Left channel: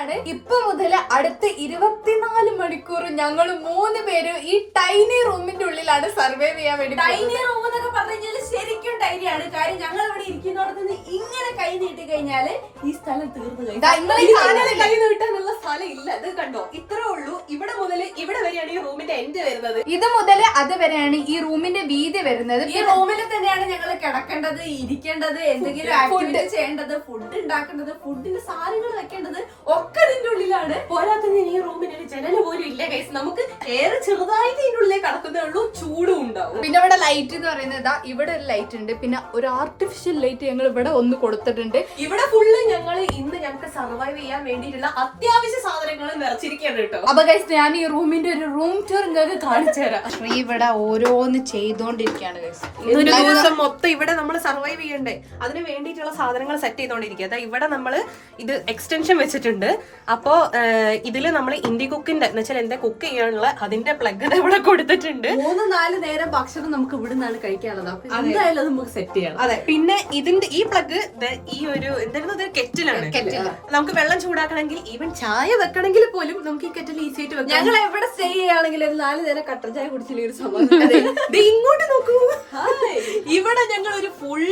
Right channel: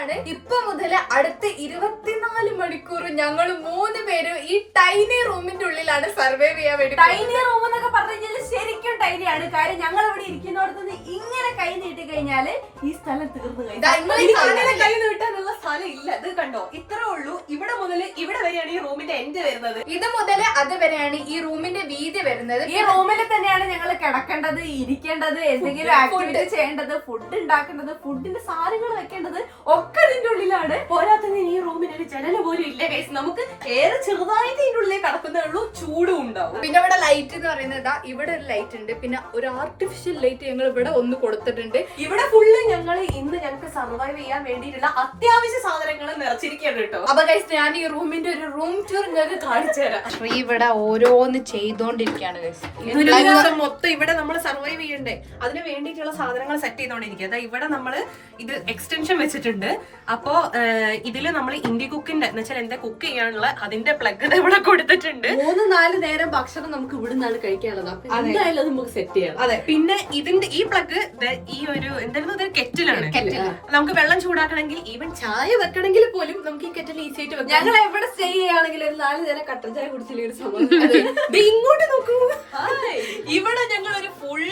ആണ്. ഇപ്പൊ മുതൽ അടുത്ത 24 മണിക്കൂർ ഞങ്ങൾ 3 പേരും ഈ ടൈനി റൂമിന്റെ ഉള്ളിലാണ് സർവൈവ് ചെയ്യാൻ വേണ്ടി. ടൈനി റൂം എന്നൊക്കെ പറഞ്ഞാൽ ശരിക്കും ടൈനിയാണ്. കാര്യം ഞങ്ങൾ ഇവിടെ ഇരിക്കുന്നിടത്ത് ഇങ്ങനെ കൈ നീട്ടി കഴിഞ്ഞാല് ഈ സ്ഥലം തീർന്നു കൈ നീട്ടാനുള്ള സ്ഥലം ഇല്ല. ഇത് കണ്ടോ, ഇത്രേ ഉള്ളൂ. ഇവിടെ മുതൽ ഇവിടെ വരെയാണ് ഈ റൂമിന്റെ എൻഡ് വരുന്നത്. ഇത് മുതൽ അത് വരെയാണ് ഈ റൂമിന്റെ വീതി വരുന്നത്. ഈ റൂമിൽ തന്നെയാണ് ഞങ്ങൾ കിടക്കേണ്ടത്, ഇരിക്കേണ്ടത്, എന്തെങ്കിലും ആക്ടിവിറ്റി ചെയ്യേണ്ടത്, ഫുഡ് ഉണ്ടാക്കേണ്ടത്, ഫുഡിന്റെ സാധനങ്ങൾ വെക്കേണ്ടത് ഒക്കെ ഇതിന്റെ ഉള്ളിലാണ്. പോരാത്തതിന് ഈ റൂമിന് ഒരു ജനൽ പോലും ഇല്ല ഗൈസ്. നമുക്ക് ഏറെ ചെറുതായിട്ട് ഇതിന്റെ ഉള്ളിൽ കിടക്കുന്നേ ഉള്ളൂ, ചൂടും ഉണ്ടാവും. പിന്നെ ഇവിടെ ലൈറ്റ് എന്ന് പറയുന്നത് ഇവിടെ ഒരു ലൈറ്റ് ഉണ്ട്, പിന്നെ ഒരു ആർട്ടിഫിഷ്യൽ ലൈറ്റ് ഞങ്ങൾ ഇവിടെ ഒന്ന് കൊടുത്തിട്ടുണ്ട്. ഇവിടെ ഫുള്ള് ഞങ്ങൾക്ക് സർവൈവ് ചെയ്യാൻ വേണ്ടിയിട്ടുള്ള അത്യാവശ്യ സാധനങ്ങൾ നിറച്ചിരിക്കുകയാണ് കേട്ടോ. അപ്പൊ ഗൈസ് ഞാൻ ഈ റൂമിന്റെ ഒരു റൂം ടൂർ നിങ്ങൾക്ക് കാണിച്ചു തരാം. ഇവിടെ ഓരോന്ന് ചെയ്തോണ്ടിരിക്കുകയാണ് ഗൈസ്. ഒരു ദിവസം മൊത്തം ഇവിടെ നമ്മൾ സർവൈവ് ചെയ്യണ്ടേ, അതിന് വേണ്ടിയിട്ടുള്ള സാധനങ്ങൾ സെറ്റ് ചെയ്തോണ്ടിരിക്കുക. അതായത് ഇവിടെ നമ്മൾ ഇത് എക്സ്റ്റൻഷൻ വെച്ചിട്ടുണ്ട്. അപ്പോ ഇതില് നമ്മൾ ഇന്ത്യ കുക്കിന്റെ എന്ന് വെച്ചാൽ എന്താ കുക്ക് ചെയ്യാനുള്ള അതിന്റെ പ്ലഗ് ഇവിടെ കൊടുത്തിട്ടുണ്ട്. 3-4 നേരം ഭക്ഷണം നമുക്ക് ഇവിടെ നിന്നാണ് കഴിക്കാനുള്ളത്. അപ്പൊ എന്തായാലും നമുക്ക് സെറ്റ് ചെയ്യണം. അതെ, പിന്നെ ഇതിന്റെ ഈ പ്ലഗ് ഈ ഒരു എന്തായിരുന്നു കെറ്റിലാണ്. നമുക്ക് വെള്ളം ചൂടാക്കണമെങ്കിൽ ഈവൻ ചായ വെക്കണമെങ്കിൽ പോലും നമുക്ക് ഈ കെറ്റിൽ ഈസി ആയിട്ട് വെക്കാം. ഞങ്ങൾ എവിടെ സ്റ്റേ ചെയ്യുകയാണെങ്കിൽ ഒരു 4 നേരം കട്ടൻ ചായ കുടിച്ചില്ല ഒരു സമയം. ഇങ്ങോട്ട് നോക്കൂ, ഇവിടെ ഞങ്ങൾ ഒരു ഫുൾ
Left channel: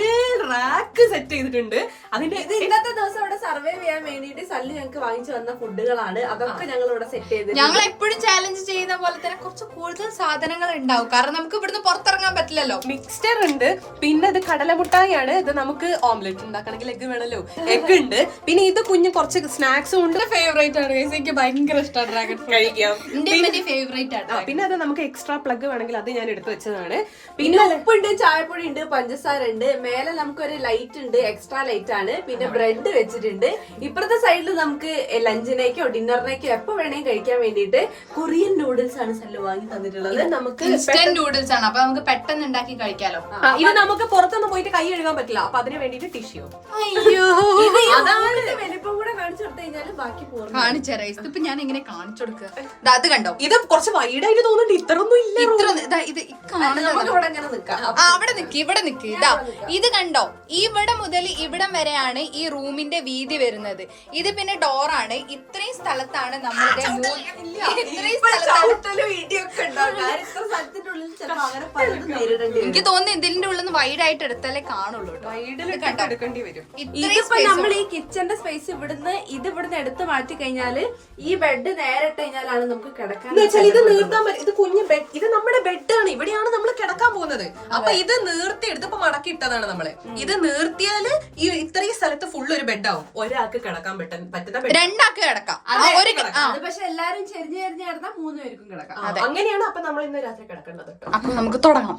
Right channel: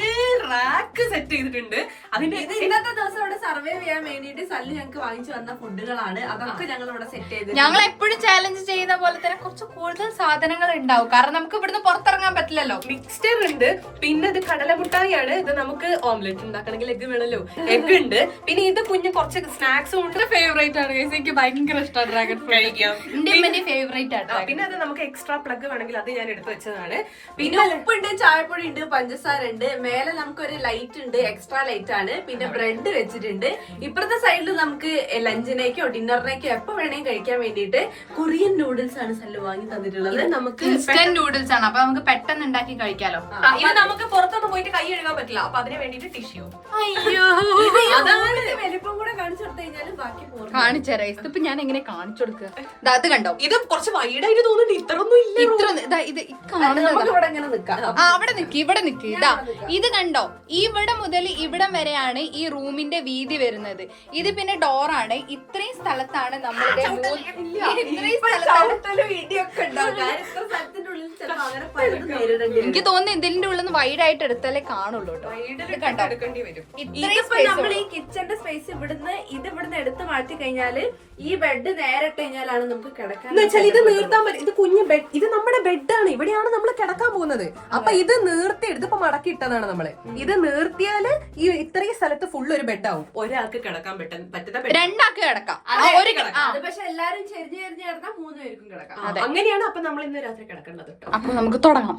റാക്ക് സെറ്റ് ചെയ്തിട്ടുണ്ട്. അതിന്റെ ഇന്നത്തെ ദിവസം ഇവിടെ സർവൈവ് ചെയ്യാൻ വേണ്ടിയിട്ട് സല്ലി ഞങ്ങൾക്ക് വാങ്ങിച്ചു വന്ന ഫുഡുകളാണ്. അതൊക്കെ ഞങ്ങൾ ഇവിടെ സെറ്റ് ചെയ്ത്. ഞങ്ങൾ എപ്പോഴും ചാലഞ്ച് ചെയ്യുന്ന പോലെ തന്നെ കുറച്ച് കൂടുതൽ സാധനങ്ങൾ ഉണ്ടാവും, കാരണം നമുക്ക് ഇവിടുന്ന് പുറത്തിറങ്ങാൻ പറ്റില്ലല്ലോ. മിക്സ്ചർ ഉണ്ട്, പിന്നെ ഇത് കടലമുട്ടായാണ്. ഇത് നമുക്ക് ഓംലെറ്റ് ഉണ്ടാക്കണമെങ്കിൽ എഗ് വേണമല്ലോ, എഗ് ഉണ്ട്. പിന്നെ ഇത് കുഞ്ഞ് കുറച്ച് സ്നാക്സും ഉണ്ട്. ഫേവറേറ്റ് ആണ്, എനിക്ക് ഭയങ്കര ഇഷ്ടമാണ് ഡ്രാഗൺ കഴിക്കാം. ഫേവറേറ്റ് ആണ്. പിന്നെ അത് നമുക്ക് എക്സ്ട്രാ പ്ലഗ് വേണമെങ്കിൽ അത് ഞാൻ എടുത്തു വെച്ചതാണ്. പിന്നെ ഉപ്പുണ്ട്, ചായപ്പൊടി ഉണ്ട്, പഞ്ചസാര ഉണ്ട്. മേലെ നമുക്കൊരു ലൈറ്റ് ഉണ്ട്, എക്സ്ട്രാ ലൈറ്റ് ആണ്. പിന്നെ ബ്രെഡ് വെച്ചിട്ടുണ്ട്. ഇപ്പുറത്തെ സൈഡിൽ നമുക്ക് ലഞ്ചിനേക്കോ ഡിന്നറിനേക്കോ എപ്പോ വേണമെങ്കിൽ കഴിക്കാൻ വേണ്ടിയിട്ട് കൊറിയൻ നൂഡിൽസ് ആണ് സല്ലു വാങ്ങി തന്നിട്ടുള്ളത്. നമുക്ക് ഇൻസ്റ്റന്റ് നൂഡിൽസ് ആണ്, അപ്പൊ നമുക്ക് പെട്ടെന്ന് ഉണ്ടാക്കി കഴിക്കാലോ. ഇത് നമുക്ക് പുറത്തൊന്നും പോയിട്ട് കൈ കഴുകാൻ പറ്റില്ല, അപ്പൊ അതിന് വേണ്ടിട്ട് ടിഷ്യൂ. അതാണ് വലിപ്പം കൂടെ കാണിച്ചു കൊടുത്തു കഴിഞ്ഞാലും ബാക്കി പോകും. കാണിച്ചേരാ ഇപ്പൊ ഞാൻ എങ്ങനെ കാണിച്ചു കൊടുക്കുക. അത് കണ്ടോ, ഇത് കുറച്ച് വൈഡായിട്ട് തോന്നുന്നുണ്ട്. ഇത്രയൊന്നും ഇല്ല. ഇത് കാണുന്നത് ഇവിടെ അങ്ങനെ നിൽക്കാം. അവിടെ നിക്ക്, ഇവിടെ നിക്ക്. ഇതാ ഇത് കണ്ടോ, ഇവിടെ മുതൽ ഇവിടം വരെയാണ് ഈ റൂമിന്റെ വീതി വരുന്നത്. ഇത് പിന്നെ ഡോറാണ്. ഇത്രയും സ്ഥലത്താണ് നമ്മളുടെ എനിക്ക് തോന്നുന്നു ഇതിന്റെ ഉള്ളിൽ നിന്ന് വൈഡ് ആയിട്ട് എടുത്താലേ കാണുള്ളൂ കേട്ടോ. നമ്മൾ ഈ കിച്ചന്റെ സ്പേസ് ഇവിടുന്ന് എടുത്ത് മാറ്റി കഴിഞ്ഞാല് ഈ ബെഡ് നേരെ ഇട്ട് കഴിഞ്ഞാലാണ് നമുക്ക് കിടക്കാൻ. ഇത് നീർത്താൻ പറ്റും. ഇത് കുഞ്ഞു ബെഡ്, ഇത് നമ്മുടെ ബെഡാണ്. ഇവിടെയാണ് നമ്മൾ കിടക്കാൻ പോകുന്നത്. അപ്പൊ ഇത് നീർത്തി എടുത്തപ്പോ മടക്കി ഇട്ടതാണ് നമ്മള്. ഇത് നീർത്തിയാല് ഈ ഇത്രയും സ്ഥലത്ത് ഫുൾ ഒരു ബെഡാവും. ഒരാൾക്ക് കിടക്കാൻ പറ്റുന്ന ബെഡ്, രണ്ടാൾക്ക് കിടക്കാം. പക്ഷെ എല്ലാരും ചെരിഞ്ഞ് കിടന്നാൽ 3 പേർക്കും കിടക്കാം. അങ്ങനെയാണ്. അപ്പൊ നമ്മൾ ഇന്ന് രാത്രി കിടക്കേണ്ടത്. അപ്പൊ നമുക്ക് തുടങ്ങാം.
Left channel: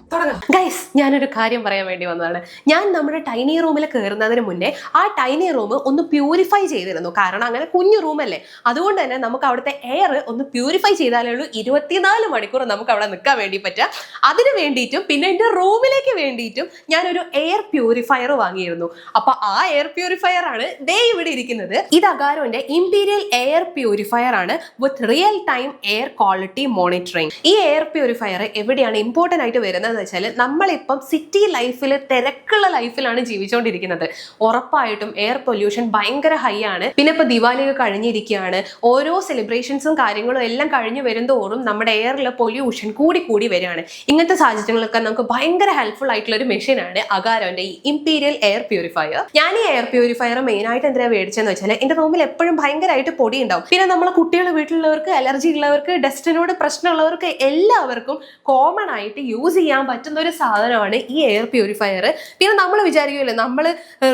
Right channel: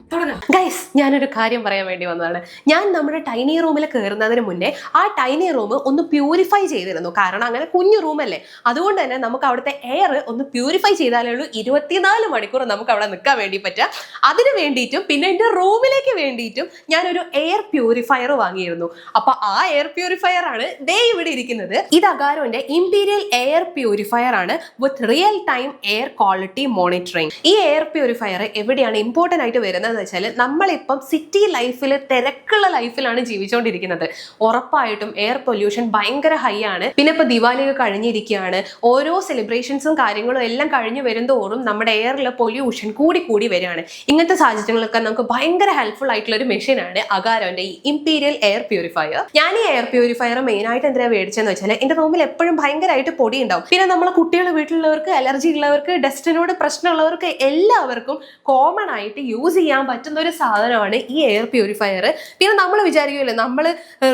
ഗൈസ്, ഞാനൊരു കാര്യം പറയാൻ വേണ്ടി വന്നതാണ്. ഞാൻ നമ്മുടെ ടൈനി റൂമിൽ കയറുന്നതിന് മുന്നേ ആ ടൈനി റൂം ഒന്ന് പ്യൂരിഫൈ ചെയ്തിരുന്നു. കാരണം അങ്ങനെ കുഞ്ഞു റൂമല്ലേ, അതുകൊണ്ട് തന്നെ നമുക്ക് അവിടുത്തെ എയർ ഒന്ന് പ്യൂരിഫൈ ചെയ്താലേ ഉള്ളൂ 24 മണിക്കൂർ നമുക്ക് അവിടെ നിൽക്കാൻ വേണ്ടി പറ്റുക. അതിന് വേണ്ടിയിട്ടും പിന്നെ എന്റെ റൂമിലേക്ക് വേണ്ടിയിട്ടും ഞാനൊരു എയർ പ്യൂരിഫയർ വാങ്ങിയിരുന്നു. അപ്പൊ ആ എയർ പ്യൂരിഫയർ ആണ് ദേ ഇവിടെ ഇരിക്കുന്നത്. ഇത് അഗാരോന്റെ ഇംപീരിയൽ എയർ പ്യൂരിഫയർ ആണ് വിത്ത് real time air quality monitoring. ഈ എയർ പ്യൂരിഫയർ എവിടെയാണ് ഇമ്പോർട്ടന്റ് ആയിട്ട് വരുന്നത് വെച്ചാൽ നമ്മളിപ്പം സിറ്റി ലൈഫിൽ തിരക്കുള്ള ലൈഫിലാണ് ജീവിച്ചുകൊണ്ടിരിക്കുന്നത്. ഉറപ്പായിട്ടും എയർ പൊല്യൂഷൻ ഭയങ്കര ഹൈ ആണ്. പിന്നെ ഇപ്പൊ ദിവാലിയൊക്കെ കഴിഞ്ഞിരിക്കുകയാണ്. ഓരോ സെലിബ്രേഷൻസും കാര്യങ്ങളും എല്ലാം കഴിഞ്ഞു വരുന്തോറും നമ്മുടെ എയറിൽ പൊല്യൂഷൻ കൂടി വരികയാണ്. ഇങ്ങനത്തെ സാഹചര്യങ്ങളൊക്കെ നമുക്ക് ഭയങ്കര ഹെൽപ്ഫുൾ ആയിട്ടുള്ള ഒരു മെഷീനാണ് അഗാരോന്റെ ഈ ഇംപീരിയൽ എയർ പ്യൂരിഫയർ. ഞാൻ ഈ എയർ പ്യൂരിഫയർ മെയിൻ ആയിട്ട് എന്തിനാ മേടിച്ചെന്ന് വെച്ചാൽ എന്റെ റൂമിൽ എപ്പോഴും ഭയങ്കരമായിട്ട് പൊടി ഉണ്ടാവും. പിന്നെ നമ്മളെ കുട്ടികളെ വീട്ടിലുള്ളവർക്ക്, അലർജി ഉള്ളവർക്ക്, ഡസ്റ്റിനോട് പ്രശ്നമുള്ളവർക്ക് എല്ലാവർക്കും കോമൺ ആയിട്ട് യൂസ് ചെയ്യാൻ പറ്റുന്ന ഒരു സാധനമാണ് ഈ എയർ പ്യൂരിഫയർ. പിന്നെ നമ്മൾ വിചാരിക്കുമല്ലോ, നമ്മൾ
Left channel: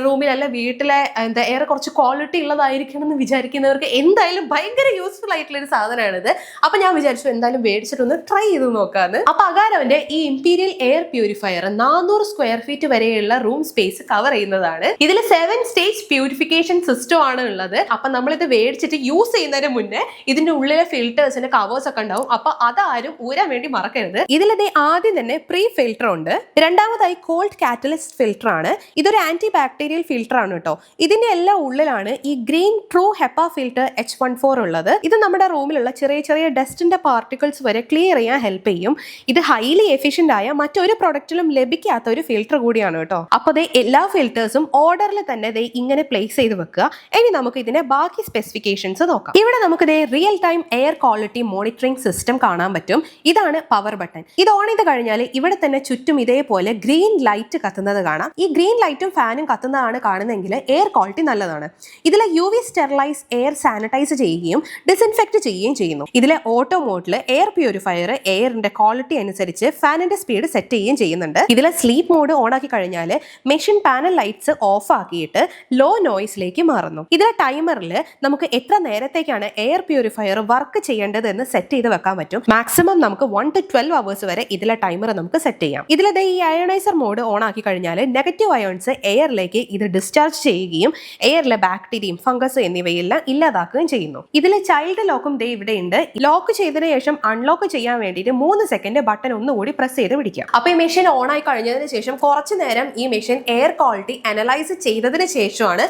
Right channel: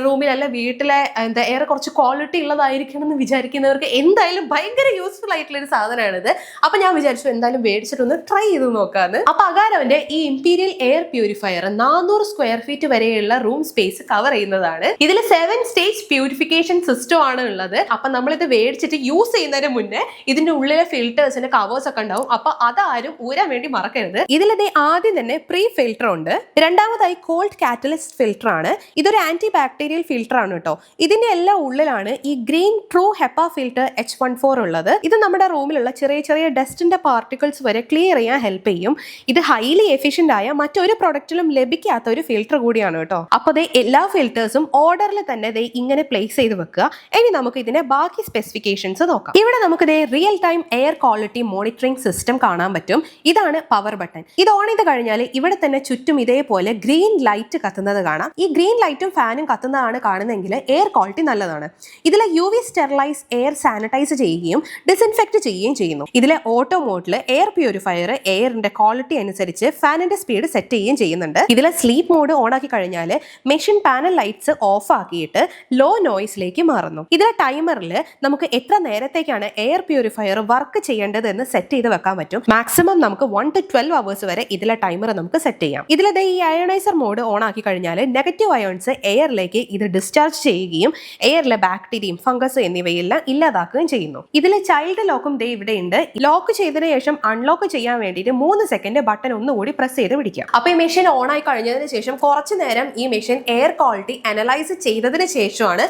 റൂമിലല്ല വീട്ടിലെ എയർ കുറച്ച് ക്വാളിറ്റി ഉള്ളതായിരിക്കണം എന്ന് വിചാരിക്കുന്നവർക്ക് എന്തായാലും ഭയങ്കര യൂസ്ഫുൾ ആയിട്ടുള്ള ഒരു സാധനമാണിത്. അപ്പൊ ഞാൻ വിചാരിച്ചു എന്തായാലും മേടിച്ചിട്ടൊന്ന് ട്രൈ ചെയ്ത് നോക്കാന്ന്. അപ്പൊ അഗാരോന്റെ ഈ imperial air purifier 400 square feet വരെയുള്ള റൂം സ്പേസ് കവർ ചെയ്യുന്നതാണ്. ഇതിൽ 7 സ്റ്റേജ് പ്യൂരിഫിക്കേഷൻ സിസ്റ്റം ആണ് ഉള്ളത്. അപ്പൊ നമ്മളിത് മേടിച്ചിട്ട് യൂസ് ചെയ്യുന്നതിന് മുന്നേ ഇതിന്റെ ഉള്ളിലെ ഫിൽറ്റേഴ്സിന്റെ കവേഴ്സ് ഒക്കെ ഉണ്ടാവും. അപ്പൊ അതാരും ഊരാൻ വേണ്ടി മറക്കരുത്. ഇതിലത് ആദ്യം തന്നെ പ്രീ ഫിൽറ്റർ ഉണ്ട്. രണ്ടാമതായി കോൾഡ് കാറ്റലിസ്റ്റ് കാറ്റലിസ്റ്റ് ഫിൽറ്റർ ആണ്. ഇതൊരു ആന്റി ബാക്ടീരിയൽ ഫിൽറ്റർ ആണ് കേട്ടോ. ഇതിന്റെ എല്ലാം ഉള്ളിലാണ് ഈ green true HEPA filter H14 ഉള്ളത്. ഇത് നമ്മുടെ റൂമിലുള്ള ചെറിയ ചെറിയ ഡസ്റ്റിന്റെ പാർട്ടിക്കിൾസ് വരെ ക്ലിയർ ചെയ്യാൻ ഹെൽപ്പ് ചെയ്യും. ഇത് ഹൈലി എഫിഷ്യന്റ് ആയ മറ്റൊരു പ്രൊഡക്റ്റിലും ലഭിക്കാത്ത ഒരു ഫിൽറ്റർ കൂടിയാണ് കേട്ടോ. അപ്പൊ എല്ലാ ഫിൽറ്റേഴ്സും ഓർഡറിൽ തന്നെ ഇങ്ങനെ പ്ലേസ് ചെയ്ത് വെക്കുക. ഇനി നമുക്ക് ഇതിന്റെ ബാക്കി സ്പെസിഫിക്കേഷൻസ് നോക്കാം. ഇവിടെ നമുക്ക് real time air quality monitoring system കാണാൻ പറ്റും. ഇതാണ് പവർ ബട്ടൺ. ഇത് ഓൺ ചെയ്ത് കഴിഞ്ഞാൽ ഇവിടെ തന്നെ ചുറ്റും ഇതേപോലെ ഗ്രീൻ ലൈറ്റ് കത്തുന്നത് കാണാം. ഈ ഗ്രീൻ ലൈറ്റും ഫാനും കത്തുന്നതാണ് കാണുന്നതെങ്കിൽ എയർ ക്വാളിറ്റി നല്ലതാണ്. ഇതിൽ UV സ്റ്റെറിലൈസ് എയർ സാനിറ്റൈസ് ചെയ്യുകയും ഡിസ്ഇൻഫെക്ട് ചെയ്യുകയും ചെയ്യുന്നു. ഇതിലെ ഓട്ടോ മോഡിൽ എയർ പ്യൂരിഫയർ എയറിന്റെ ക്വാളിറ്റി അനുസരിച്ച് ഫാനിന്റെ സ്പീഡ് സെറ്റ് ചെയ്യുകയും ചെയ്യുന്നുണ്ട്. ഇതിലെ സ്ലീപ്പ് മോഡ് ഓൺ ആക്കി കഴിഞ്ഞാൽ മെഷീൻ പാനൽ ലൈറ്റ്സ് ഓഫ് ആക്കിയിട്ട് ലോ നോയ്സിലേക്ക് മാറുന്നു. ഇതിലെ ടൈമറിൽ നമുക്ക് എത്ര നേരത്തേക്കാണ് എയർ പ്യൂരിഫയർ വർക്ക് ചെയ്യേണ്ടത് എന്ന് സെറ്റ് ചെയ്ത് വെക്കാൻ പറ്റും. മാക്സിമം നമുക്ക് 1 to 12 hours വരെ ഇതിലെ ടൈമർ നമുക്ക് സെറ്റ് ചെയ്യാം. ഇതിലെ ഈ അയണൈസർ മോഡ് ഓൺ ആക്കി കഴിഞ്ഞാൽ നെഗറ്റീവ് അയോൺസ് എയറിലേക്ക് ഇത് ഡിസ്ചാർജ് ചെയ്യുകയും എയറിലെ ബാക്ടീരിയയും ഫംഗസ് എന്നിവയെല്ലാം ഇല്ലാതാക്കുകയും ചെയ്യുന്നു. ഇതിലെ ചൈൽഡ് ലോക്കും ഇവിടെ ഉണ്ട്. ലോക്ക് ചെയ്തതിനു ശേഷം അൺലോക്ക് ചെയ്യാൻ വേണ്ടിയിട്ട് 3 സെക്കൻഡ് ബട്ടൺ ഒന്നുകൂടി പ്രസ് ചെയ്ത് പിടിക്കാം. അപ്പൊ ഈ മെഷീൻ ഓൺ ആയി കഴിഞ്ഞതിന് ശേഷം കുറച്ചു നേരം ഈ മെഷീൻ എയർ ക്വാളിറ്റി അനലൈസ് ചെയ്തതിന് ശേഷമാണ്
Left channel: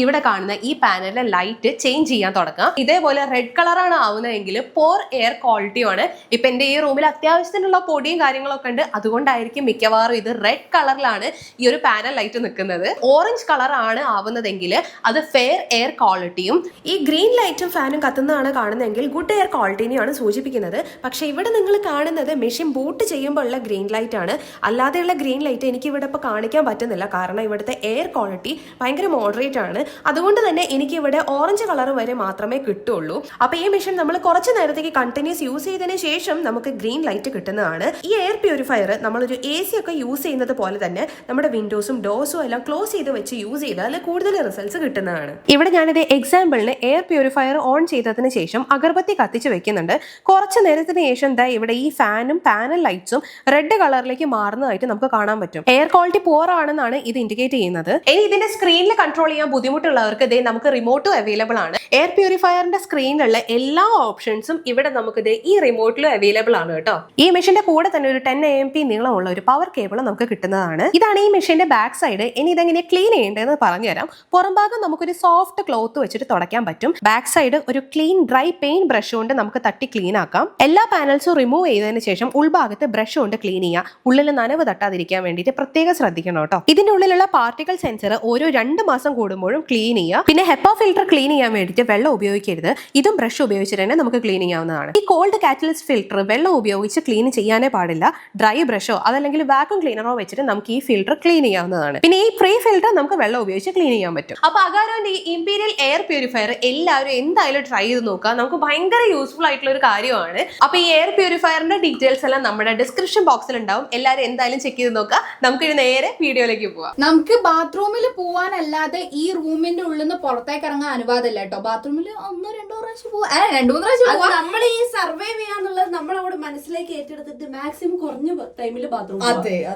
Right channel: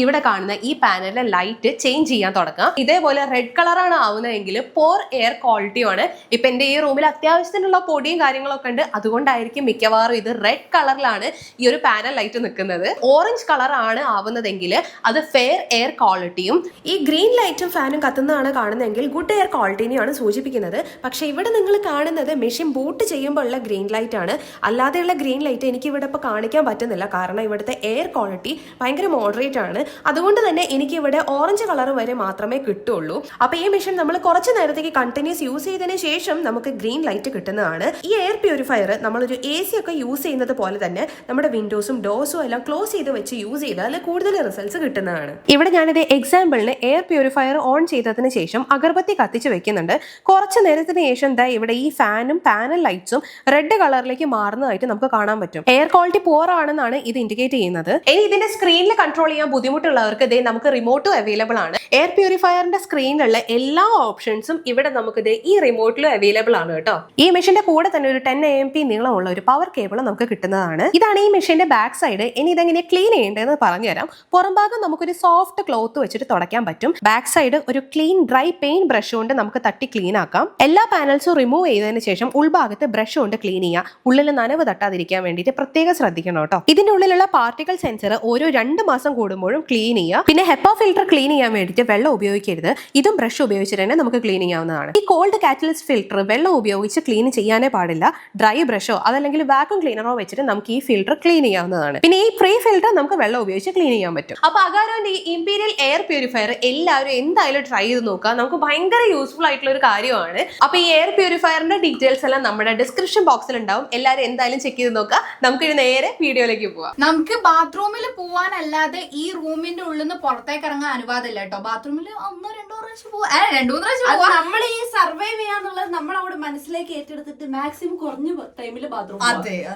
ഇവിടെ കാണുന്ന ഈ പാനലിലെ ലൈറ്റ് ചേഞ്ച് ചെയ്യാൻ തുടങ്ങുക. ഇതേപോലെ റെഡ് കളറാണ് ആവുന്നതെങ്കിൽ പോർ എയർ ക്വാളിറ്റിയാണ്. ഇപ്പൊ എന്റെ ഈ റൂമിൽ അത്യാവശ്യത്തിനുള്ള പൊടിയും കാര്യങ്ങളൊക്കെ ഉണ്ട്, അതുകൊണ്ടായിരിക്കും മിക്കവാറും ഇത് റെഡ് കളറിലാണ് ഈ ഒരു പാനൽ ലൈറ്റ് നിൽക്കുന്നത്. ഓറഞ്ച് കളർ ആണ് ആവുന്നതെങ്കിൽ അത് ഫെയർ എയർ ക്വാളിറ്റിയും, ഈ ഗ്രീൻ ലൈറ്റും ഫാനും കത്തുന്നതാണ് കാണുന്നതെങ്കിൽ ഗുഡ് എയർ ക്വാളിറ്റിനെയാണ് സൂചിപ്പിക്കുന്നത്. പക്ഷെ ഇവിടെ നിങ്ങൾ കാണുന്നത് മെഷീൻ ബൂട്ട് ചെയ്യുമ്പോൾ ഉള്ള ഗ്രീൻ ലൈറ്റ് ആണ്. അല്ലാതെയുള്ള ഗ്രീൻ ലൈറ്റ് എനിക്ക് ഇവിടെ ഇപ്പൊ കാണിക്കാൻ പറ്റുന്നില്ല, കാരണം ഇവിടുത്തെ എയർ ക്വാളിറ്റി ഭയങ്കര മോഡറേറ്റ് ആണ്. അതുകൊണ്ട് തന്നെ എനിക്ക് ഇവിടെ ഓറഞ്ച് കളർ വരെ മാത്രമേ കിട്ടുള്ളൂ. അപ്പൊ ഈ മെഷീൻ നമ്മൾ കുറച്ച് നേരത്തേക്ക് കണ്ടിന്യൂസ് യൂസ് ചെയ്തതിനു ശേഷം നമുക്ക് ഗ്രീൻ ലൈറ്റ് കിട്ടുന്നതാണ്. ഈ എയർ പ്യൂരിഫയർ നമ്മളൊരു AC ഒക്കെ യൂസ് ചെയ്യുന്നത് പോലെ തന്നെ നമ്മുടെ വിൻഡോസും ഡോർസും എല്ലാം ക്ലോസ് ചെയ്ത് വെച്ച് യൂസ് ചെയ്താൽ കൂടുതൽ റിസൾട്ട്സ് കിട്ടുന്നതാണ്. ഇവിടെ ഞാനിത് എക്സാമ്പിളിന് എയർ പ്യൂരിഫയർ ഓൺ ചെയ്തതിന് ശേഷം അഗർബത്തി കത്തിച്ച് വെക്കുന്നുണ്ട്. കുറച്ച് നേരത്തിന് ശേഷം ഇവിടെ ഈ ഫാനും പാനൽ ലൈറ്റ്സും റെഡ് കളറിലേക്ക് മാറുന്നതായിട്ട് നമുക്ക് കാണാൻ പറ്റും. എയർ ക്വാളിറ്റി പോർ ആണെന്നാണ് ഇത് ഇൻഡിക്കേറ്റ് ചെയ്യുന്നത്. ഇനി ഇതിന്റെ സ്ക്രീനിൽ കൺട്രോൾ ചെയ്യാൻ ബുദ്ധിമുട്ടുള്ളവർക്ക് നമുക്ക് റിമോട്ടും അവൈലബിൾ ആണ്. എയർ പ്യൂരിഫയറിന്റെ സ്ക്രീനിലുള്ള എല്ലാ ഓപ്ഷൻസും ഇവിടെ നമുക്ക് ഈ റിമോട്ടിലും അവൈലബിൾ ആണ് കേട്ടോ. ഈ മെഷീന്റെ കൂടെ തന്നെ ഒരു 10 AMP നീളമുള്ള ഒരു പവർ കേബിൾ നമുക്ക് കിട്ടുന്നതാണ്. ഇതാണ് ഈ മെഷീന്റെ ബാക്ക് സൈഡ്. ഇനി ഇതെങ്ങനെ ക്ലീൻ ചെയ്യേണ്ടതെന്ന് പറഞ്ഞുതരാം. പുറം ഭാഗം നമുക്കൊരു സോഫ്റ്റ് ക്ലോത്ത് വെച്ചിട്ട് തുടയ്ക്കാൻ പറ്റും. ബാക്ക് സൈഡ് ഒരു ക്ലീൻ ഡ്രൈ പെയിന്റ് ബ്രഷ് കൊണ്ട് നമുക്ക് തട്ടി ക്ലീൻ ആക്കാം. എല്ലാ പാനൽസും റിമൂവ് ചെയ്തതിന് ശേഷം ഉൾഭാഗത്ത് ബ്രഷ് കൊണ്ട് ക്ലീൻ ചെയ്യാം. ഉള്ളിൽ നനവ് തട്ടാതിരിക്കാൻ വേണ്ടിയിട്ട് പ്രത്യേകം ശ്രദ്ധിക്കണം കേട്ടോ. ഇതിന്റെ ഉള്ളിലുള്ള പാർട്ടിക്കൽ സെൻസർ ഓരോ 2 മാസം കൂടുമ്പോഴും ക്ലീൻ ചെയ്യുക. പിന്നെ ഹെപ്പ ഫിൽറ്റർ ക്ലീൻ ചെയ്യാൻ വേണ്ടിയിട്ട് വെള്ളം ഉപയോഗിക്കരുത്. ഇതും ബ്രഷ് ഉപയോഗിച്ചിട്ട് തന്നെ നമുക്ക് ക്ലീൻ ചെയ്യാവുന്നതാണ്. ഈ കോൾഡ് കാറ്റലിസ്റ്റ് ഫിൽറ്റർ വെള്ളം ഉപയോഗിച്ച് ക്ലീൻ ചെയ്യാനേ പാടില്ല. ഡ്രൈ ബ്രഷോ അതല്ലെങ്കിൽ വാക്യൂം ക്ലീനറോ വെച്ചിട്ട് നമുക്ക് ഈ ഫിൽറ്റർ ക്ലീൻ ചെയ്യാവുന്നതാണ്. പിന്നെ ഈ പ്രീ ഫിൽറ്റർ നമുക്ക് വെള്ളം ഉപയോഗിച്ച് ക്ലീൻ ചെയ്യാൻ പറ്റും. അപ്പൊ അഗാരോന്റെ ഈ ഇംപീരിയൽ എയർ പ്യൂരിഫയർ എല്ലാവരും എന്തായാലും ട്രൈ ചെയ്ത് നോക്കുക. നമുക്ക് ഭയങ്കര യൂസ്ഫുൾ ആയിട്ടുള്ള ഒരു കാര്യമാണ്. അപ്പൊ ഈ എയർ പ്യൂരിഫയറിന്റെ ഡീറ്റെയിൽസ് എല്ലാം നമ്മുടെ ഡിസ്ക്രിപ്ഷൻ ബോക്സിൽ ഉണ്ടാവും. എല്ലാവരും എന്തായാലും ചെക്ക് ചെയ്ത് നോക്കുക. നമുക്ക് നേരെ വീഡിയോയിലേക്ക് പോവാം. നമുക്ക് ബാത്റൂമിൽ പോവാനല്ലാതെ ഈ റൂമിന്റെ ഉള്ളിൽ നിന്ന് പുറത്തേക്ക് ഇറങ്ങാൻ അനുവാദമില്ല കേട്ടോ. ബാത്റൂമിൽ 1-2 പ്രാവശ്യം പോവാ, 2-3 പ്രാവശ്യം പോവാ. നമ്മൾ ഈ സർവൈവ് ചെയ്യാന്നുള്ളത് നമ്മൾ അവിടെ മനസ്സിലേക്ക് ഏറ്റെടുത്തിട്ട് മാക്സിമം കുറഞ്ഞ ടൈമിൽ ബാത്റൂം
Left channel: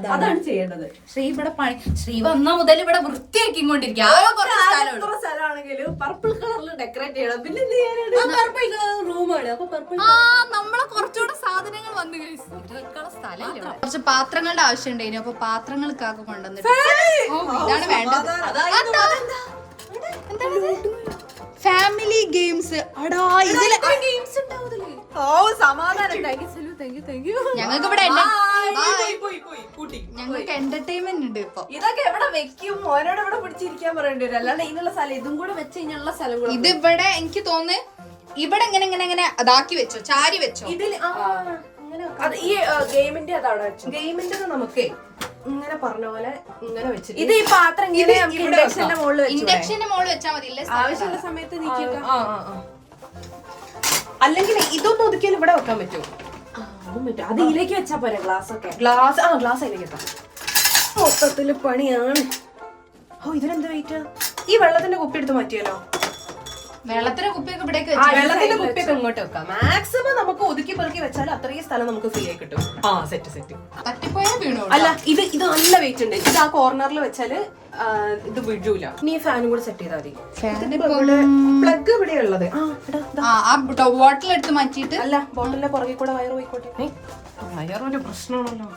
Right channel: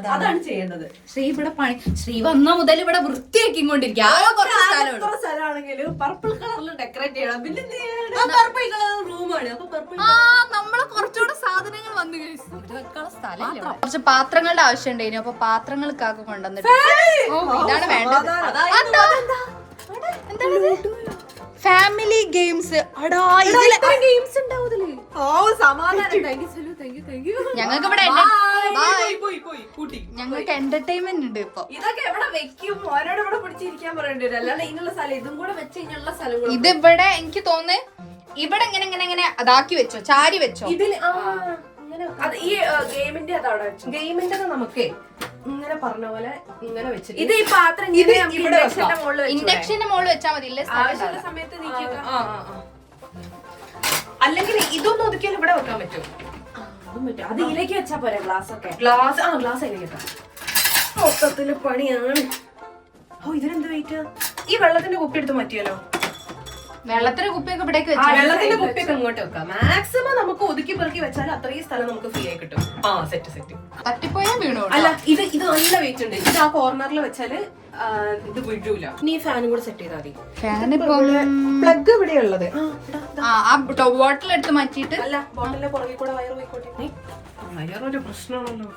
അതാണ് ചെയ്യേണ്ടത്. ശ്രീ ഇവിടെ ശ്രീ വന്ന മുതൽ ഇവിടെ വൃത്തിയാക്കിക്കൊണ്ടിരിക്കുക. സ്ഥലമാണെങ്കിലും പർപ്പിൾ കളറിൽ ഡെക്കറേറ്റ് ചെയ്യണം. പിന്നെ പർപ്പിൾ കളർ റൂമാണ്. അപ്പൊ പർപ്പിൾ നമ്മളെ കുറച്ചുകൂടെ സാധനങ്ങൾ വന്നു കുറച്ച് പാത്രങ്ങളുടെ ആവശ്യം ഉണ്ടായിരുന്നു. അപ്പൊ പാത്രങ്ങൾക്കാകെ കൊണ്ടുവന്നിട്ട് ഇതാണ് വേണ്ടത്. Family games. ഞങ്ങൾക്ക് ഇവിടെ ഞങ്ങൾക്ക് എന്റർടൈൻമെന്റ് ഉണ്ട്. ഇപ്പൊ ഇതൊക്കെ എവിടെ വെക്കും? ഓരോട് ഇവിടെ പിടിച്ചിരിക്കാൻ പറയേണ്ടി വരും. അല്ലാണ്ട് ഇതിനുള്ള സ്ഥലം ഇതും കൂടെ വെച്ച് കഴിഞ്ഞുള്ള സ്ഥലം ഇതിവിടെ എനിക്ക് തോന്നുന്നു ഇവിടെ ഇങ്ങനെ ഇങ്ങനെ ഇങ്ങനെ അതാക്കി വെച്ചോ, ചാരി വെച്ചോ. ഇതിൽ ഈ ഗെയിമിന്റെ അതാണ് ഗെയിമിന്റെ നമുക്ക് ഇങ്ങനെ പറഞ്ഞ പോലെ ഇങ്ങനെ വെച്ചിട്ട് ഇത് ഈ പാത്രം ഇൻഡക്ഷന്റെ മുകളിൽ വെച്ചാൽ മതി. ആവശ്യമുള്ള സമയത്ത് അല്ലെങ്കിൽ ഇതൊന്നും ഒതുക്കിയാൽ ഇവിടെ വെക്കാൻ പറ്റും. അത് ഇതിലേക്ക് വെച്ചാ പോരെ. ഗ്ലാസ് ഒക്കെ ഗ്ലാസ് അതിലേക്ക് എത്താം. മൊത്തത്തില് പണിയാണ്. ഇതിനെന്ത് വെയിറ്റ്? ഈ വെള്ളത്തിന്റെ കുപ്പി എടുത്ത് മാറ്റിയാലോ? വെള്ളത്തിന്റെ കുപ്പിയൊക്കെ ഇവിടേക്ക് വെള്ളത്തിന്റെ കുപ്പിയൊക്കെ ഇങ്ങോട്ട് വെക്കാം. മാക്സിമം നമുക്ക് ഒതുക്കി പെറുക്കി വെച്ചാൽ അത്രയും സ്ഥലം നമുക്ക് ഫ്രീ ആയി കിട്ടും. സെറ്റ് തട്ടിപ്പോയാ വീണു. അല്ല ഇത് നല്ല വെയിറ്റ് ഉണ്ട്. ഇത് ആ കോർണറിൽ വെച്ചാല് ഇത് വിഴൂല. ഇനി ഈ ഫാനും കൂടെ സെറ്റ് ചെയ്താൽ മതി. പ്ലഗ് ഇവിടെ ഉള്ളത് ബോട്ടിൽ എടുത്ത് മാറ്റിയിട്ട് അല്ല ബോട്ടിലിന്റെ പുറകെ കൂടെ വയറ് പോയിക്കോട്ടെ. വയറൊരു പ്രശ്നമാണല്ലോ.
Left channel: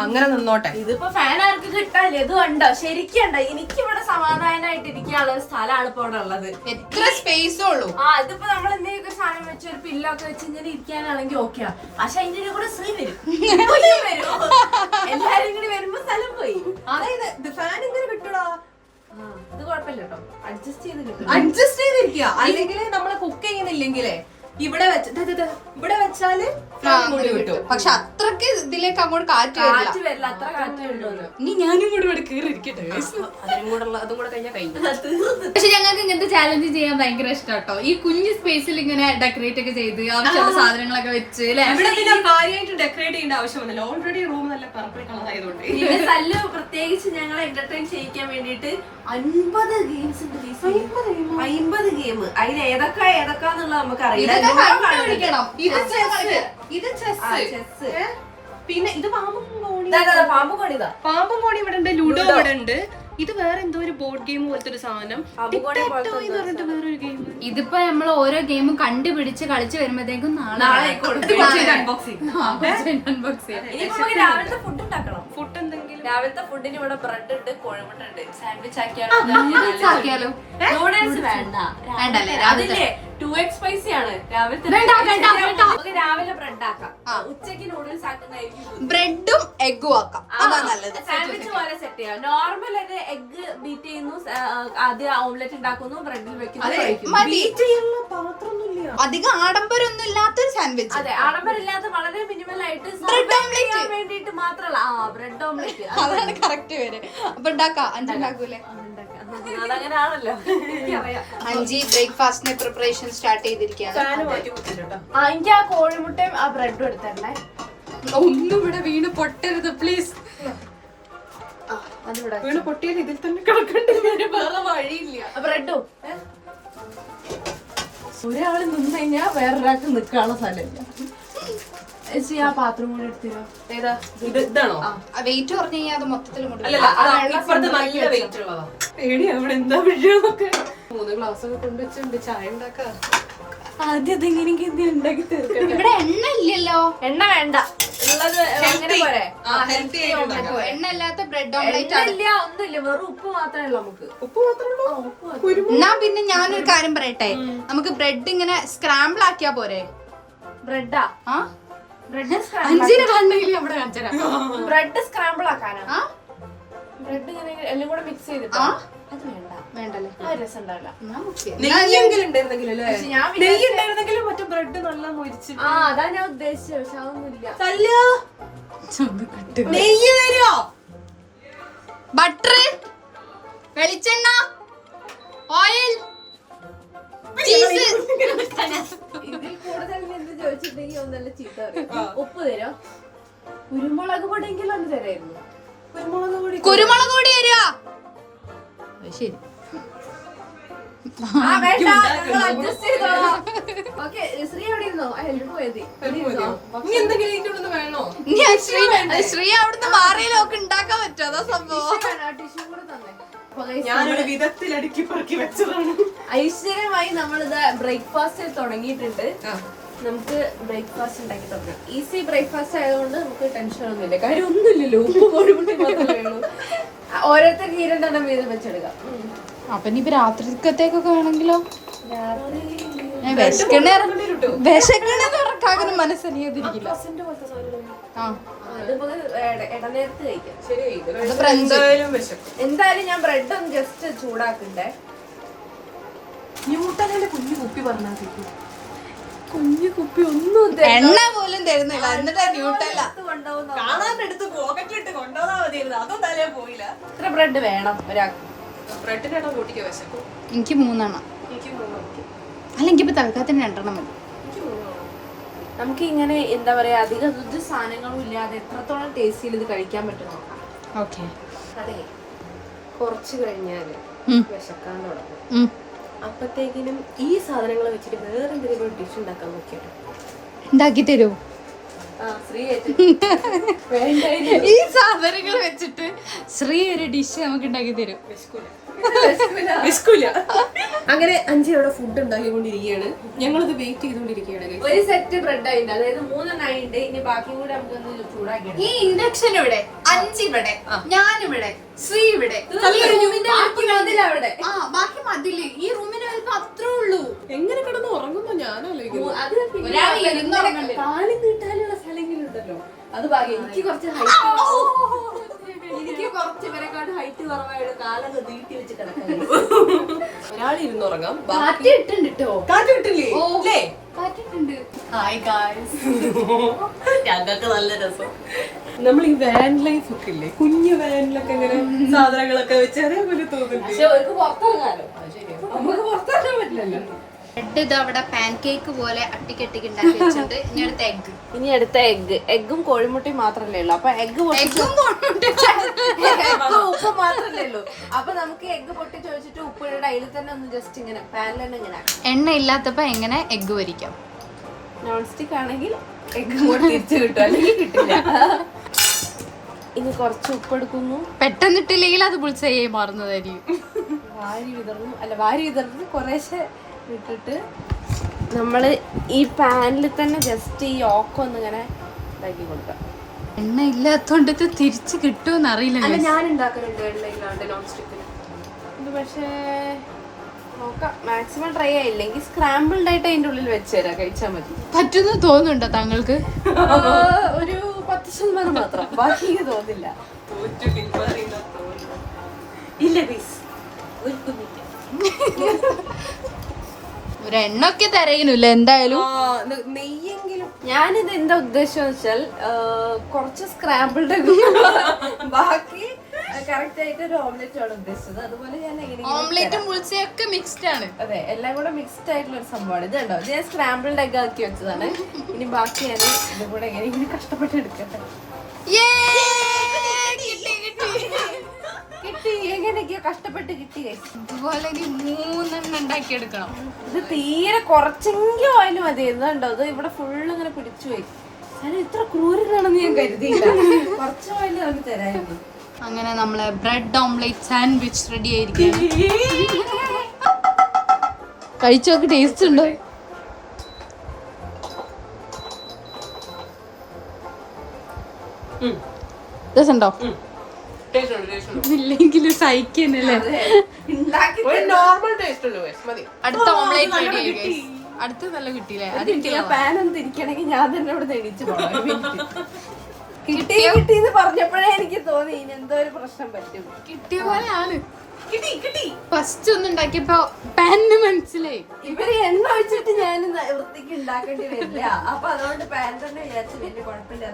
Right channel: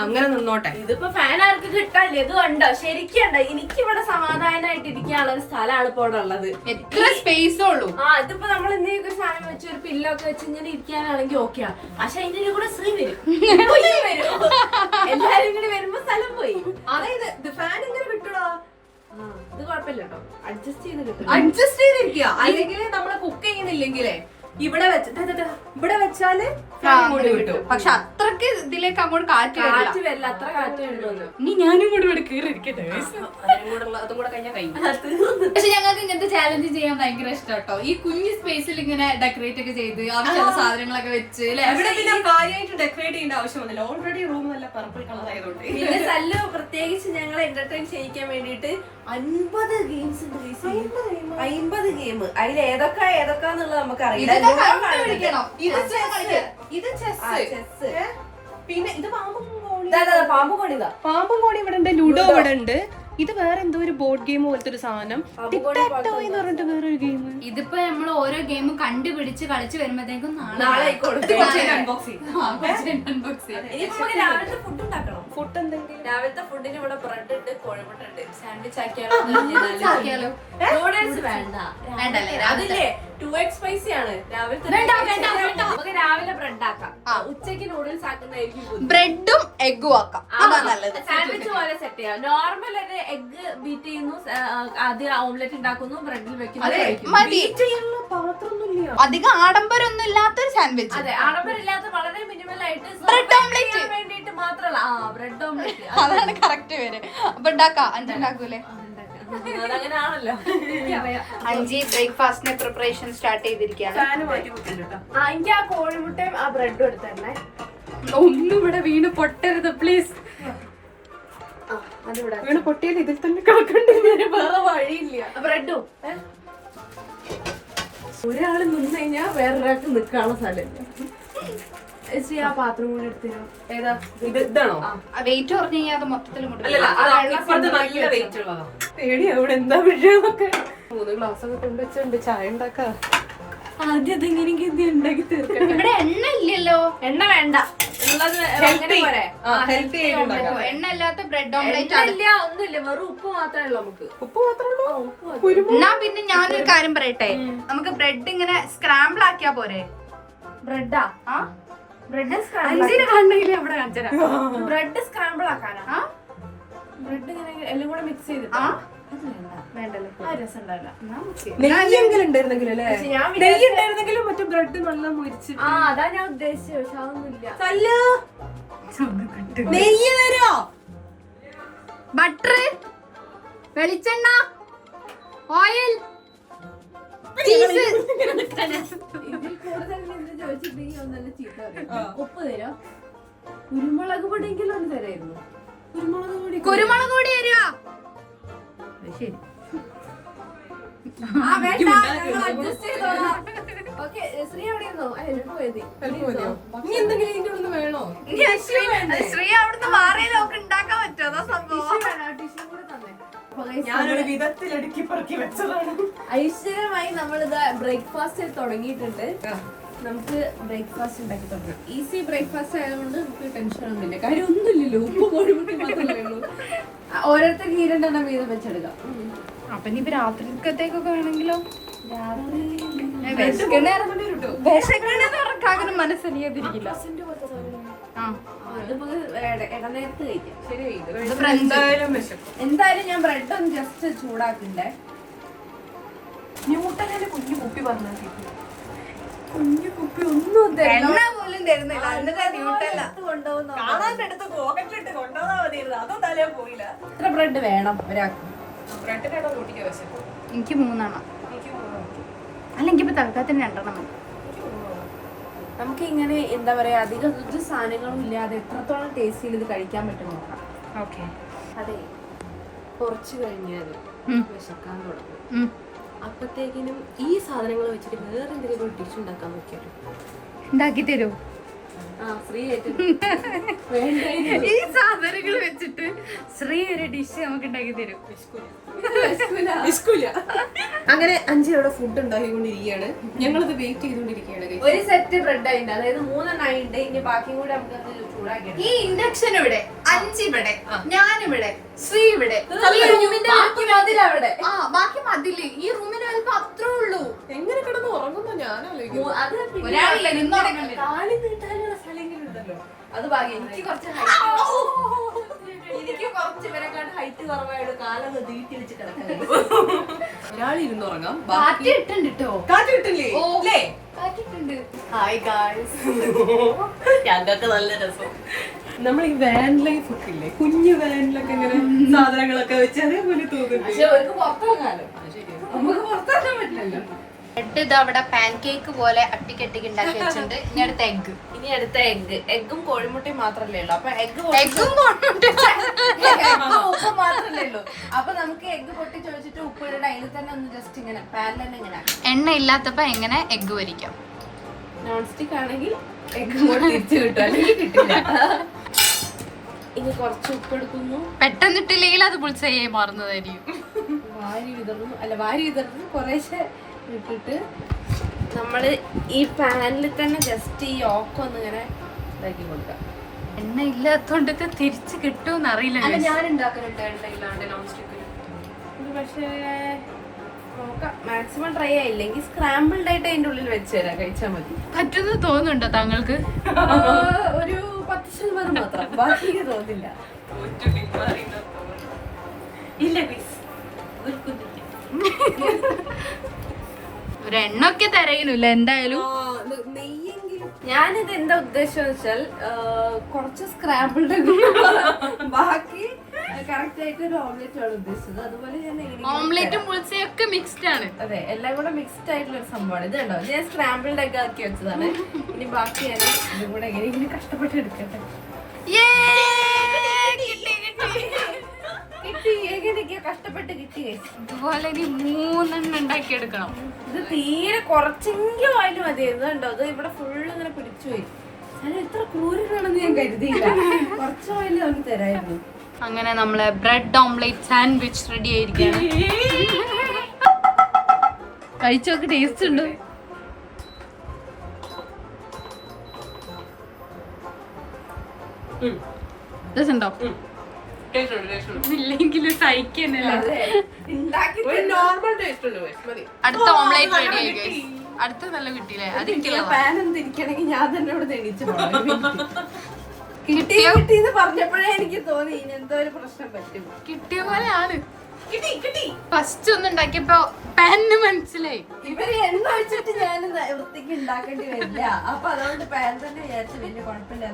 അങ്ങനെ നിന്നോട്ടെ. ഇതിപ്പോ ഫാൻ ആർക്ക് കിട്ടാല്ലേ? ഇത് കണ്ടോ? ശരിക്കും കണ്ടോ? എനിക്കിവിടെ സമാധാനമായിട്ട് ഇരിക്കാനുള്ള ഒരു സ്ഥലമാണ് ഇപ്പൊ ഇവിടെ ഉള്ളത്. എത്ര സ്പേസ് ഉള്ളൂ. ഇതിപ്പോ നമ്മൾ എന്തെങ്കിലും ഒരു സാധനം വെച്ച് ഒരു പില്ലൊക്കെ വെച്ച് ഇങ്ങനെ ഇരിക്കാനാണെങ്കിൽ ഓക്കെയാണ്. പക്ഷെ അതിന്റെ കൂടെ ശ്രീ വരും, എല്ലാരും ഇങ്ങനെ വരുമ്പോ സ്ഥലം പോയി. അതായത് ഫാൻ ഇങ്ങനെ കിട്ടടാ. ഇത് കുഴപ്പമില്ല കേട്ടോ, അഡ്ജസ്റ്റ് ചെയ്ത് കിട്ടും. അഡ്ജസ്റ്റ് ചെയ്തിരിക്കുക. അല്ലെങ്കിൽ നമ്മള് കുക്ക് ചെയ്യുന്നില്ലെങ്കിലേ ഇവിടെ വെച്ചാല് കിട്ടും. പക്ഷെ അത്രക്ക് ഇതിലേക്ക് അങ്ങോട്ട് കാറ്റ് കാറ്റ് വരില്ല, അത്ര കാറ്റേ ഉള്ളൂ. ഇനി ഞാനും കൂടെ ഇവിടെ കയറിയിരിക്കട്ടെ. അതും കൂടെ കഴിഞ്ഞാൽ കഴിഞ്ഞു. പക്ഷെ ഞങ്ങൾക്ക് ഇങ്ങനത്തെ ചാലഞ്ച് ചെയ്യാൻ ഭയങ്കര ഇഷ്ടം കേട്ടോ. ഈ കുഞ്ഞു സ്പേസിൽ ഇങ്ങനെ ഡെക്കറേറ്റ് ഒക്കെ ചെയ്ത് ആവശ്യമുള്ള സാധനങ്ങളൊക്കെ വെച്ച് ഇവിടെ പിന്നെ കാര്യമായിട്ട് ഡെക്കറേറ്റ് ചെയ്യേണ്ട ആവശ്യമൊന്നുമില്ല. ഓൾറെഡി റൂം നല്ല പർപ്പിൾ കളർ ആയതുകൊണ്ട്. പിന്നെ സല്ലു പ്രത്യേകിച്ച് ഞങ്ങളെ എന്റർടൈൻ ചെയ്യിക്കാൻ വേണ്ടിട്ട് 50 ഗെയിംസ് ഉണ്ട്. 50 ഗെയിം. അതിൽ ഏതൊക്കെയാന്നുള്ളത് നമുക്ക് അറിയില്ല. പിന്നെ ഇത് പാമ്പ് കോണിതാ. പാമ്പും കോണി ഇവിടെ ഉണ്ട്, ലുഡോ ഇവിടെ ഉണ്ട്. ഇത് വേറെ എന്തോ ഒരു ബോർഡ് ഗെയിം പോലത്തെ ഒരു സാധനം. വേറൊരു ഗെയിം. ഇതിപ്പോ നമ്മൾ ഓരോ ഗെയിം കണ്ടുപിടിച്ച് കളിച്ചു വരുമ്പോഴത്തേക്കും നാളെ അൺബോക്സിംഗ്. രാവിലത്തെ ഫുഡ് ഉണ്ടാക്കണം. ഫുഡ് എന്തെങ്കിലും രാവിലത്തെ ഫുഡിന് ഇവിടെ ബ്രെഡ് ഉണ്ട്, കോഴിമുട്ട ഉണ്ട്. സാൻഡ്വിച്ച് ആക്കിയാലോ? നൂഡിൽസ് വേണ്ട, അതില്ലേ 2x സ്പൈസി ആണ്. രാവിലത്തെ നമുക്ക് രാവിലെ ബ്രെഡ് ആക്കാം, ഉച്ചക്ക് നൂഡിൽസ് ആക്കുന്നതായിരിക്കും. ബ്രെഡും എഗ്ഗും ആക്കാം, അതാ നല്ലത്. സാൻഡ്വിച്ച് പോലെ സെറ്റ് ചെയ്യാം. നോർമൽ ഒക്കെ എഗ് ബീറ്റ് ചെയ്യുന്നു, ആദ്യം ഓംലെറ്റ് ഉണ്ടാക്കുന്നു, ബ്രെഡിൽ വെക്കുന്നു. അധികം ആഡംബരമൊന്നും ഇല്ലാത്തൊരു സാൻഡ്വിച്ച്. അതെ, ആഡംബരമില്ലാത്ത വളരെ മിനിമൽ ആയിട്ട് ബ്രെഡ് ഓംലെറ്റ് വേണ്ടിട്ട് മാത്രമല്ല. ബ്രെഡ് ഓംലെറ്റ് അതാണ് കറക്റ്റ് പേര്. അപ്പൊ ഉണ്ടാക്കാം. ഉണ്ടാക്കൂലേ? അതങ്ങനെയാണല്ലോ, എനിക്കറിയാം. 5 ബ്രേക്ക്ഫാസ്റ്റിന് പ്രിപ്പറേഷൻ സ്റ്റാർട്ട് ചെയ്തിരിക്കുകയാണ്. എനിക്ക് ആ കോഴിമുട്ടയും ആ ബ്രെഡും എടുത്തല്ലേ. ഒന്നും ഇവിടെ വീണ് പൊട്ടരുത് പ്ലീസ്. അതിവിടെ വീണ് പൊട്ടിയാൽ ഇതിൽ തന്നെ കിടക്കണ്ടേ, വേറെ വഴിയില്ല. ബ്രെഡും ഒരാള് നിന്ന് കഴിഞ്ഞാൽ വേറൊരാൾക്ക് നിൽക്കാനുള്ള സ്ഥലമില്ല. ആ പാത്രം കൂടി എടുത്തില്ല. ഏതാ ഇതാണോ? വെയിറ്റ് പറഞ്ഞു കഴിഞ്ഞാൽ അത് മൊത്തത്തിൽ നല്ല വെയിറ്റ് ഉള്ളതാ. പേടിയാ ഇവിടെ എന്താ വീഴൊക്കെ. 3 ഗ്ലാസ് ഒക്കെ കൊണ്ടുവച്ചുണ്ട് ചായ ഉണ്ടാക്കാം. ആദ്യം അതെങ്ങനെയെങ്കിലും ഉണ്ടാക്കി തീർക്കണം. ഇവിടെ എണ്ണ ഇല്ലല്ലോ. എണ്ണ വേണ്ട, ഉള്ളത് അങ്ങനെ പോരെ. എണ്ണ ഇല്ലാത്ത ബ്രെഡ് ഓംലെറ്റ് ആണ്. ഇല്ല, ഒന്നുമില്ല, വെറും ഉപ്പ് മാത്രമേ ഉള്ളൂ. നമുക്ക് ഉപ്പ് മാത്രമേ എന്നാ പിന്നെ ഞാനൊരു കാര്യം പറയട്ടെ, നമുക്ക് ബ്രെഡ് ഇങ്ങനെ സ്ക്രാമ്പിൾ ആക്കിയാ പോരെ? ബ്രെഡാ? ബ്രെഡ് ബ്രെഡ് സ്ക്രാമ്പിൾ ആക്കാനാ? ബ്രെഡ് ഇങ്ങനെ എല്ലാം കൂടെ മിക്സ് ചെയ്തിട്ട് അത് വേണ്ടല്ലോ, ആ രസം ഉണ്ടാവില്ല. നെയ്യെങ്കിലും ഉണ്ടായിരുന്നെങ്കിലും മറ്റേ ബ്രെഡ് നല്ല മുരിച്ച്. അതാ ഞാൻ ഉദ്ദേശിച്ചത്. പക്ഷെ അതൊന്നുമില്ല. നെയ്യ് തരുമോ? ബട്ടർ, വെളിച്ചെണ്ണ, ഓയിൽ, ഇതിൽ കൂടുതൽ എന്ത് ചോദിച്ചിട്ടുണ്ടെങ്കിൽ ഒന്നല്ല ചീത്ത പറയും. ഉപ്പ് തരോ? കുരുമുളക് പൊടിയെങ്കിലും ഒന്ന് തരായിരുന്നു. കുരുമുളക് പൊടി തരുക. ശരി, ശ്രീ എവിടെ ഇരുന്നോ? ഹെൽപ്പ് പോയത് വേണോ? ശ്രീ അവിടുന്ന് മാറിയിലൊക്കെ ഉണ്ടാക്കാൻ പറ്റുമോ? അതാ സംഭവം. ടിഷ്യൂ കൂടെ തന്നെ. ഞാനൊരു വിധത്തിൽ അടുക്കി പറക്കി വെച്ചതാണ്. ഐശ്വര്യമായി നമ്മളിത് ബ്രേക്ക്ഫാസ്റ്റ് തുടങ്ങിയിട്ടുണ്ട്. നമുക്ക് ബ്രേക്ക്ഫാസ്റ്റ് ഉണ്ടാക്കി തുടങ്ങാം. ഈസി ബ്രേക്ക്ഫാസ്റ്റ് ആയതുകൊണ്ട് നമുക്ക് ടെൻഷൻ ഒന്നുമില്ല. കാര്യം ഒന്നുമില്ലല്ലോ, ഉപ്പ് കോഴിമുട്ടി മാത്രമേ ഉള്ളൂ. ഓരോരുത്തർക്ക് 2 വീതം വെച്ചെടുക്കാം. അപ്പൊ ഇനി രാത്രിക്കത്തേക്കൊക്കെ വേണമെങ്കിലോ? ഉറക്കാകുന്ന മനസ്സറിയാതിരിക്കില്ല. ഇടനേരത്ത് കഴിക്കാം. ഫ്രണ്ട്സ് എന്തായാലും ഞാൻ ബ്രെഡ് ഒന്ന് ജസ്റ്റ് ചൂടാക്കണ്ടേ. ന്യൂട്ടലിന്റെ കുഞ്ഞു കുപ്പി പറഞ്ഞാൽ കുഞ്ഞു കുപ്പി ഒന്നും എണ്ണ പോലും തരുന്നില്ല, എന്നിട്ട് ന്യൂട്ടല്ല കാണാനെടുത്ത് പോക്കറ്റിലിട്ട് കൊണ്ടുപോകാൻ മതിയായിരുന്നു. അതും തലയാ പോയില്ല. എത്ര ബ്രെഡ് വേണം ഒരാൾക്ക്? ബ്രെഡിനാണോ റൊട്ടിക്ക് വശം? എനിക്ക് 3 എണ്ണം. അല്ലെങ്കിൽ ഇപ്പൊ തൽക്കാലത്തിന് 2 എണ്ണം മതി. നമുക്ക് ഇങ്ങനെ എന്താ പറയാ, അധികം രുചി സാധനങ്ങളും ഇല്ലാതെ എത്രത്തോളം ടേസ്റ്റിൽ ഇത് കഴിക്കാൻ പറ്റും നോക്കാം. ഓക്കെ, അതെ, കുറച്ച് കഴിഞ്ഞാല് വിശക്കാൻ തുടങ്ങും. അപ്പത്തേക്കിനും ഈ സാധനങ്ങൾ വെച്ചിട്ട് വേറെ എന്തെങ്കിലും ഡിഷ് ഉണ്ടാക്കാൻ നോക്കിയാലോ? ഉണ്ടാക്കി തരൂ. ഈ സാധനങ്ങൾ വെച്ചിട്ട് ശ്രീ ഒരു ഡിഷ് നമുക്ക് ഉണ്ടാക്കി തരും. അങ്ങനെ അഞ്ച് അവിടെ ഫുഡ് ഉണ്ടാക്കിക്കൊണ്ടിരിക്കുകയാണ്. ഞങ്ങളിത് വെയിറ്റ് ചെയ്തുകൊണ്ടിരിക്കുകയാണ്. ഒരു സെറ്റ് ബ്രെഡ് ആയിട്ട്, അതായത് 3 ആയിട്ട്. ഇനി ബാക്കിയും കൂടി നമുക്കൊന്ന് ചൂടാക്കി. ഈ ഇൻഡക്ഷൻ ഇവിടെ, 5 ഇവിടെ, ഞാനിവിടെ, ശ്രീ ഇവിടെ, ബാക്കി മതിലവിടെ. ബാക്കി മതില്. ഈ റൂമിന് വലുപ്പം അത്രേ ഉള്ളൂ. എങ്ങനെ കിടന്ന് ഉറങ്ങുമ്പോ ഞാനല്ലോ അത് ഒരാൾ ഇരുന്നുറങ്ങണ്ടേ? കാലി നീട്ടാനുള്ള സ്ഥലങ്ങളുണ്ടല്ലോ, അത് ഭാഗ്യം. എനിക്ക് കുറച്ച് ഇവരെക്കാട്ട് ഹൈറ്റ് കുറവായിട്ട് കാലൊന്ന് നീട്ടി വെച്ച് കിടക്കുന്നത്. ഒരാൾ ഇരുന്നുറങ്ങാം. കാറ്റ് ഇട്ടുണ്ട് ട്ടോ. കാറ്റിട്ടില്ലേ? കാറ്റിട്ടുണ്ട്. Hi guys. ഞങ്ങൾക്ക് നല്ല രസം. നമ്മൾ ഈ വാൻ ലൈഫ് ഒക്കെ ഇല്ലേ, കുഞ്ഞു വാനിലൊക്കെ ഇങ്ങനെ സാധനങ്ങളൊക്കെ വെച്ച് അതേപോലെ തോന്നുന്നു. പക്ഷെ അവർക്ക് പുറത്തിറങ്ങാലോ, നമുക്ക് പുറത്തിറങ്ങാൻ പറ്റില്ലല്ലോ. ബ്രെഡ് ഇത് അവിടെ പാൻ കേക്ക് പോലെ അട്ടിക്കട്ടിക്ക് ഉണ്ടാക്കി വെച്ചിട്ടുണ്ട്. ഇനി അടുത്ത എഗ്. ഇനി അടുത്ത എഗ്ഗും കോഴിമുട്ടയും മാത്രല്ലേ ഉള്ളൂ. അപ്പൊ എഗ്ഗും ഉപ്പ് മാത്രല്ലേ ഉള്ളൂ. അപ്പൊ നമുക്ക് എഗ്ഗ് പൊട്ടി ചോദിച്ചിട്ട് ഉപ്പ് ഇടണ്ട, അതിൽ തന്നെ ഒന്ന് ജസ്റ്റ് ഇങ്ങനെ പാനിൽ തന്നെ ഇങ്ങനെ. എണ്ണ ഇല്ലാത്തപ്പോ എങ്ങനെ എഗ് പൊരിക്കാം? നോൺ സ്റ്റിക്ക് ആണെങ്കിൽ എഗ്ഗ് കൂടെ തിരിച്ചു കിട്ടും, അല്ലെങ്കിൽ കിട്ടില്ല. ഇനി കുറച്ച് ഉപ്പ് എടുക്കുന്നു. പെട്ടെന്നിട്ടില്ലെങ്കിൽ അത് പുളിച്ചായി മാറുന്നതായിരിക്കും. വാരി വിതറുന്നു കുറേശ്ശെ ഇട്ടിട്ട് നമ്മള് ഈ പാനിൽ തന്നെ ജസ്റ്റ് ഈ ഓക്കൊന്ന് ഇങ്ങനെ ഇതാക്കി കൊടുക്കാം. എണ്ണ ഇല്ലാത്തോണ്ട് ഇത് തിരിച്ചു കിട്ടുമെന്ന് അറിയില്ല. ഞാൻ ഉണ്ടാക്കുന്നുണ്ട് എണ്ണ ഇല്ലാണ്ട് നോൺ സ്റ്റിക്ക്. ഇത് പക്ഷേ നോക്കാം, മാക്സിമം ട്രൈ ആയില്ലെങ്കിൽ സ്ക്രാമ്പിൾഡ് ആയിട്ട് അതിന്റെ ഉള്ളിൽ വെച്ച് തരാം, കഴിച്ചാൽ മതി. പറ്റുന്ന തോന്നുന്നുണ്ടോ താങ്കൾക്ക്? ഒരു 10% മാത്രം, ബാക്കി തോന്നില്ല. ഇല്ല ഒരു എണ്ണൊക്കെ തരയില്ല എന്തായാലും. നെയ്യെങ്കിലും. ഞാനിത് എന്താ ഉദ്ദേശം വെച്ചാൽ കുറച്ച് സ്ക്രാമ്പിൾഡ് ബാക്കി കറക്റ്റ് ആയിട്ട് ഒരു ഓംലെറ്റ് ആണ് ഉദ്ദേശിച്ചത്. അതുപോലെ ഞാൻ ഓംലെറ്റും പുളിച്ചയൊക്കെ മിക്സ്ഡ് ആണ്. അതെ, എല്ലാം കൂടെ മിക്സ്ഡ് ആയിട്ടുള്ള ഒരു സംഭവമാണ്. ഇത് കണ്ടോ, ഞാൻ സ്ക്രാമ്പിൾഡ് എഗ് ആക്കി വെച്ചതാണ്. ഇനി ബാക്കി ഞാൻ ഇതും കൂടെ എങ്ങനെ കഷ്ടപ്പെട്ട് എടുക്കട്ടെ. കിട്ടി, എങ്ങനെയൊക്കെയോ കഷ്ടപ്പെട്ട് കിട്ടിയേ. ഇതുപോലെ 3 ഉണ്ടാക്കി എടുക്കണം. ഇത് തീരെ കുറച്ചെങ്കിലും ആയാലും മതിയായിരുന്നു. കണ്ടോ, അത് ഇവിടെ ഫുള്ള് ഇങ്ങനെ പിടിച്ചു പോയി. ഞാൻ ഇത്ര ക്രൂരനാണെന്ന് ഞാൻ കരുതിയില്ല. കുറച്ച് ഓയിൽ അവന് തരായിരുന്നു. അങ്ങനെ നമ്മളെ ബ്രെഡ് ഓംലെറ്റ് സാൻഡ്വിച്ച് റെഡി ആയിരിക്കും. കഴിച്ചു നോക്ക്, ടേസ്റ്റ് ഉണ്ടോ? രസമുണ്ടോ? ഇല്ലെങ്കിൽ സഹിക്കുന്നില്ല. അടുത്ത ഓംലെറ്റ് റെഡി ആയി. അടുത്ത നല്ല കിട്ടിയില്ലേ? അത് പാൻ ഒന്ന് തിരിക്കണമെങ്കിൽ ഞാൻ തന്നെ ഇവിടെ എണീച്ച് പോകണം. കിട്ടിന്ന് പറഞ്ഞപ്പോഴേ എനിക്ക് തോന്നി ഇനി എന്തോ ഒരു പ്രശ്നം പറ്റും. കിട്ടിയ പോലെയാണ്. ഫസ്റ്റ് ഒന്ന് ഉണ്ടാക്കിയപ്പോ പാനിന് മനസ്സിലായി ഇവര് എണ്ണ ഒഴിച്ചിട്ട് ഞാൻ വൃത്തിക്ക് ഉണ്ടാക്കേണ്ടി വരില്ല. അപ്പൊ അതുകൊണ്ട് പാൻ തന്നെ വിചാരിച്ചു വലിയ കുഴപ്പമില്ല.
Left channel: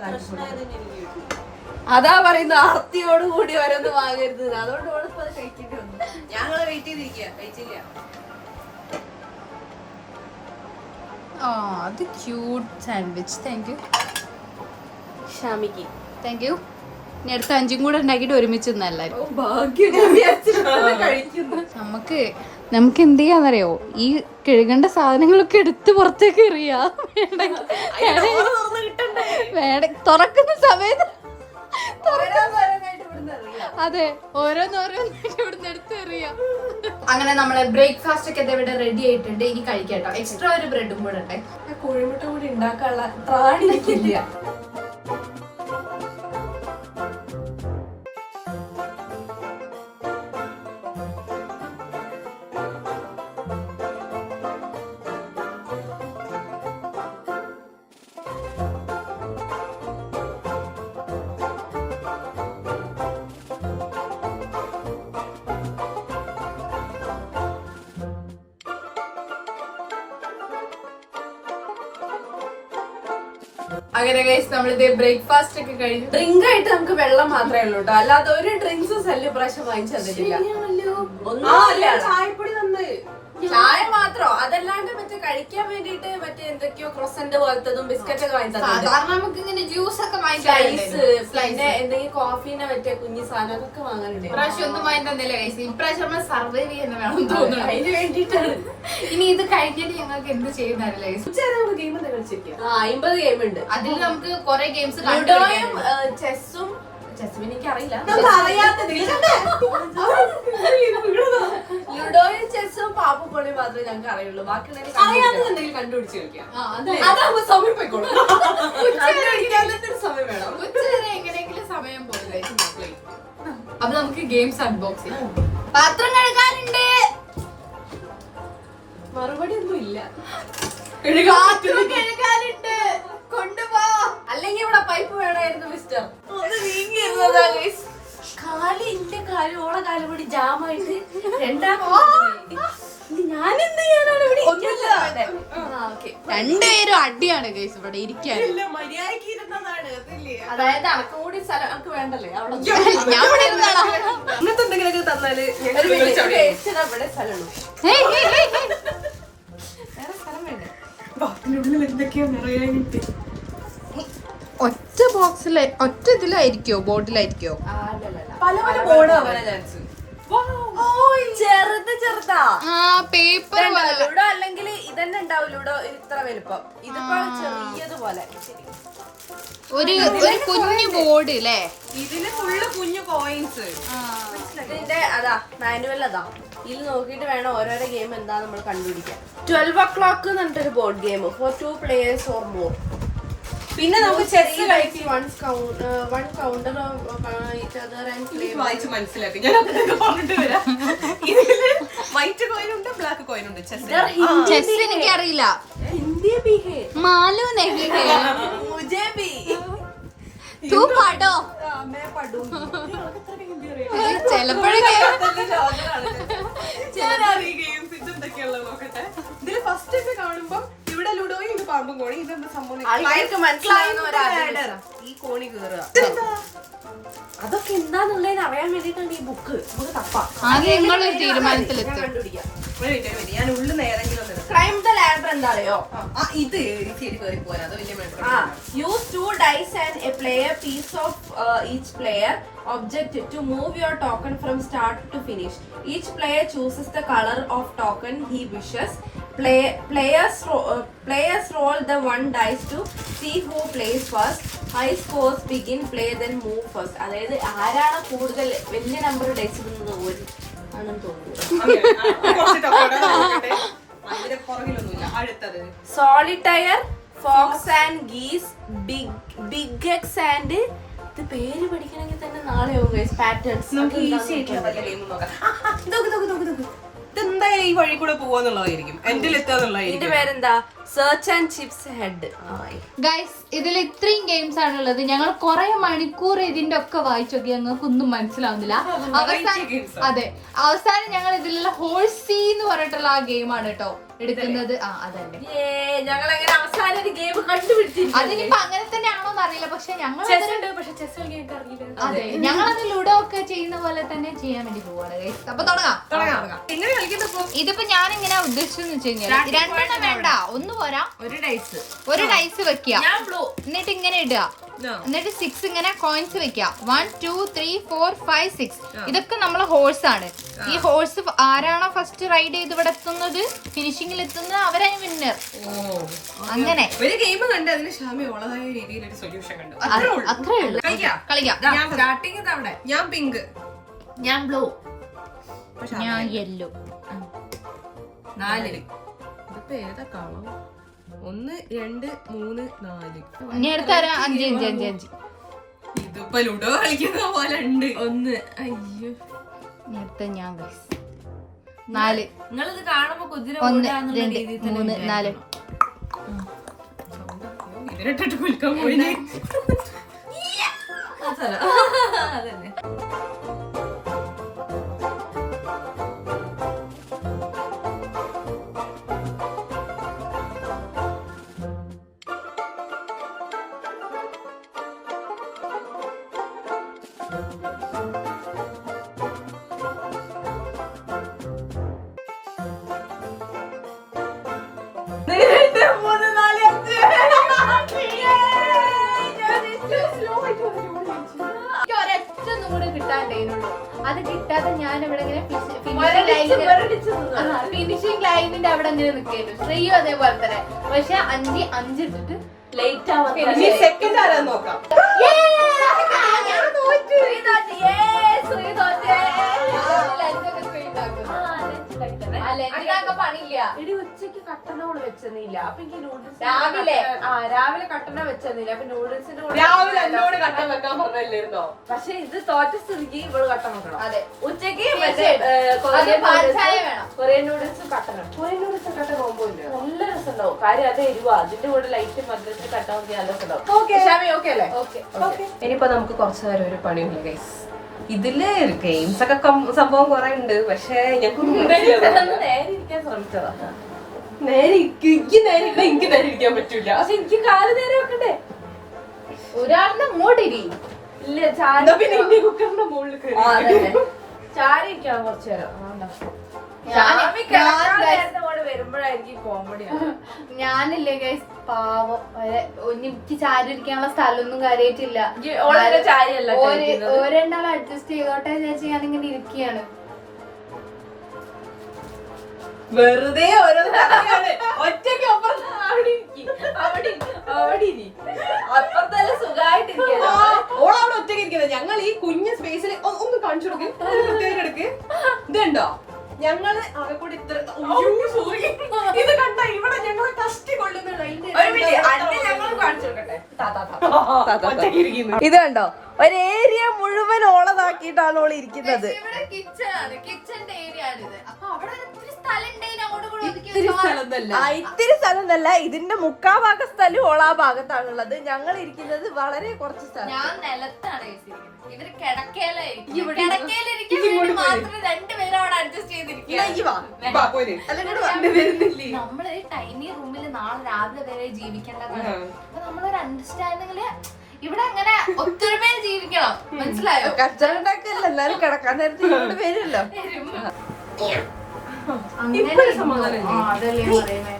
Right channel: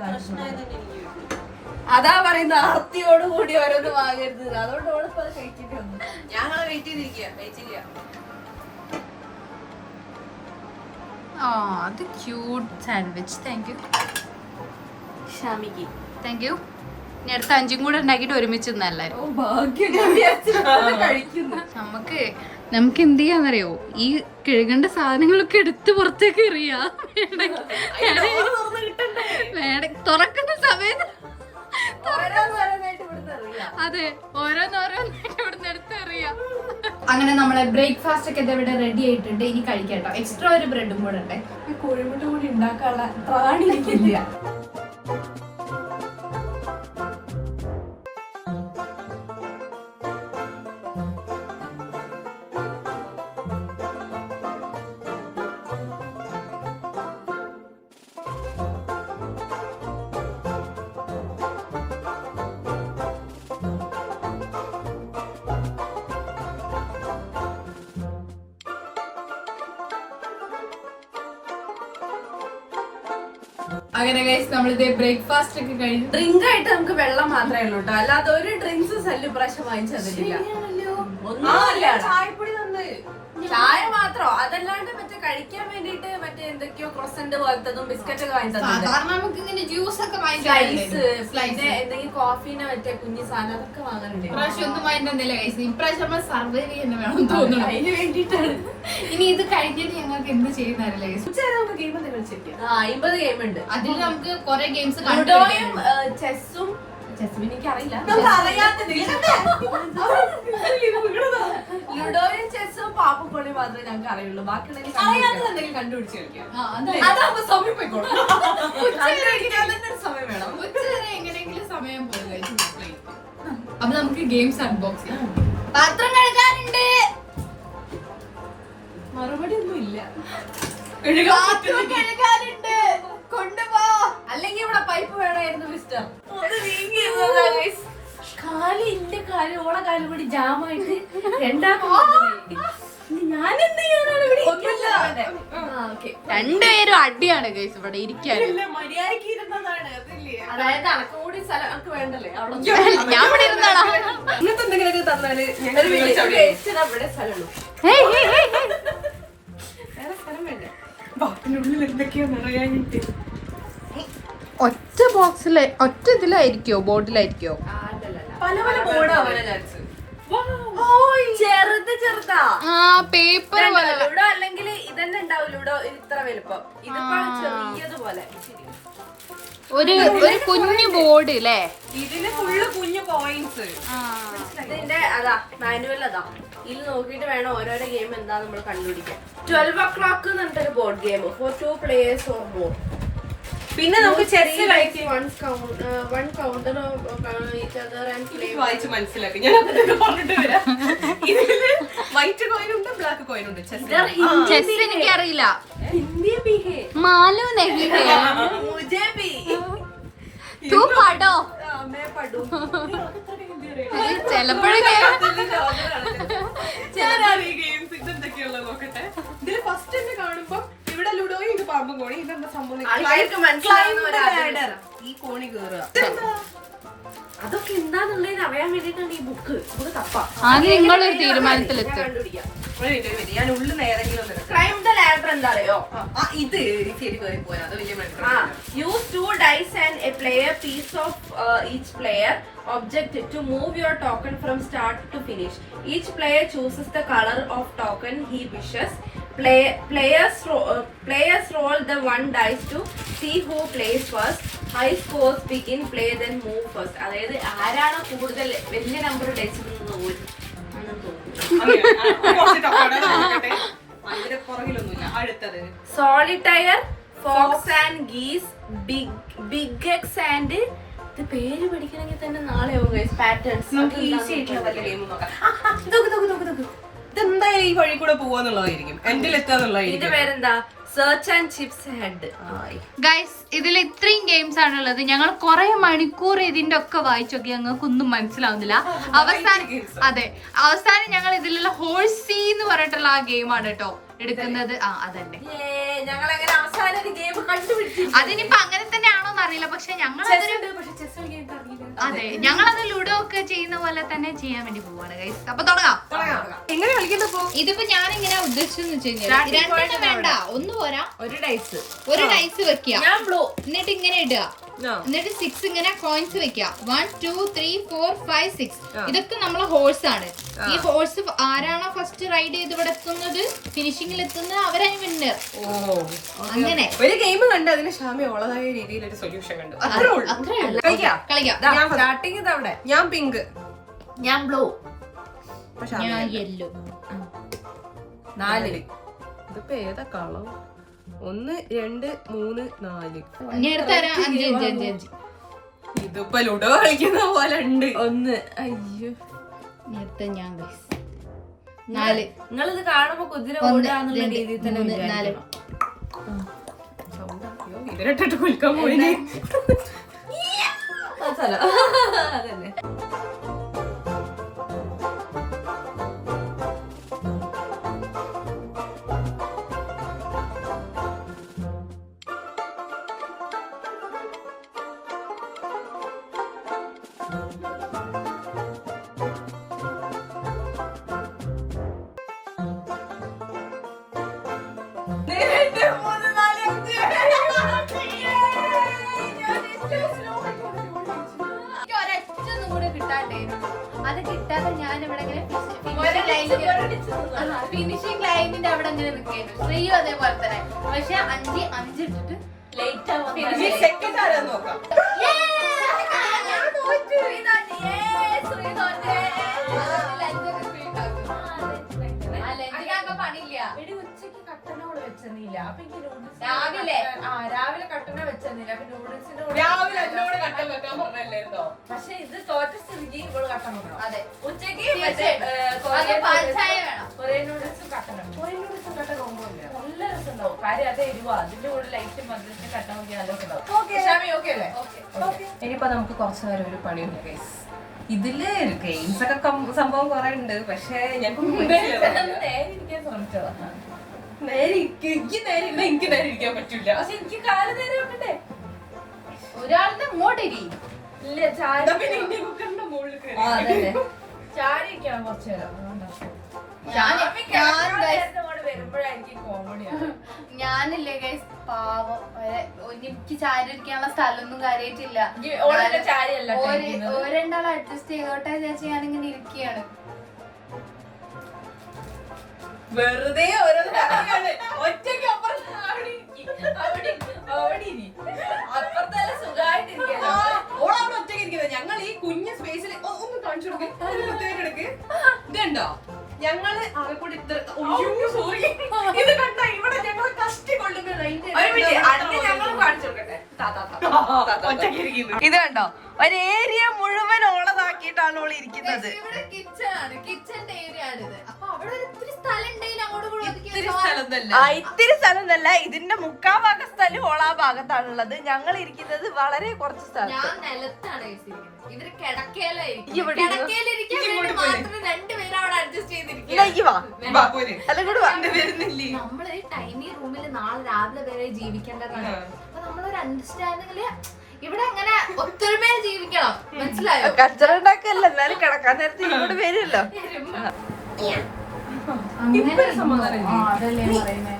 അതാ പറയുന്നത്, ആർത്തിയോട് കൂടി ഓരോന്ന് വാങ്ങരുത്. അതുകൊണ്ട് ഓടിപ്പോ അത് കഴിക്കേണ്ടി വന്നു. ഞങ്ങൾ വെയിറ്റ് ചെയ്തിരിക്കുക, കഴിച്ചില്ല. അത് ക്യൂട്ട് സാൻഡ്വിച്ച്. താങ്ക് യു ഷാമിക്ക്. Thank you. ഇനി അടുത്ത 5 കൂടെ ഉണ്ടാക്കിയിട്ട് ഒരുമിച്ച് എല്ലാവരും. ഭാഗ്യം കഴിക്കുന്നു. നമുക്ക് എന്ത് ചെയ്യാന്നറിയോ, ഈ കഴുകേണ്ട സാധനങ്ങളൊക്കെ എടുത്ത് പുറത്തേക്ക് എറിയാ. തുറക്കുന്ന സമയത്ത് അതെ, ഓരോന്നോരോന്നായിട്ട് ഇവിടുന്ന് എടുത്ത് എറിയാം. അങ്ങനെ നമ്മളെ ബ്രേക്ക്ഫാസ്റ്റ് ഒക്കെ ഇവിടെ റെഡി ആയിട്ടുണ്ട്. ഇനി കഴിക്കാട്ടോ. എക്സ്ട്രാ ഒരു ബ്രെഡും കൂടെ ഉണ്ട്. കോഴിമുട്ട കൂടി ഉണ്ടാക്കാനുള്ള പ്രാണിക്കില്ല. അങ്ങനെ ഗൈസ് നമ്മളിത് ബ്രേക്ക്ഫാസ്റ്റ് ഒക്കെ കഴിഞ്ഞു. ഡ്രിങ്ക് ആയിട്ട് നമുക്ക് വെള്ളം മാത്രമേ ഉള്ളൂ കേട്ടോ, അല്ലാതെ ഒരു ഡ്രിങ്ക്സ് ജ്യൂസ് സല്ല് പ്രാവശ്യം വാങ്ങിച്ചു തന്നിട്ടില്ല. ഒന്നുമില്ല, ചായപ്പൊടി വന്ന് ചായ മാത്രോ അതല്ലാണ്ട് മറ്റേ കഴിക്കാൻ വേണ്ടിട്ട് മറ്റേ എന്തൊക്കെയോ ക്രോസന്റ് പോലത്തതും ബിസ്ക്കറ്റ് ഒക്കെ വാങ്ങി തന്നിട്ടുണ്ട്. സാധാരണ നമുക്ക് ഇങ്ങനെ ജ്യൂസ് ഒക്കെ പിന്നെ എന്തെങ്കിലും കോഫീനെ മറ്റേ കുഞ്ഞു സാധനം അതൊക്കെ വാങ്ങാനുണ്ട്. ഇപ്രാവശ്യം ഒന്നും വാങ്ങിട്ടില്ല ഗൈസ്. ഇപ്രാവശ്യം നമ്മൾ സർവൈവ് ചെയ്യുന്ന വേണം തോന്നുന്നു. അതിന് വേണ്ടിട്ടാണ്. ഇനി ഇത് കഴിഞ്ഞിട്ട് ഞങ്ങൾക്ക് എന്ത് ചെയ്യുന്നതല്ലേ ഗൈസ്? ഗെയിം എന്താ കളിച്ചിരിക്കുക? 50 ഗെയിം ഉണ്ട്. അതിൽ നമുക്ക് കുറെ ഗെയിംസ് ലുഡോയും ചെസ്സും എനിക്കറിയില്ല. ലുഡോയും ചെസ്സും പാപ്പപ്പൊടി മാത്രമേ ഞങ്ങൾക്ക് അറിയുള്ളൂ. ബാക്കി കണ്ടുപിടിച്ച് കളിക്കാം. സമയം പോയിക്കോളും. സമയം വേണം. ഉച്ചവരെ എങ്ങനെയെങ്കിലും സമയം പോലെ. അപ്പൊ നമുക്ക് ഗെയിംസ് അൺബോക്സ് ചെയ്യാം. പാത്രം കഴുകാനുണ്ട്. മറുപടി ഒന്നും ഇല്ല. പാത്രം കഴുകാനുണ്ട്. കൊണ്ടുപോ. അല്ലെങ്കിൽ ഇവിടെ പൈപ്പ് വേണമായിരുന്നു മിസ്റ്റർ. കാല് എന്റെ കാല് ഓളെ കാല് കൂടി ജാമായിട്ട് ഞാൻ എന്ത് ചെയ്യാനാണ് ഇവിടെ? രണ്ടുപേരും അടിയാണ് ഗൈസ് ഇവിടെ ഇരിക്കാണ്. അതായത് അനക്ക് കൂടി സ്ഥലം അനക്ക് വേണ്ടല്ലേ അവിടെ ഞാൻ ഇവിടെ ഇരുന്നാളാ. ഇങ്ങനത്തെ എന്തെങ്കിലുമൊക്കെ തന്നാല് ഇവിടെ സ്ഥലമുള്ളൂ. വേറെ സ്ഥലം വേണ്ടേ? ബാത്തിനുള്ളിൽ എന്തൊക്കെയാ നിറയാനിട്ട്. ഒറ്റ ബോക്സില് ഒറ്റ ഇതിലായിരിക്കോ ബോർഡിലായിരിക്കോ? പല പല ബോർഡ് ആവാനാ ചാൻസ്. ചെറുതാ ആ പേപ്പർ പോലെ. ലൂഡോ അല്ലെങ്കിൽ ഇതന്നെ ഉണ്ടാവും. ലൂഡോ ഇത്ര വലുപ്പം. ഇതിപ്പോ ചെറിയതുപോലെ ഒരു കുഞ്ഞു ബോർഡ് അല്ലേ? ഇതില് ഫുള്ള് കുഞ്ഞു പോയിന്റ്സ്. ഇതിന്റെ അതാ മാനുവൽ അതാ. ഇതിൽ നോക്കിയിട്ട് വേണം ഓരോരോ ഗെയിം എന്താ നമ്മൾ കണ്ടുപിടിക്കാൻ. 12 o'clock എന്ന് പറഞ്ഞിട്ടൊരു board game four 2 players or more. പിന്നെ നമുക്ക് ചെസ് കളിച്ച് one counter each other and play. വായിച്ച് മനസ്സിലാക്കി. ഞാൻ അതൊക്കെ പറഞ്ഞിട്ട് വരാം. ഇതില് വൈറ്റ് കോയിൻ ഉണ്ട്, ബ്ലാക്ക് കോയിൻ ഉണ്ട്. ചെസ് എനിക്കറിയില്ല. हिंदी भी है. मालूम नहीं है. मुझे भी. तू पढ़ो. मैं पढ़ूं. ചിലപ്പോഴൊക്കെ ഇതെന്തൊക്കെയുള്ളത് നോക്കട്ടെ. ഇതില് ഫസ്റ്റ് തന്നെ കാണുമ്പോ ഇവിടെ ലുഡോയും ഇത് പാമ്പും കോണി. ഇതെന്താ സംഭവം? ഈ കോണി കേറുക. അതൊക്കെ എന്താന്നുള്ളതിന് അറിയാൻ വേണ്ടിട്ടാണ് ഈ ബുക്ക്. നമുക്ക് തപ്പാം. അത് നിങ്ങളൊരു തീരുമാനത്തിലെത്തും. ഞാൻ ഉള്ളിൽ നേരെങ്കിലും ക്രൈം ദ ലാഡർ എന്താ അറിയോ? ഇത് ശരി കയറി പോരാ. അത് വലിയ use 2 dice and a player piece of each player object to move your token from start to finish. Each player chooses the color of token he wishes. Players roll the 1 dice to see who plays first. High scores begin, play then move first. അതായത് ആരാണ് കൂടുതൽ വലിയ number dyes ഇടുന്നത് ആണെന്ന് തോന്നുന്നു. അടുത്തത് solitaire, fox and geese, big X and ഇത് പേര് പഠിക്കണമെങ്കിൽ തന്നെ നാളെ പാറ്റേൺസ്. ഈസി ആയിട്ടുള്ള വല്ല ഗെയിം നോക്കാം. ഇതെന്തായാലും ഈ വഴി കൂടെ പോവാന്നുള്ളതായിരിക്കും. എൻഡിൽ എത്താന്നുള്ളതായിരിക്കും. ഇതിന്റെ പേരെന്താ? Search and chips head. Guys ഇതിൽ ഇത്രയും ഗെയിംസ് ആണുള്ളത്. ഞങ്ങൾ കുറെ മണിക്കൂർ ഇതിന്റെ ഒക്കെ വായിച്ചൊക്കെ ഞങ്ങൾക്കൊന്നും മനസ്സിലാവുന്നില്ല. അവസാനം ഞങ്ങൾ ഇതിലുള്ള ഹോഴ്സി എന്ന് പറഞ്ഞിട്ടുള്ള ആ ഗെയിമാണ് കേട്ടോ എടുക്കുന്നത്. അതന്നെ ഞങ്ങൾ അങ്ങനെ അവസാനം ഒരു ഗെയിം കണ്ടുപിടിച്ചു. അതിനിപ്പോ അങ്ങനെ തന്നെ ആണോന്ന് അറിയില്ല. പക്ഷെ ഞങ്ങൾ അതെ ഞങ്ങളത് ലുഡോ ഒക്കെ ചെയ്യുന്ന പോലെ തന്നെ ചെയ്യാൻ വേണ്ടി പോവാണ് ഗൈസ്. അപ്പൊ തുടങ്ങാം. എങ്ങനെ കളിക്കുന്നപ്പോ ഇതിപ്പോ ഞാൻ ഇങ്ങനെ ഉദ്ദേശിച്ചെന്ന് വെച്ച് കഴിഞ്ഞാൽ 2 എണ്ണം വേണ്ട, ഒന്ന് പോരാ. ഒരു ഡൈസ് വെക്കുക, എന്നിട്ട് ഇങ്ങനെ ഇടുക, എന്നിട്ട് 6 ഇങ്ങനെ കോയിൻസ് വെക്കുക. 1 2 3 4 5 6 ഇതൊക്കെ നമ്മളെ ഹോഴ്സ് ആണ്. ഈ ഹോഴ്സ് ആരാണോ ഫസ്റ്റ് റൈഡ് ചെയ്ത് ഇവിടെ എത്തുന്നത്, ഫിനിഷിംഗിൽ എത്തുന്നത്, അവരാണ് വിന്നർ. അങ്ങനെ ഒരു ഗെയിം കണ്ട് അതിന് ക്ഷാമ ഉള്ളതായ രീതിയിൽ ഒരു സൊല്യൂഷൻ കണ്ടു. കളിക്കാം. ഞാൻ പിങ്ക്, ഞാൻ ബ്ലൂ, ഞാൻ യെല്ലോ. 4 ഇതിപ്പോ ഏതാ കളർ? 1 2 3 4. ഇനി അടുത്ത 5 5 5 ഇതിപ്പോ ലുഡോ കളിക്കുന്ന പോലെ ഉണ്ട്. 1 അയ്യോ അടുത്ത ഞാൻ 4. നിങ്ങളിത് കാണുമ്പോ കുതിര 1 2 3 4. ഇതിലിട്ടിട്ട് കുൽക്കാൻ പോയിനെ. അതന്നെ. അത് കിട്ടാതെ ഞാൻ ഇവിടെ ഫിനിഷിംഗ് ലൈനിന്റെ അവിടെ അങ്ങനെ നിൽക്കുന്നു. ശ്രീയും അതേപോലെ തന്നെ. പക്ഷെ 5 ഇട്ടിട്ട് ലേറ്റ് ആവാൻ ഉച്ചക്ക് കട്ടനോട് വെച്ചെന്നില്ല. അപ്പൊ എനിക്ക് രാവിലെ കട്ടന വെച്ചെന്നില്ല. അപ്പൊ നൂഡിൽസിന്റെ പക്ഷെ ഇത് തോറ്റ സ്ഥിതിക്ക് ഇവള് കട്ടൻ വെക്കണം. അതെ, ഉച്ചക്ക് കൊറിയൻ നൂഡിൽസും കട്ടനും. കൊറിയൻ നൂഡിൽസും കട്ടൻ പോകുമ്പോൾ നല്ല രസമുണ്ടാവും. കാര്യം അത് എരിവാ. അതിന്റെ കൂടെ ലൈറ്റ് മധുരത്തിൽ കട്ടൻ നോക്കി നല്ല രസമുണ്ടാവും. ഇനിയിപ്പോ നമുക്ക് കുറച്ചു നേരം ഒരു പണിയുണ്ട് ഗൈസ്. ഇതില് ഗെയിംസ് ഒക്കെ സംഭവം കുറെ ഉണ്ട്. പക്ഷെ നേരെ ഇരിക്കാൻ ശ്രമിച്ചതാ. എനിക്ക് നേരെ ഇരിക്കാൻ പറ്റൂല. പക്ഷെ എനിക്ക് കാല് നേരെ വെക്കണ്ടേ? ഒരാളിനെ ഇങ്ങോട്ട് ഇരി. ഇല്ല, ചാരി കുക്കറിന്റെ മുകളിൽ ചാരി ഇരിക്കണം കുറച്ചു നേരം. വരുമ്പോഴായിരിക്കും കോമഡി. ഞാനില്ലേ ഗൈസ് പാവം. എനിക്ക് ചാരി ഇരിക്കാനുള്ള സ്ഥലമൊന്നും കാര്യമായിട്ടില്ല. രണ്ടാളും അഡ്ജസ്റ്റ് ചെയ്തോട്ടെ ചേച്ചി. ഞാനിങ്ങനെ ഇരിക്കുകയാണ്. വെറുതെ ഒറ്റയ്ക്ക് അപ്പുറത്തല്ല സുഖമായിട്ടിരിക്കല്ലോ. ഓളവിടെ ഒറ്റയ്ക്ക് ഇരിക്കുന്നത്. ഞങ്ങൾ ഈ കുഞ്ഞ് സ്പേസിൽ ഒന്ന് കാണിച്ചു കൊടുക്ക്. ഇതുണ്ടോ ഞങ്ങള് ആകെ കൂടി ഇത്ര ഇത് കണ്ട ഇവിടെ ഞങ്ങളെ കഷ്ടി കൊള്ളുന്ന ഇത് കണ്ടോ, ഒരു ഏരിയ മുഴുവൻ ഓളതാക്കിയിട്ടാണ് ഓള് ഇരിക്കുന്നത്. കിച്ചന്റെ ഏരിയ ആണിത്. അപ്പൊ അവിടെ ഒത്തിരി സ്ഥലം ഉണ്ടെങ്കിൽ അങ്ങോട്ട് കൂടി ഇത്തിരി സ്ഥലം എന്നല്ല, ഇതിന്റെ 3/4 ഭാഗം സ്ഥലം ഓളാ ഭാഗത്താണുള്ളത്. ഞങ്ങൾ ഇരിക്കുന്നത് വളരെ കുറച്ച് സ്ഥലം. ഞാൻ നിലത്താണ് ഇവര് കിടക്കയിലായിരിക്കും. കിടക്കയിലിരിക്കാൻ വേണ്ടി മാത്രം രണ്ടുപേരും അവിടെ അഡ്ജസ്റ്റ് ചെയ്തിരിക്കും. നമ്മള് ടൈനി റൂമിൽ നാളെ രാവിലെ വരെ ജീവിക്കേണ്ടതാണ്. അപ്പൊ നമ്മളൊരു അണ്ടർസ്റ്റാൻഡിങ്ങില് ഇവിടെ അങ്ങനെ ഒത്തൊരുമയിൽ ജീവിക്കണം. മനസ്സിലായോ? കച്ചറ ഉണ്ടാക്കല്ല, എല്ലാരും കിടക്കാൻ നേരത്തെ ഇവിടെ വരുമല്ലോ. അങ്ങനെ അതല്ലേ പറയുന്നേ.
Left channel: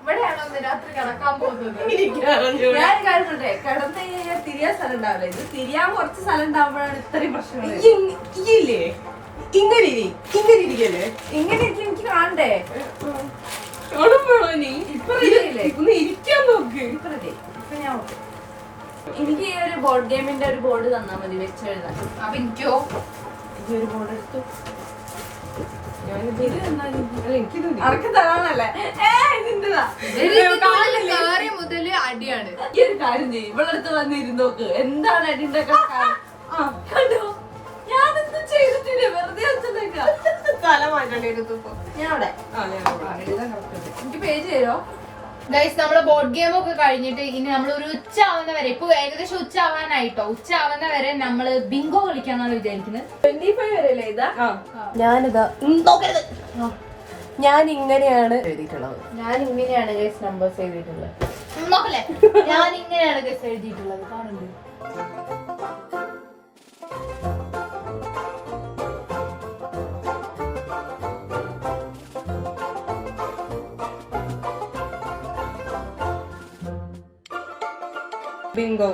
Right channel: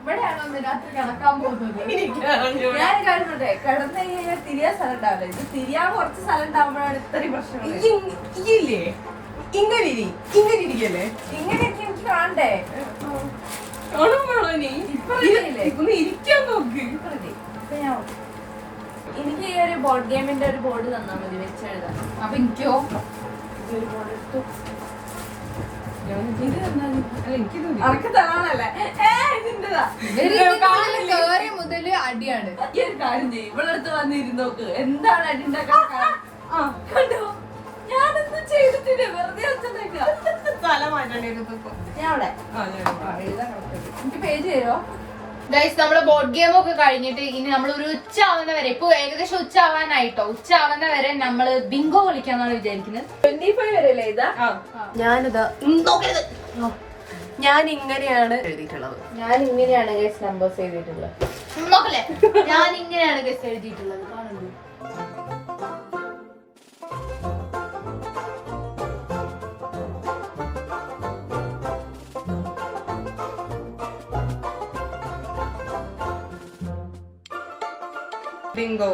ഇവിടെയാണോ രാത്രി കിടക്കാൻ പോകുന്നത്? ഞാൻ കണ്ടിട്ടെ കിടന്നു കഴിഞ്ഞാൽ തിരിയാൻ സ്ഥലം ഉണ്ടാവില്ല. ഇത് തിരിയാൻ കുറച്ച് സ്ഥലം ഉണ്ടാവുമ്പോഴാണ് ഇത്രയും പ്രശ്നം. ഇങ്ങനെ ഇരിക്കല്ലേ? ഇങ്ങനെ എനിക്ക് കാണണ്ടേ? ഇരിക്കാൻ നോക്ക്. എനിക്ക് ഈ ഒരു ബോർഡ് ഗെയിമിന്റെ ഒരു ബോർഡ് തന്നാ മതി വെച്ചെഴുതാൻ. അപ്പൊ എനിക്കോ ഒരു ബോർഡ് എടുത്തു. കേറി മുതല് അടിയാണ്. ഈ ഒരു കാര്യം ചെയ്യും, ഇവളടുത്ത് വന്നിരുന്നോക്ക്. എന്താണ് അടിന്റെ കണ്ടോ? ഞാനൊന്നും ചെയ്തിട്ടില്ല, വെറുതെ എനിക്ക് പേജ് തരോ? ഗൈസ്, നമ്മള് ബോർഡ് ഗെയിം ഒക്കെ കഴിഞ്ഞിട്ട് ഇനി നമ്മൾ ഒരു ഉച്ച ആവുന്ന വരെ, ഇപ്പൊ ഏകദേശം ഉച്ച ആവാനായിട്ടോ, ഉച്ച ആവുന്ന വരെ നമ്മള് ബിങ്കോ കളിക്കാന്നാണ് വിചാരിക്കുന്നത്. 25 വരെയല്ലേ ഇതാ? ഞാനിതാ നോക്കരുത്. ഞാൻ ഇങ്ങനെയാണ് എഴുതിയിട്ടുള്ളത്. ഞാൻ ഇങ്ങനെയാണ് ഗൈസ് നമ്പേഴ്സ് എഴുതിയിട്ടുള്ളത്. നോക്കല്ലേ, ഞാൻ ഇങ്ങനെയാണ് ഗൈസ് എഴുതിയിട്ടുള്ളത്. കാണുന്നു. ബിങ്കോ.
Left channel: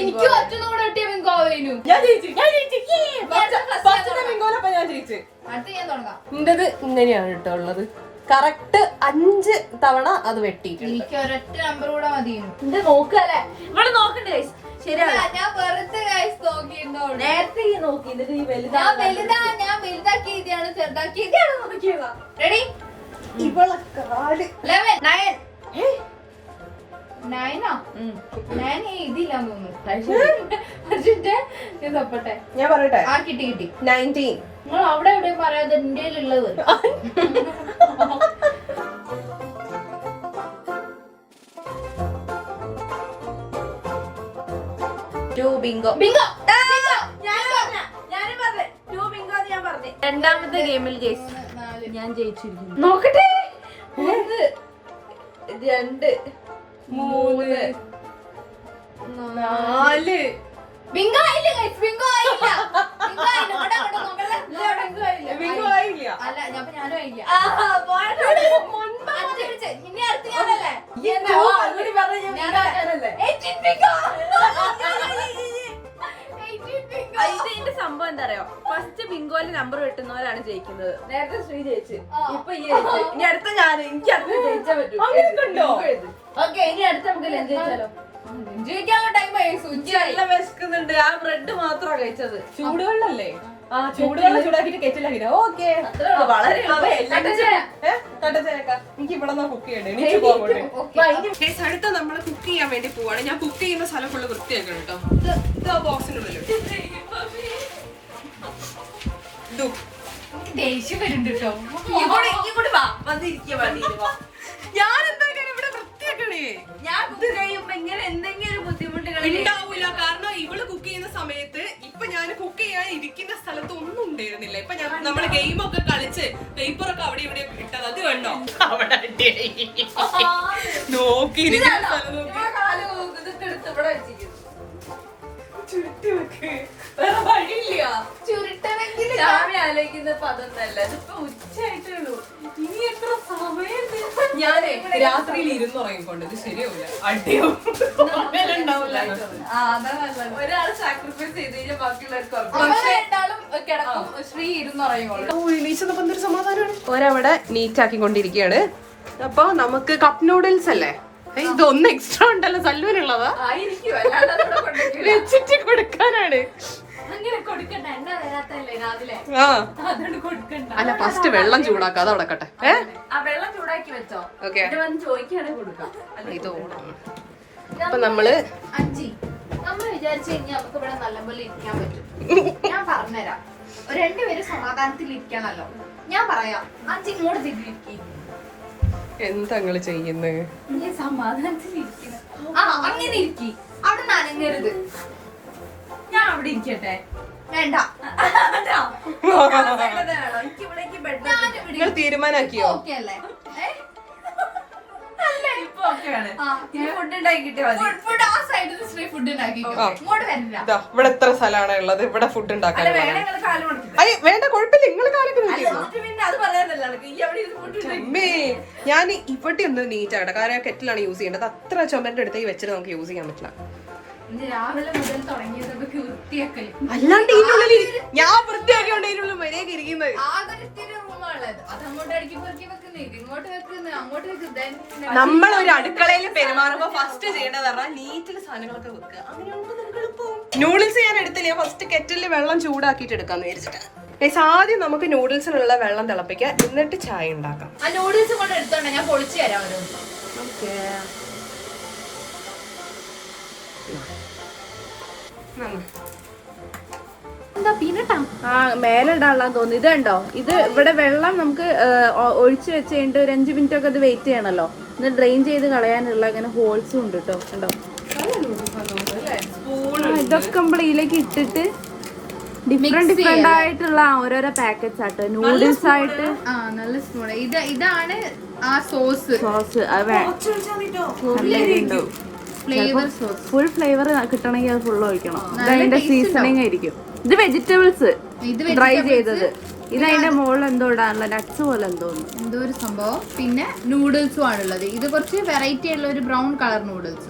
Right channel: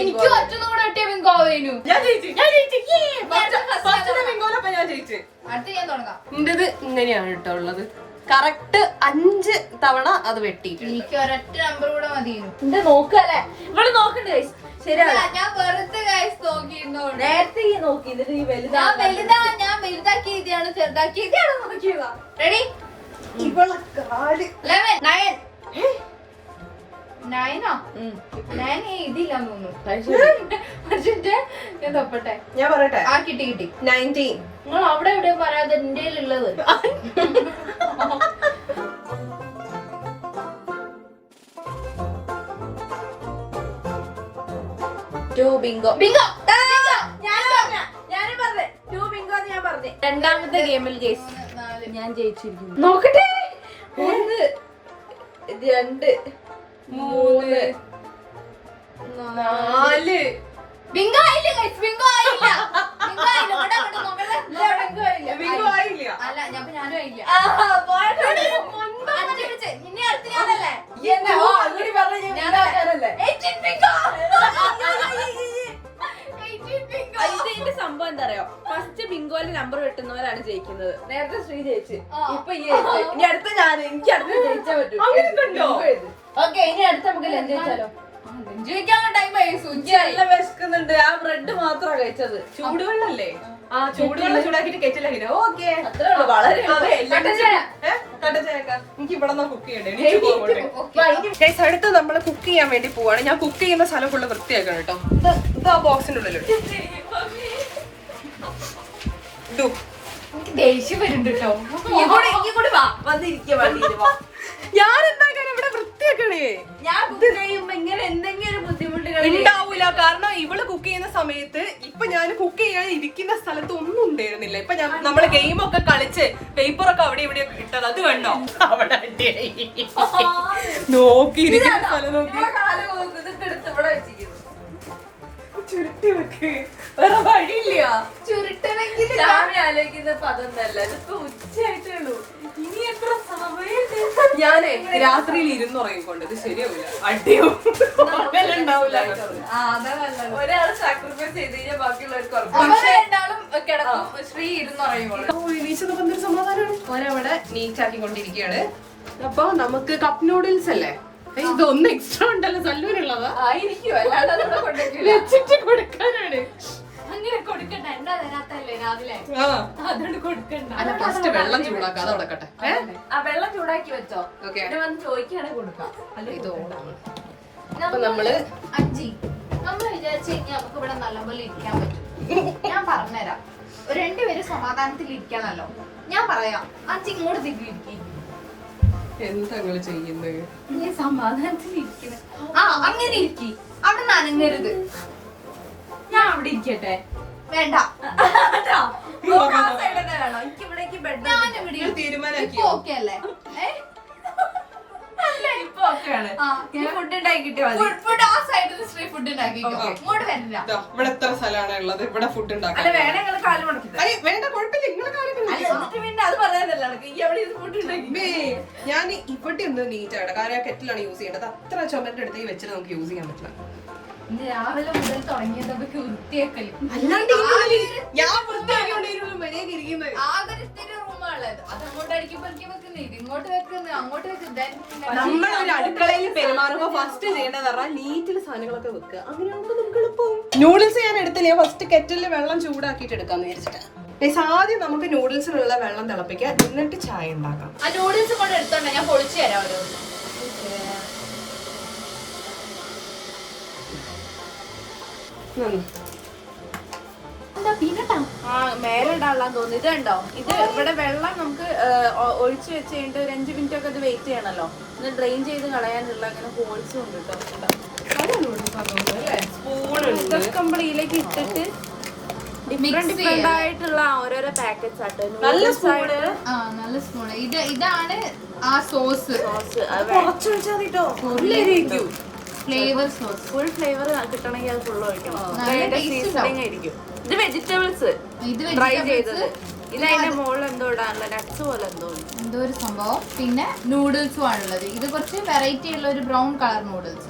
എനിക്ക് ഒറ്റനോട് വെട്ടിയ ബിങ്കോ ആവേനു. അടുത്ത് ഞാൻ തുടങ്ങാം. എന്റേത് ഇങ്ങനെയാണ് കേട്ടോ ഉള്ളത്. കറക്റ്റ് 5 തവണ അത് വെട്ടി. എനിക്ക് ഒരൊറ്റ നമ്പർ കൂടെ മതിയെന്നു. എന്താ നോക്കല്ലേ? ഇവിടെ നോക്കണ്ടേ? ശരിയാ, ഞാൻ വെറുതെ ഗൈസ് നോക്കിയിരുന്നോ. നേരത്തെ ഈ നോക്കി, എന്നിട്ട് ഈ ഞാൻ വലുതാക്കി എഴുതിയാണ് ചെറുതാക്കി എഴുതിയാണ് നോക്കിയതാ. റെഡി? ഇവളെ കാല് 11 9 9 എഴുതിയില്ലാന്ന് തോന്നുന്നു. ഞാൻ തപ്പട്ടെ. ഞാൻ പറയട്ടെ. ആ കിട്ടി 19. നിങ്ങൾ അവിടെ എവിടെയോ പറയാതെ എന്റെ ഉള്ളത്. ബിങ്കോ. രണ്ടാമത്തെ ഗെയിമിൽ ഞാൻ ജയിച്ചിരിക്കുന്നു. നോക്കട്ടെ. 1 2 3 4 ബിങ്കോ ആയില്ല guys, ബിങ്കോ ആയില്ല. ബിങ്കോ ആയില്ല. ഇങ്ങോട്ട് അങ്ങോട്ട് നോക്കല്ലേ? ബിങ്കോ ആയില്ല. അല്ല, ഞാനും ആയില്ല. ആഹാ, പോയിട്ട് 5 പിടിച്ച്. ഇനി അടുത്ത് ഞാനല്ലേ? അങ്ങനെ പറഞ്ഞ ഞാൻ ഉണ്ടാക്കാനല്ലേ? 18 ബിങ്കോ. 18 ബിങ്കോ. ഇതിന്റെ സംഭവം എന്താ അറിയോ, ഫസ്റ്റ് ബിങ്കോയില് നമ്പർ വെട്ടുന്നവരാണ് ജയിക്കുന്നത്. നേരത്തെ ശ്രീ ജയിച്ച്, ഇപ്പൊ ഈ ജയിച്ച്. ഇനി അടുത്ത ഞാൻ, എനിക്ക് അടുത്ത ജയിച്ചാ പറ്റും. ഓക്കെ, ഇനി അടുത്ത നമുക്ക് ലഞ്ച് കഴിച്ചാലോ? ജയിക്കാനുള്ള ടൈം ആയി, സുജായി. നല്ല വിശക്കുന്നുണ്ട്. ആ ബ്രെഡ് മാത്രമാണ് കഴിച്ചത്. ചൂടുവെള്ളല്ലേ? ആ ചൂടുവെള്ളം ചൂടാക്കിട്ട് കെറ്റില. ഓക്കെ, അത്രേ ഉള്ളൂ. വളരെ എനിക്ക് ഇവിടെ കുക്ക് ചെയ്യണ്ടേ. അടുത്ത് നമ്മള് കുക്ക് ചെയ്യാൻ വേണ്ടി പോവാണ്. ഞാൻ കുക്ക് ചെയ്യുന്ന സ്ഥലം ഫുള്ള് വൃത്തിയാക്കണം കേട്ടോ. ഇത് ആ ബോക്സിന്റെ ഉള്ളിലുണ്ട്. ദേഷ്യം വരുന്നുണ്ട് കേട്ടോ. ഞാൻ എന്താക്കാൻ ഇവിടെ വൃത്തിയാക്കണേ? ഞാൻ കുക്ക് ചെയ്യുമ്പോ ഇങ്ങനെ എന്തെങ്കിലും ബുദ്ധിമുട്ടുകൾ ഉണ്ടാവൂല. കാരണം ഇവള് കുക്ക് ചെയ്യുന്ന സമയത്ത് ഇപ്പൊ ഞാൻ കുക്ക് ചെയ്യാൻ ഇരിക്കുന്ന സ്ഥലത്ത് ഒന്നും ഉണ്ടായിരുന്നില്ല. ഇപ്പൊ നമ്മള് ഗെയിമൊക്കെ കളിച്ച് പേപ്പറൊക്കെ അവിടെ ഇവിടെ ഇട്ടത് അത് കണ്ടോ? അവിടെ നോക്കിയിരിക്കുന്ന സ്ഥലം നോക്കി ചുരുട്ടി വെക്ക്. വേറെ വഴിയില്ല. ചുരുട്ടണമെങ്കിൽ രാവിലെ ആലോചിക്കുന്നപ്പോ അതൊന്നല്ല. ഇതിപ്പോ ഉച്ചയായിട്ടുള്ളൂ. ഇനി എത്ര സമയമുണ്ട്? ഞാനേ രാത്രിയിൽ ഇരുന്നുറങ്ങിക്കൊണ്ട് ഇത് ശരിയാവില്ല. അടിയുണ്ടാവില്ല. ഒരാള് സാക്രിഫൈസ് ചെയ്ത് കഴിഞ്ഞാൽ ബാക്കിയുള്ളവർക്ക് ഉറപ്പ്. രണ്ടാളും കിടക്കും, ശ്രീ ഇരുന്നുറയുമ്പോൾ. നീച്ചപ്പോ എന്തൊരു സമാധാനമാണ്. ഒരവിടെ നീറ്റാക്കിക്കൊണ്ടിരിക്കുകയാണ്. അപ്പൊ നമുക്ക് കപ്പ് നൂഡിൽസ് അല്ലേ? ഇതൊന്നും എക്സ്ട്രാ ഉണ്ടല്ലോ സല്ലൂനുള്ളതാ. ആയിരിക്കും, അല്ലാതെ വെച്ചിട്ട് കൊടുക്കാനാണ്. അങ്ങനെ കൊടുക്കണ്ട, എണ്ണ തരാത്തല്ലേ രാവിലെ, ആ അതുകൊണ്ട് കൊടുക്കണ്ട. അല്ല, ഫസ്റ്റ് വെള്ളം ചൂടാക്കാം. അത് അടക്കട്ടെ. ആ വെള്ളം ചൂടാക്കി വെച്ചോ. ഓക്കെ, വന്ന് ചോദിക്കുകയാണെങ്കിൽ കൊടുക്കാം. ഇത് ഓണാണ്. അപ്പൊ നമ്മള് അഞ്ചി നമ്മൾ വിചാരിച്ചു കഴിഞ്ഞാൽ നമുക്ക് ഇവിടെ നല്ലപോലെ ഇരിക്കാൻ പറ്റും. ഞാൻ പറഞ്ഞുതരാം, രണ്ടുപേരും സമാധാനത്തിൽ ഇരിക്കണല്ലോ. ഞാൻ പറയാം, അഞ്ചി ഇങ്ങോട്ട് തിരികെ എന്താ നിങ്ങള് ചെയ്യുന്നത്? സമാധാനത്തിൽ ഇരിക്കണം. ആ, അങ്ങനെ ഇരിക്കി. അവിടെ നനങ്ങരുത്. ഞാൻ അവിടെ ഇരിക്കട്ടെ. വേണ്ട, എനിക്ക് ഇവിടേക്ക് ബെഡ് നിങ്ങൾ തീരുമാനാക്കിയോ? ഓക്കെ അല്ലേ? ഇപ്പൊ ഓക്കെയാണ്. ഫുഡ് ഉണ്ടാക്കി കിട്ടിയാൽ മതി. ഫുഡ് ആ സൈഡിൽ സ്ട്രീറ്റ് ഫുഡ് ഉണ്ടാക്കിക്കോ. ഇങ്ങോട്ട് വരില്ല. ഇതാ, ഇവിടെ എത്ര സ്ഥലമാണ് ഉള്ളത്. ഇവിടെ ഫുഡ് ഉണ്ടാക്കാൻ. വേണമെങ്കിൽ കാല് മടക്കി. വേണ്ട, കുഴപ്പമില്ല. നിങ്ങൾ കാലൊക്കെ എന്നിട്ട് പിന്നെ അത് പറയാനല്ല ഈ അവിടെ ഫുഡ് ഉണ്ടാക്കി. ഞാൻ ഇവിടെ ഒന്ന് നീറ്റ് ആകട്ടെ. കാരണം കെറ്റിലാണ് യൂസ് ചെയ്യേണ്ടത്. അത്ര ചുമന്റെ അടുത്തേക്ക് വെച്ചിട്ട് നമുക്ക് യൂസ് ചെയ്യാൻ പറ്റില്ല. ഇന്ന് രാവിലെ മുതൽ തുടങ്ങിയതൊക്കെ വൃത്തിയാക്കല്. അല്ലാണ്ട് ഞാൻ വൃത്തിയാക്കിക്കൊണ്ടിരുന്നു മര്യാദ ഇരിക്കുന്നത്. ആകെ ഇത്തിരി റൂമാണുള്ളത്. അത് അങ്ങോട്ട് അടിക്കി പെറുക്കി വെക്കുന്നത്, ഇത് ഇങ്ങോട്ട് വെക്കുന്നത്, അങ്ങോട്ട് വെക്കുന്നത്. നമ്മൾ ഒരു അടുക്കളയിൽ പെരുമാറുമ്പോ ഫസ്റ്റ് ചെയ്യേണ്ടത് പറഞ്ഞാൽ നീറ്റിൽ സാധനങ്ങളൊക്കെ വെക്കുക. നൂഡിൽസ് ഞാൻ എടുത്തില്ല. ഞാൻ ഫസ്റ്റ് കെറ്റിലിൽ വെള്ളം ചൂടാക്കിയിട്ട് എടുക്കാന്ന് വിചാരിച്ചിട്ട്. ആദ്യം നമുക്ക് നൂഡിൽസിനുള്ള വെള്ളം തിളപ്പിക്കാം, എന്നിട്ട് ചായ ഉണ്ടാക്കാം. ആ നൂഡിൽസ് കൊണ്ട് എടുത്തോണ്ട് ഞാൻ പൊളിച്ചു തരാം. എന്താ പീനട്ടാ? ആ മേലെ ഇടാനുള്ള തോന്നുന്നു. ഇത് കണ്ടോ, ഇത് ഇവിടെ വെള്ളം നമുക്ക് ഒഴിച്ചു വെച്ച് കഴിഞ്ഞിട്ട് ഒരു 5 മിനിറ്റ് ഒക്കെ ഇത് വെയിറ്റ് ചെയ്യണല്ലോ. ഇത് ഡ്രെയിൻ ചെയ്ത് കളയാനുള്ള അങ്ങനെ ഹോൾസും ഉണ്ട് കേട്ടോ. ഇതൊക്കെ നമ്മൾ ഇതിലേക്ക് ഇട്ടിട്ട് ഡിഫറെന്റ് ആയിട്ടുള്ള ഓരോരോ പാക്കറ്റ്സ് ആട്ടോ. നൂഡിൽസ് ആയിട്ട് നല്ല സ്പൂൺ. ഇതാണ് ആ sauce, flavour sauce. Full flavour കിട്ടണമെങ്കിൽ അത് ഫുൾ ഒഴിക്കണം. നല്ല സീസണിങ് ആയിരിക്കും. ഇത് വെജിറ്റബിൾസ് ഇത് ഡ്രൈ ചെയ്തത്. ഇത് അതിന്റെ മുകളിൽ എന്തോ ഇടാനുള്ള നട്ട്സ് പോലെ എന്തോ ഒരു സംഭവം. പിന്നെ നൂഡിൽസും ആണുള്ളത്. ഇത് കുറച്ച് വെറൈറ്റി ഉള്ള ഒരു ബ്രൗൺ കളർ നൂഡിൽസ്.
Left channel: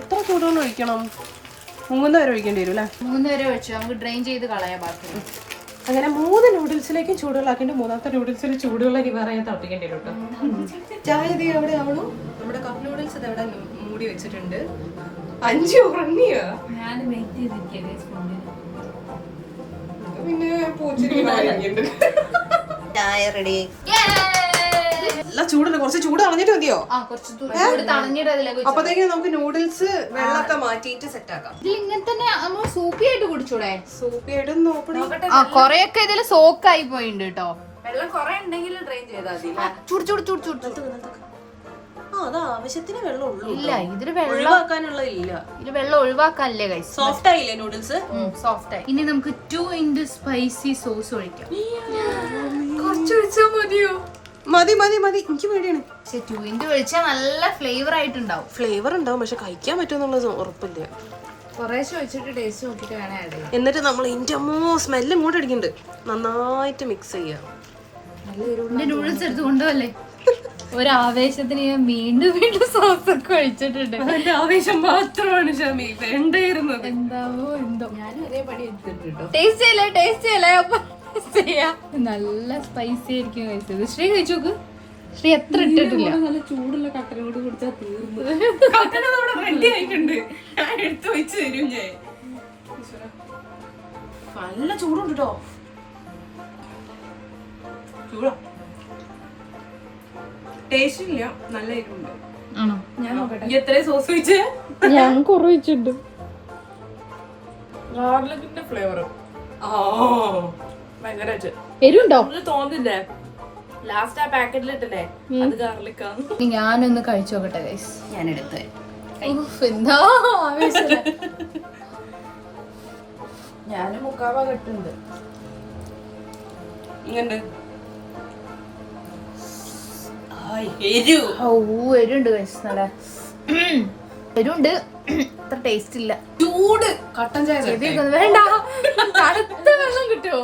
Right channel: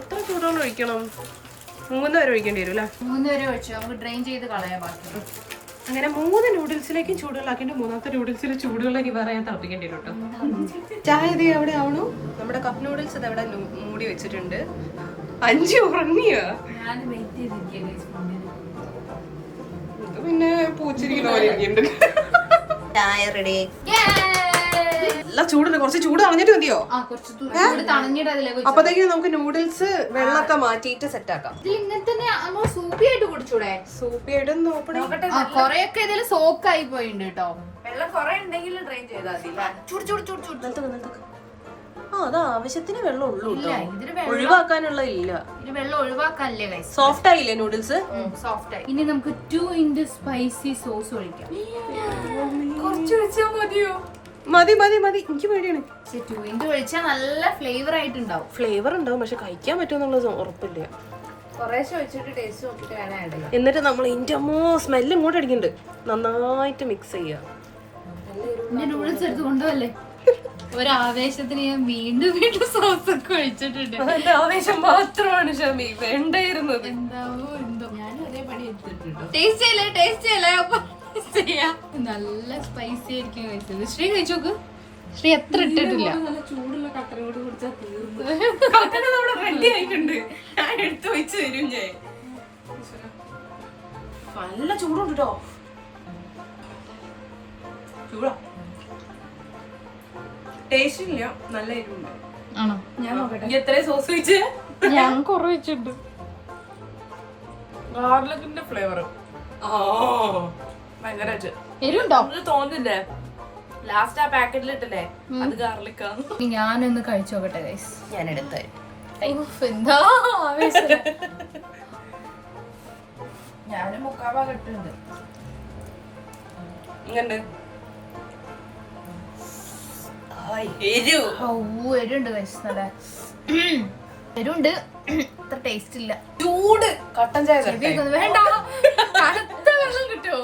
എത്ര ചൂടുവെള്ളം ഒഴിക്കണം? 3 വരെ ഒഴിക്കേണ്ടി വരും അല്ലേ? 3 വരെ ഒഴിച്ചു നമുക്ക് ഡ്രെയിൻ ചെയ്ത് കളയാൻ ബാക്കി. അങ്ങനെ 3 നൂഡിൽസിലേക്കും ചൂടുവെള്ളാക്കിട്ട് 3ാമത്തെ നൂഡിൽസിൽ ചൂടുവെള്ളം ഇനി വേറെ ഞാൻ തിളപ്പിക്കേണ്ടി വരും കേട്ടോ. ചായ ഇത് എവിടെ ആവണു? നമ്മുടെ കപ്പ് നൂഡിൽസ് ഇത് എവിടെ മൂടി വെച്ചിട്ടുണ്ട്. 5 ഉറങ്ങിയോ? ഞാൻ വെയിറ്റ് ചെയ്തിരിക്കുകയാണ്. പിന്നെ പൂച്ചിരിക്കുന്നുണ്ട്. ചായ റെഡി. എല്ലാം ചൂടുണ്ട്. കുറച്ച് ചൂട് കളഞ്ഞിട്ട് മതിയോ? കുറച്ച് തണഞ്ഞിട്ട് അതിലേക്ക്. അപ്പത്തേക്കും നമുക്ക് നൂഡിൽസ് വെള്ളമൊക്കെ മാറ്റിയിട്ട് സെറ്റ് ആക്കാം. ഇങ്ങനെ തന്നെ നമ്മൾ സൂപ്പിയായിട്ട് കുടിച്ചൂടെ? സൂപ്പിയായിട്ട് നോക്കണേ. കൊറേയൊക്കെ ഇതില് സോക്കായി പോയിണ്ട് കേട്ടോ. വെള്ളം കുറെ ഉണ്ടെങ്കിൽ ഡ്രെയിൻ ചെയ്താൽ അത് ആവശ്യത്തിന് വെള്ളം ഉള്ളൂ. ഇതില് ഒഴിവാക്കാനുള്ള ഇല്ല. ഇത് വെള്ളം ഒഴിവാക്കാനല്ലേ ഗൈസ്? സോഫ്റ്റ് ആയില്ലേ നൂഡിൽസ്? സോഫ്റ്റ് ആയി. ഇനി നമുക്ക് 2 in സ്പൈസി സോസ് ഒഴിക്കാം. കുറച്ച് ഒഴിച്ചാൽ മതിയോ? മതി മതി മതി. എനിക്ക് പേടിയാണ്. 2 ഒഴിച്ചാൽ നല്ല ഫ്ലേവർ ആയിട്ടുണ്ടാവും. ഫ്ലേവർ ഉണ്ടാവും, പക്ഷെ കഴിക്കാൻ പറ്റുമെന്നുള്ളത് ഉറപ്പില്ല. കുറേശ്ശെ വെച്ചിട്ട് ടേസ്റ്റ് നോക്കിട്ട് വേണം ആഡ് ചെയ്യാം. എന്നിട്ട് നമ്മൾ ഇതിന്റെ സ്മെല്ല് ഇങ്ങോട്ട് അടിക്കുന്നുണ്ട്. നന്നായിട്ട് മിക്സ് ചെയ്യാം. എന്റെ നൂഡിൽസ് എടുത്ത് കൊണ്ടുപോകല്ലേ. ഒരു ആവേശത്തിന് ഞാൻ വീണ്ടും വീണ്ടും സോസ് ഒക്കെ ഒഴിച്ചിട്ടുണ്ട്. അതിന്റെ ആവേശം മാത്രമാണ് ഷമി വേണ്ടായിരുന്നത്. എന്താവോ എന്തോ. ഞാനും ഒരേ പണി എടുത്തിട്ടുണ്ടോ. ടേസ്റ്റ് ചെയ്യല്ലേ അപ്പൊ ചെയ്യാം. നല്ല സ്പൈസി ആയിരിക്കും കഴിച്ചത്. ശ്രീ കഴിച്ചു നോക്ക്. ശ്രീ എത്ര ഇട്ടിട്ടില്ല. നല്ല ചൂടുള്ള കട്ടനും കൂടി കുടിച്ചാൽ തീർന്നു. കട്ടൻ നമ്മുടെ റെഡി ആയിട്ടുണ്ട്. ഞാൻ എടുത്തു വെച്ച് തരും. ഞാൻ നല്ല ചൂടുണ്ട് കേട്ടോ. ചൂടാ, ടേസ്റ്റ് ഇല്ല, നല്ല എരിവുണ്ട്. ആണോ? ഞാൻ നോക്കട്ടെ എത്രയും സോസ് വെച്ച്. ഞാൻ കുറവിച്ചിട്ടുണ്ട്. ഗാർലിക്കിന്റെ ഫ്ലേവർ ഭയങ്കര എരിവുണ്ടോ? തോന്നില്ലേ ലാസ്റ്റ് ആ പാക്കറ്റിലിട്ടല്ലേ അത് ഗാർലിക്കാണ്. ഞാനൊന്ന് കഴിച്ചു നോക്കട്ടെ ഗൈസ്. ഞാൻ എടുത്ത് എന്താ ആവേശം. ഞാനും മുക്കാവാ കിട്ടുന്നുണ്ട്. ഇങ്ങനെ എരുണ്ട് ഗൈസ്. നല്ല എരുണ്ട്. അത്ര ടേസ്റ്റ് ഇല്ല. ചൂട് കട്ടൻ ചായ വേണ്ട, തണുത്ത വെള്ളം കിട്ടുമോ?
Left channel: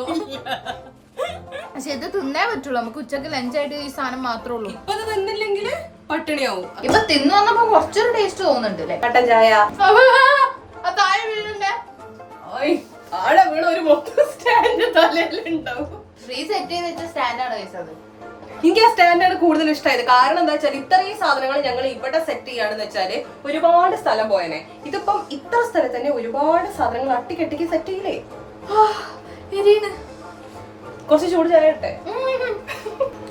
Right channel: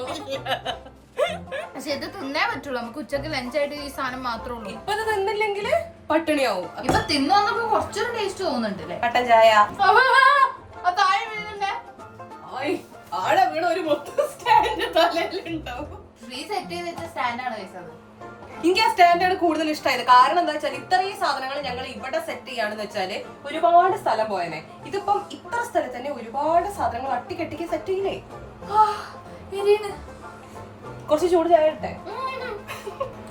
പക്ഷെ ഇത് തിന്നേ പറ്റുള്ളൂ. നമുക്ക് ഉച്ചക്ക് ലഞ്ചായിട്ട് ഈ സാധനം മാത്രമേ ഉള്ളൂ. തിന്നില്ലെങ്കിൽ പട്ടിണിയാവും. ഇപ്പൊ തിന്നു വന്നപ്പോ കുറച്ചൊരു ടേസ്റ്റ് തോന്നുന്നുണ്ട് അല്ലേ? കട്ടൻ ചായ താഴെ വീഴുന്നുണ്ട്. ആടെ വീണ ഒരു മൊത്തം സ്റ്റാൻഡ് തലയിലുണ്ടാവും. ശ്രീ സെറ്റ് ചെയ്ത് വെച്ച സ്റ്റാൻഡാണ് കഴിച്ചത്. എനിക്ക് ആ സ്റ്റാൻഡാണ് കൂടുതൽ ഇഷ്ടമായത്. കാരണം എന്താ വെച്ചാൽ ഇത്രയും സാധനങ്ങൾ ഞങ്ങൾ ഇവിടെ സെറ്റ് ചെയ്യാണെന്ന് വെച്ചാല് ഒരുപാട് സ്ഥലം പോയനെ. ഇതിപ്പം ഇത്ര സ്ഥലത്ത് തന്നെ ഒരുപാട് സാധനങ്ങൾ അട്ടിക്കെട്ടിക്ക് സെറ്റ് ചെയ്യില്ലേ. കുറച്ച് ചൂട് ചായ ഇട്ടെ.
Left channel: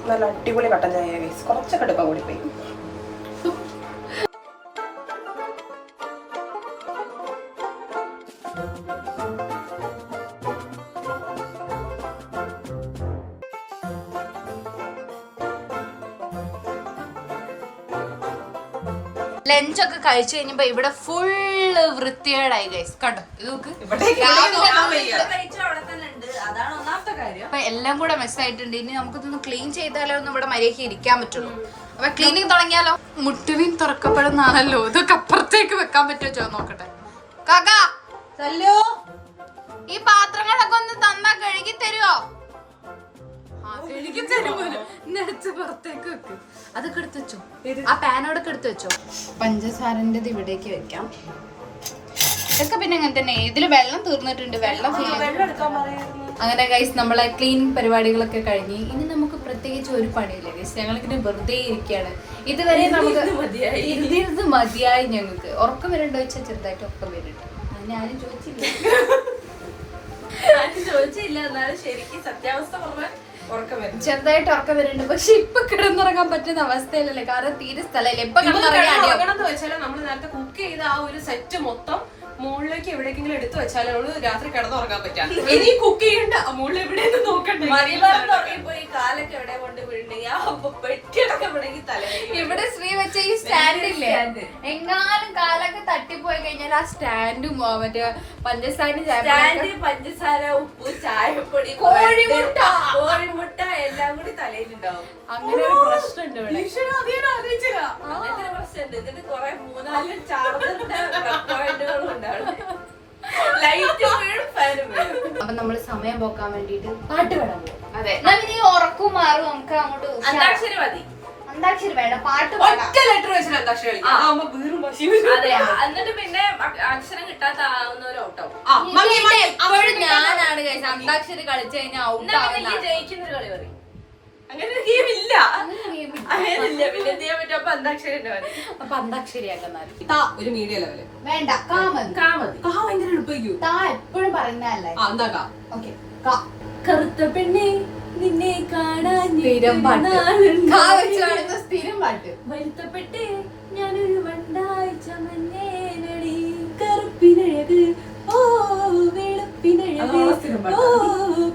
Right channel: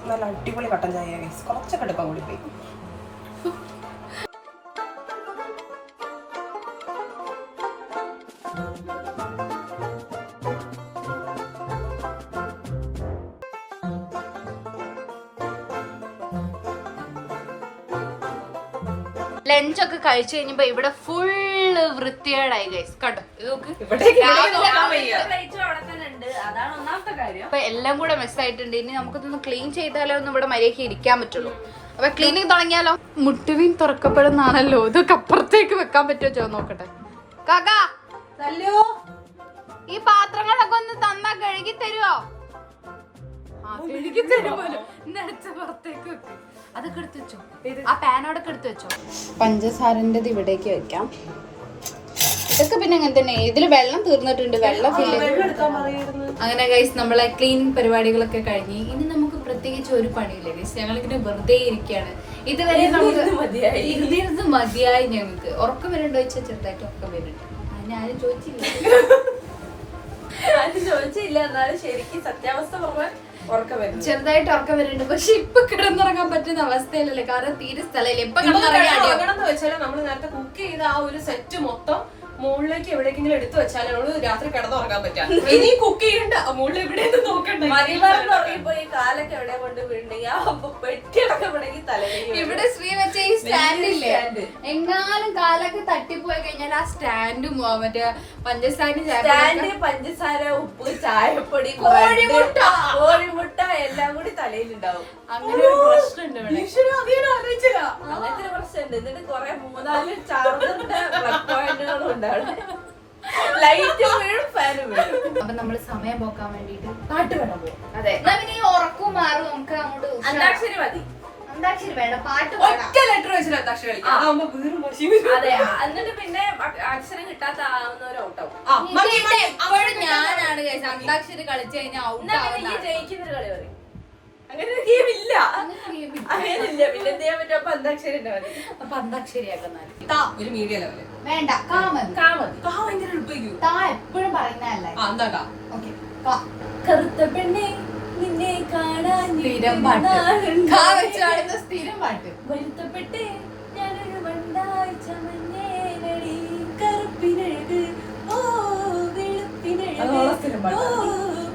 നല്ല അടിപൊളി കട്ടൻ ചായ ഗൈസ്. കുറച്ചൊക്കെ എടുക്കാൻ കൂടി പോയി. ലഞ്ചൊക്കെ കഴിച്ചു കഴിഞ്ഞപ്പോ ഇവിടെ ഫുള്ള് വൃത്തികേടായി ഗൈസ്. കണ്ടോ അതാണ് ഒന്നാമത്തെ കാര്യം. അപ്പൊ എല്ലാം കൂടെ മെസ്സായിട്ടുണ്ട്. ഇനി നമുക്കിതൊന്ന് ക്ലീൻ ചെയ്താലോ ഒന്നും ഇവിടെ മര്യാദയ്ക്ക് ഇരിക്കാൻ പറ്റുള്ളൂ. അപ്പൊ ക്ലീനിങ് തുടങ്ങിയാലോ? മുട്ടുവീൻ തുറക്കപ്പെടുന്നാണല്ലോ. ഇതൊക്കെ അപ്പുറത്തേക്ക് വെക്കാൻ പറ്റുമോ നോക്കട്ടെ. കാക്കാ ഈ പാത്രങ്ങളൊക്കെ ഒന്ന് തന്നാ കഴുകി തരുമോ? കഴുകി തരുമോ? പുറത്തേക്ക് വെക്കും. അതൊക്കെ എടുത്ത് വെച്ചോ. ആ പാനോടൊക്കെ എടുത്ത് വെച്ചോ. പഞ്ചസാരന്റെ ഇവിടേക്ക് വെക്കാം. ഇതൊക്കെ പിന്നെ അങ്ങനെ തന്നെ. ഇതില് വെള്ളം തീർന്നിട്ടുണ്ട്. വെള്ളം ഫില്ല് അങ്ങനെ ഗൈസ് നമ്മളെ ക്ലീനിങ് പരിപാടികളൊക്കെ കഴിഞ്ഞ് ഇനി നമുക്ക് പ്രത്യേകിച്ച് ഒരു പണിയില്ല ഗൈസ്. ഞങ്ങളിങ്ങനെ വെറുതെ ഇരിക്കുകയാണ്. ഇതുവരെ നമുക്ക് ഇരുന്നിരുന്ന് മതിയായി. ഞങ്ങൾക്ക് ഉറക്കം വരണ്ടോ വെച്ചാൽ ചെറുതായിട്ട് ഉറക്കം വരുന്നുണ്ട്. അതിന് ആരും ചോദിച്ചില്ല. എന്നാലും ശരിക്കും സത്യാവസ്ഥ പറഞ്ഞാൽ ചെറുതായിട്ട് ഉറക്കം വരുന്നുണ്ട്. പക്ഷെ ഇപ്പൊ കിടന്നുറങ്ങാൻ പറ്റുന്ന അവസ്ഥയിലല്ലേ. കാരണം തീരെ സ്ഥലമില്ല. ഇപ്പൊ കിടന്നുറങ്ങിയാണെന്ന് വെച്ചാൽ നമ്മൾ നേരത്തെ കുക്ക് ചെയ്ത ആ ഒരു സെറ്റ് മൊത്തം മുകളിലേക്ക് എവിടേക്കെങ്കിലും എടുത്തു വെച്ചാൽ നമ്മള് രാത്രി കിടന്നുറങ്ങാൻ പറ്റാം. ഇനി കുക്ക് ചെയ്യണ്ട, മുകളിൽ എവിടെ നോക്കണ്ട. കാലൊക്കെ എവിടെ കൊണ്ട് ഇവിടെ ശ്രീ വെച്ച ഈ സ്റ്റാൻഡില്ലേ, എങ്ങാനും കാലൊക്കെ തട്ടിപ്പോയി കഴിഞ്ഞാൽ ആ സ്റ്റാൻഡും മറ്റേ പഞ്ചസാരയും പഞ്ചസാര, ഉപ്പ്, ചായപ്പൊടി, കോഴിമുട്ട എല്ലാം കൂടി തലയിലുണ്ടാവും. അങ്ങനെ ഒരു പ്രശ്നമുണ്ട് ഇവിടെ. അങ്ങനത്തെ ഒരു പ്രശ്നമുണ്ട്. ഇതിന് കൊറേ 3-4 ചാർജറും ഉണ്ടാവും. അപ്പൊ നമ്മള് സമയം പോക്കാൻ വേണ്ടിട്ട് പാട്ട് വേണം. അതെ, ഉറക്കും മാറും. നമുക്ക് അങ്ങോട്ട് അന്താക്ഷരി മതി. അന്താക്ഷരി വേണ്ട, പാട്ട് ലെറ്റർ വെച്ചിട്ട് അന്താക്ഷരി. അതെ, എന്നിട്ട് പിന്നെ അക്ഷരം കിട്ടാത്ത ആവുന്നവരോട്ടാവും. ഞാനാണ് അന്താക്ഷരി കളിച്ചു കഴിഞ്ഞാൽ ജയിക്കുന്ന കളി പറയും. അങ്ങനെ ഒരു ഗെയിം ഇല്ല. അങ്ങനെയില്ല. പിന്നെ എന്ത് ചെയ്യാൻ പറ്റും? അപ്പൊ അന്താക്ഷരി മതി. അപ്പൊ അന്താക്ഷരിയാക്കാൻ ഒരു മീഡിയ ലെവല് വേണ്ട. എപ്പോഴും പറയുന്നതല്ലേ. കറുത്ത പെണ്ണെ നിന്നെ കാണാൻ സ്ഥിരം പാട്ട്. സ്ഥിരം പാട്ട്. വരുത്തപ്പെട്ടെ ഞാനൊരു വണ്ടാഴ്ച മഞ്ഞേനടി കറുപ്പിനഴക് ഓ വെളുപ്പിനഴക് ഓ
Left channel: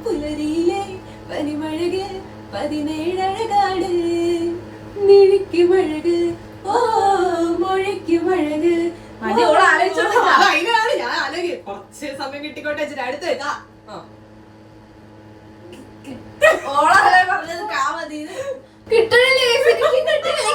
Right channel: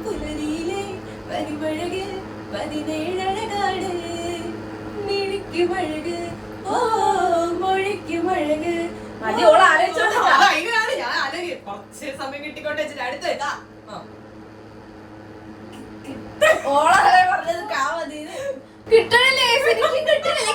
പുലരിയിലെ പരിമഴക് 17 അഴകാട് മിഴിക്കും അഴക് ഓ മൊഴിക്കും അഴക്. കുറച്ച് സമയം കിട്ടിക്കോട്ടെ. അടുത്ത് ഓളെ പറഞ്ഞത് കാ മതി. കിട്ടണില്ലേ? കിട്ടണില്ലേ?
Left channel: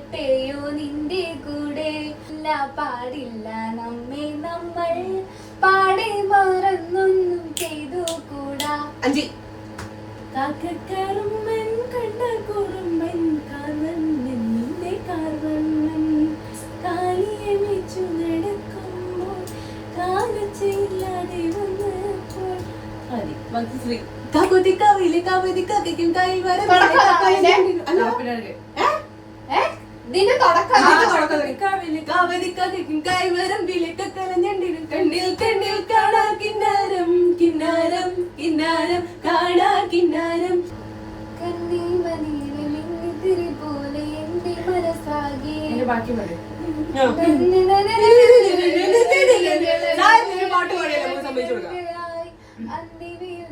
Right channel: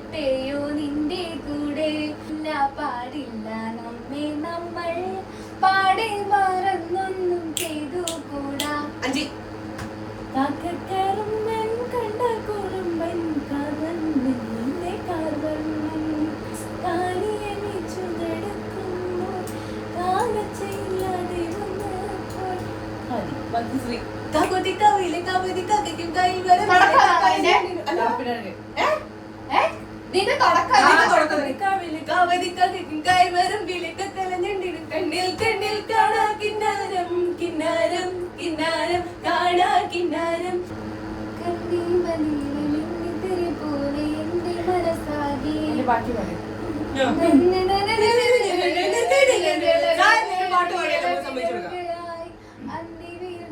വരട്ടെയോ നിന്റെ കൂടെ ഇല്ല പാടില്ല നമ്മെ നമ്മൾ പാടെ മറന്നൊന്നും ചെയ്തു കൂടാ. കാക്കക്കറുമ്പൻ കണ്ട കുറുമ്പൻ കാർവണ്ണന്റെ കാർവണ്ണൻ കാലിയെ വെച്ചു നടക്കുമ്പോൾ കാലച്ചയില്ലാതെ വന്നപ്പോൾ നിന്റെ തുടക്കം കണ്ണിൽ കണ്ണിൽ കാണാ കിന്നാരം കിന്നാരം കിന്നാരം കാണാ കിന്നാരം കണ്ണിൽ വനീലെ മിന്നിത്തിരി പോലെ എന്റെ മനസ്സാകെ ബാക്കി പറയും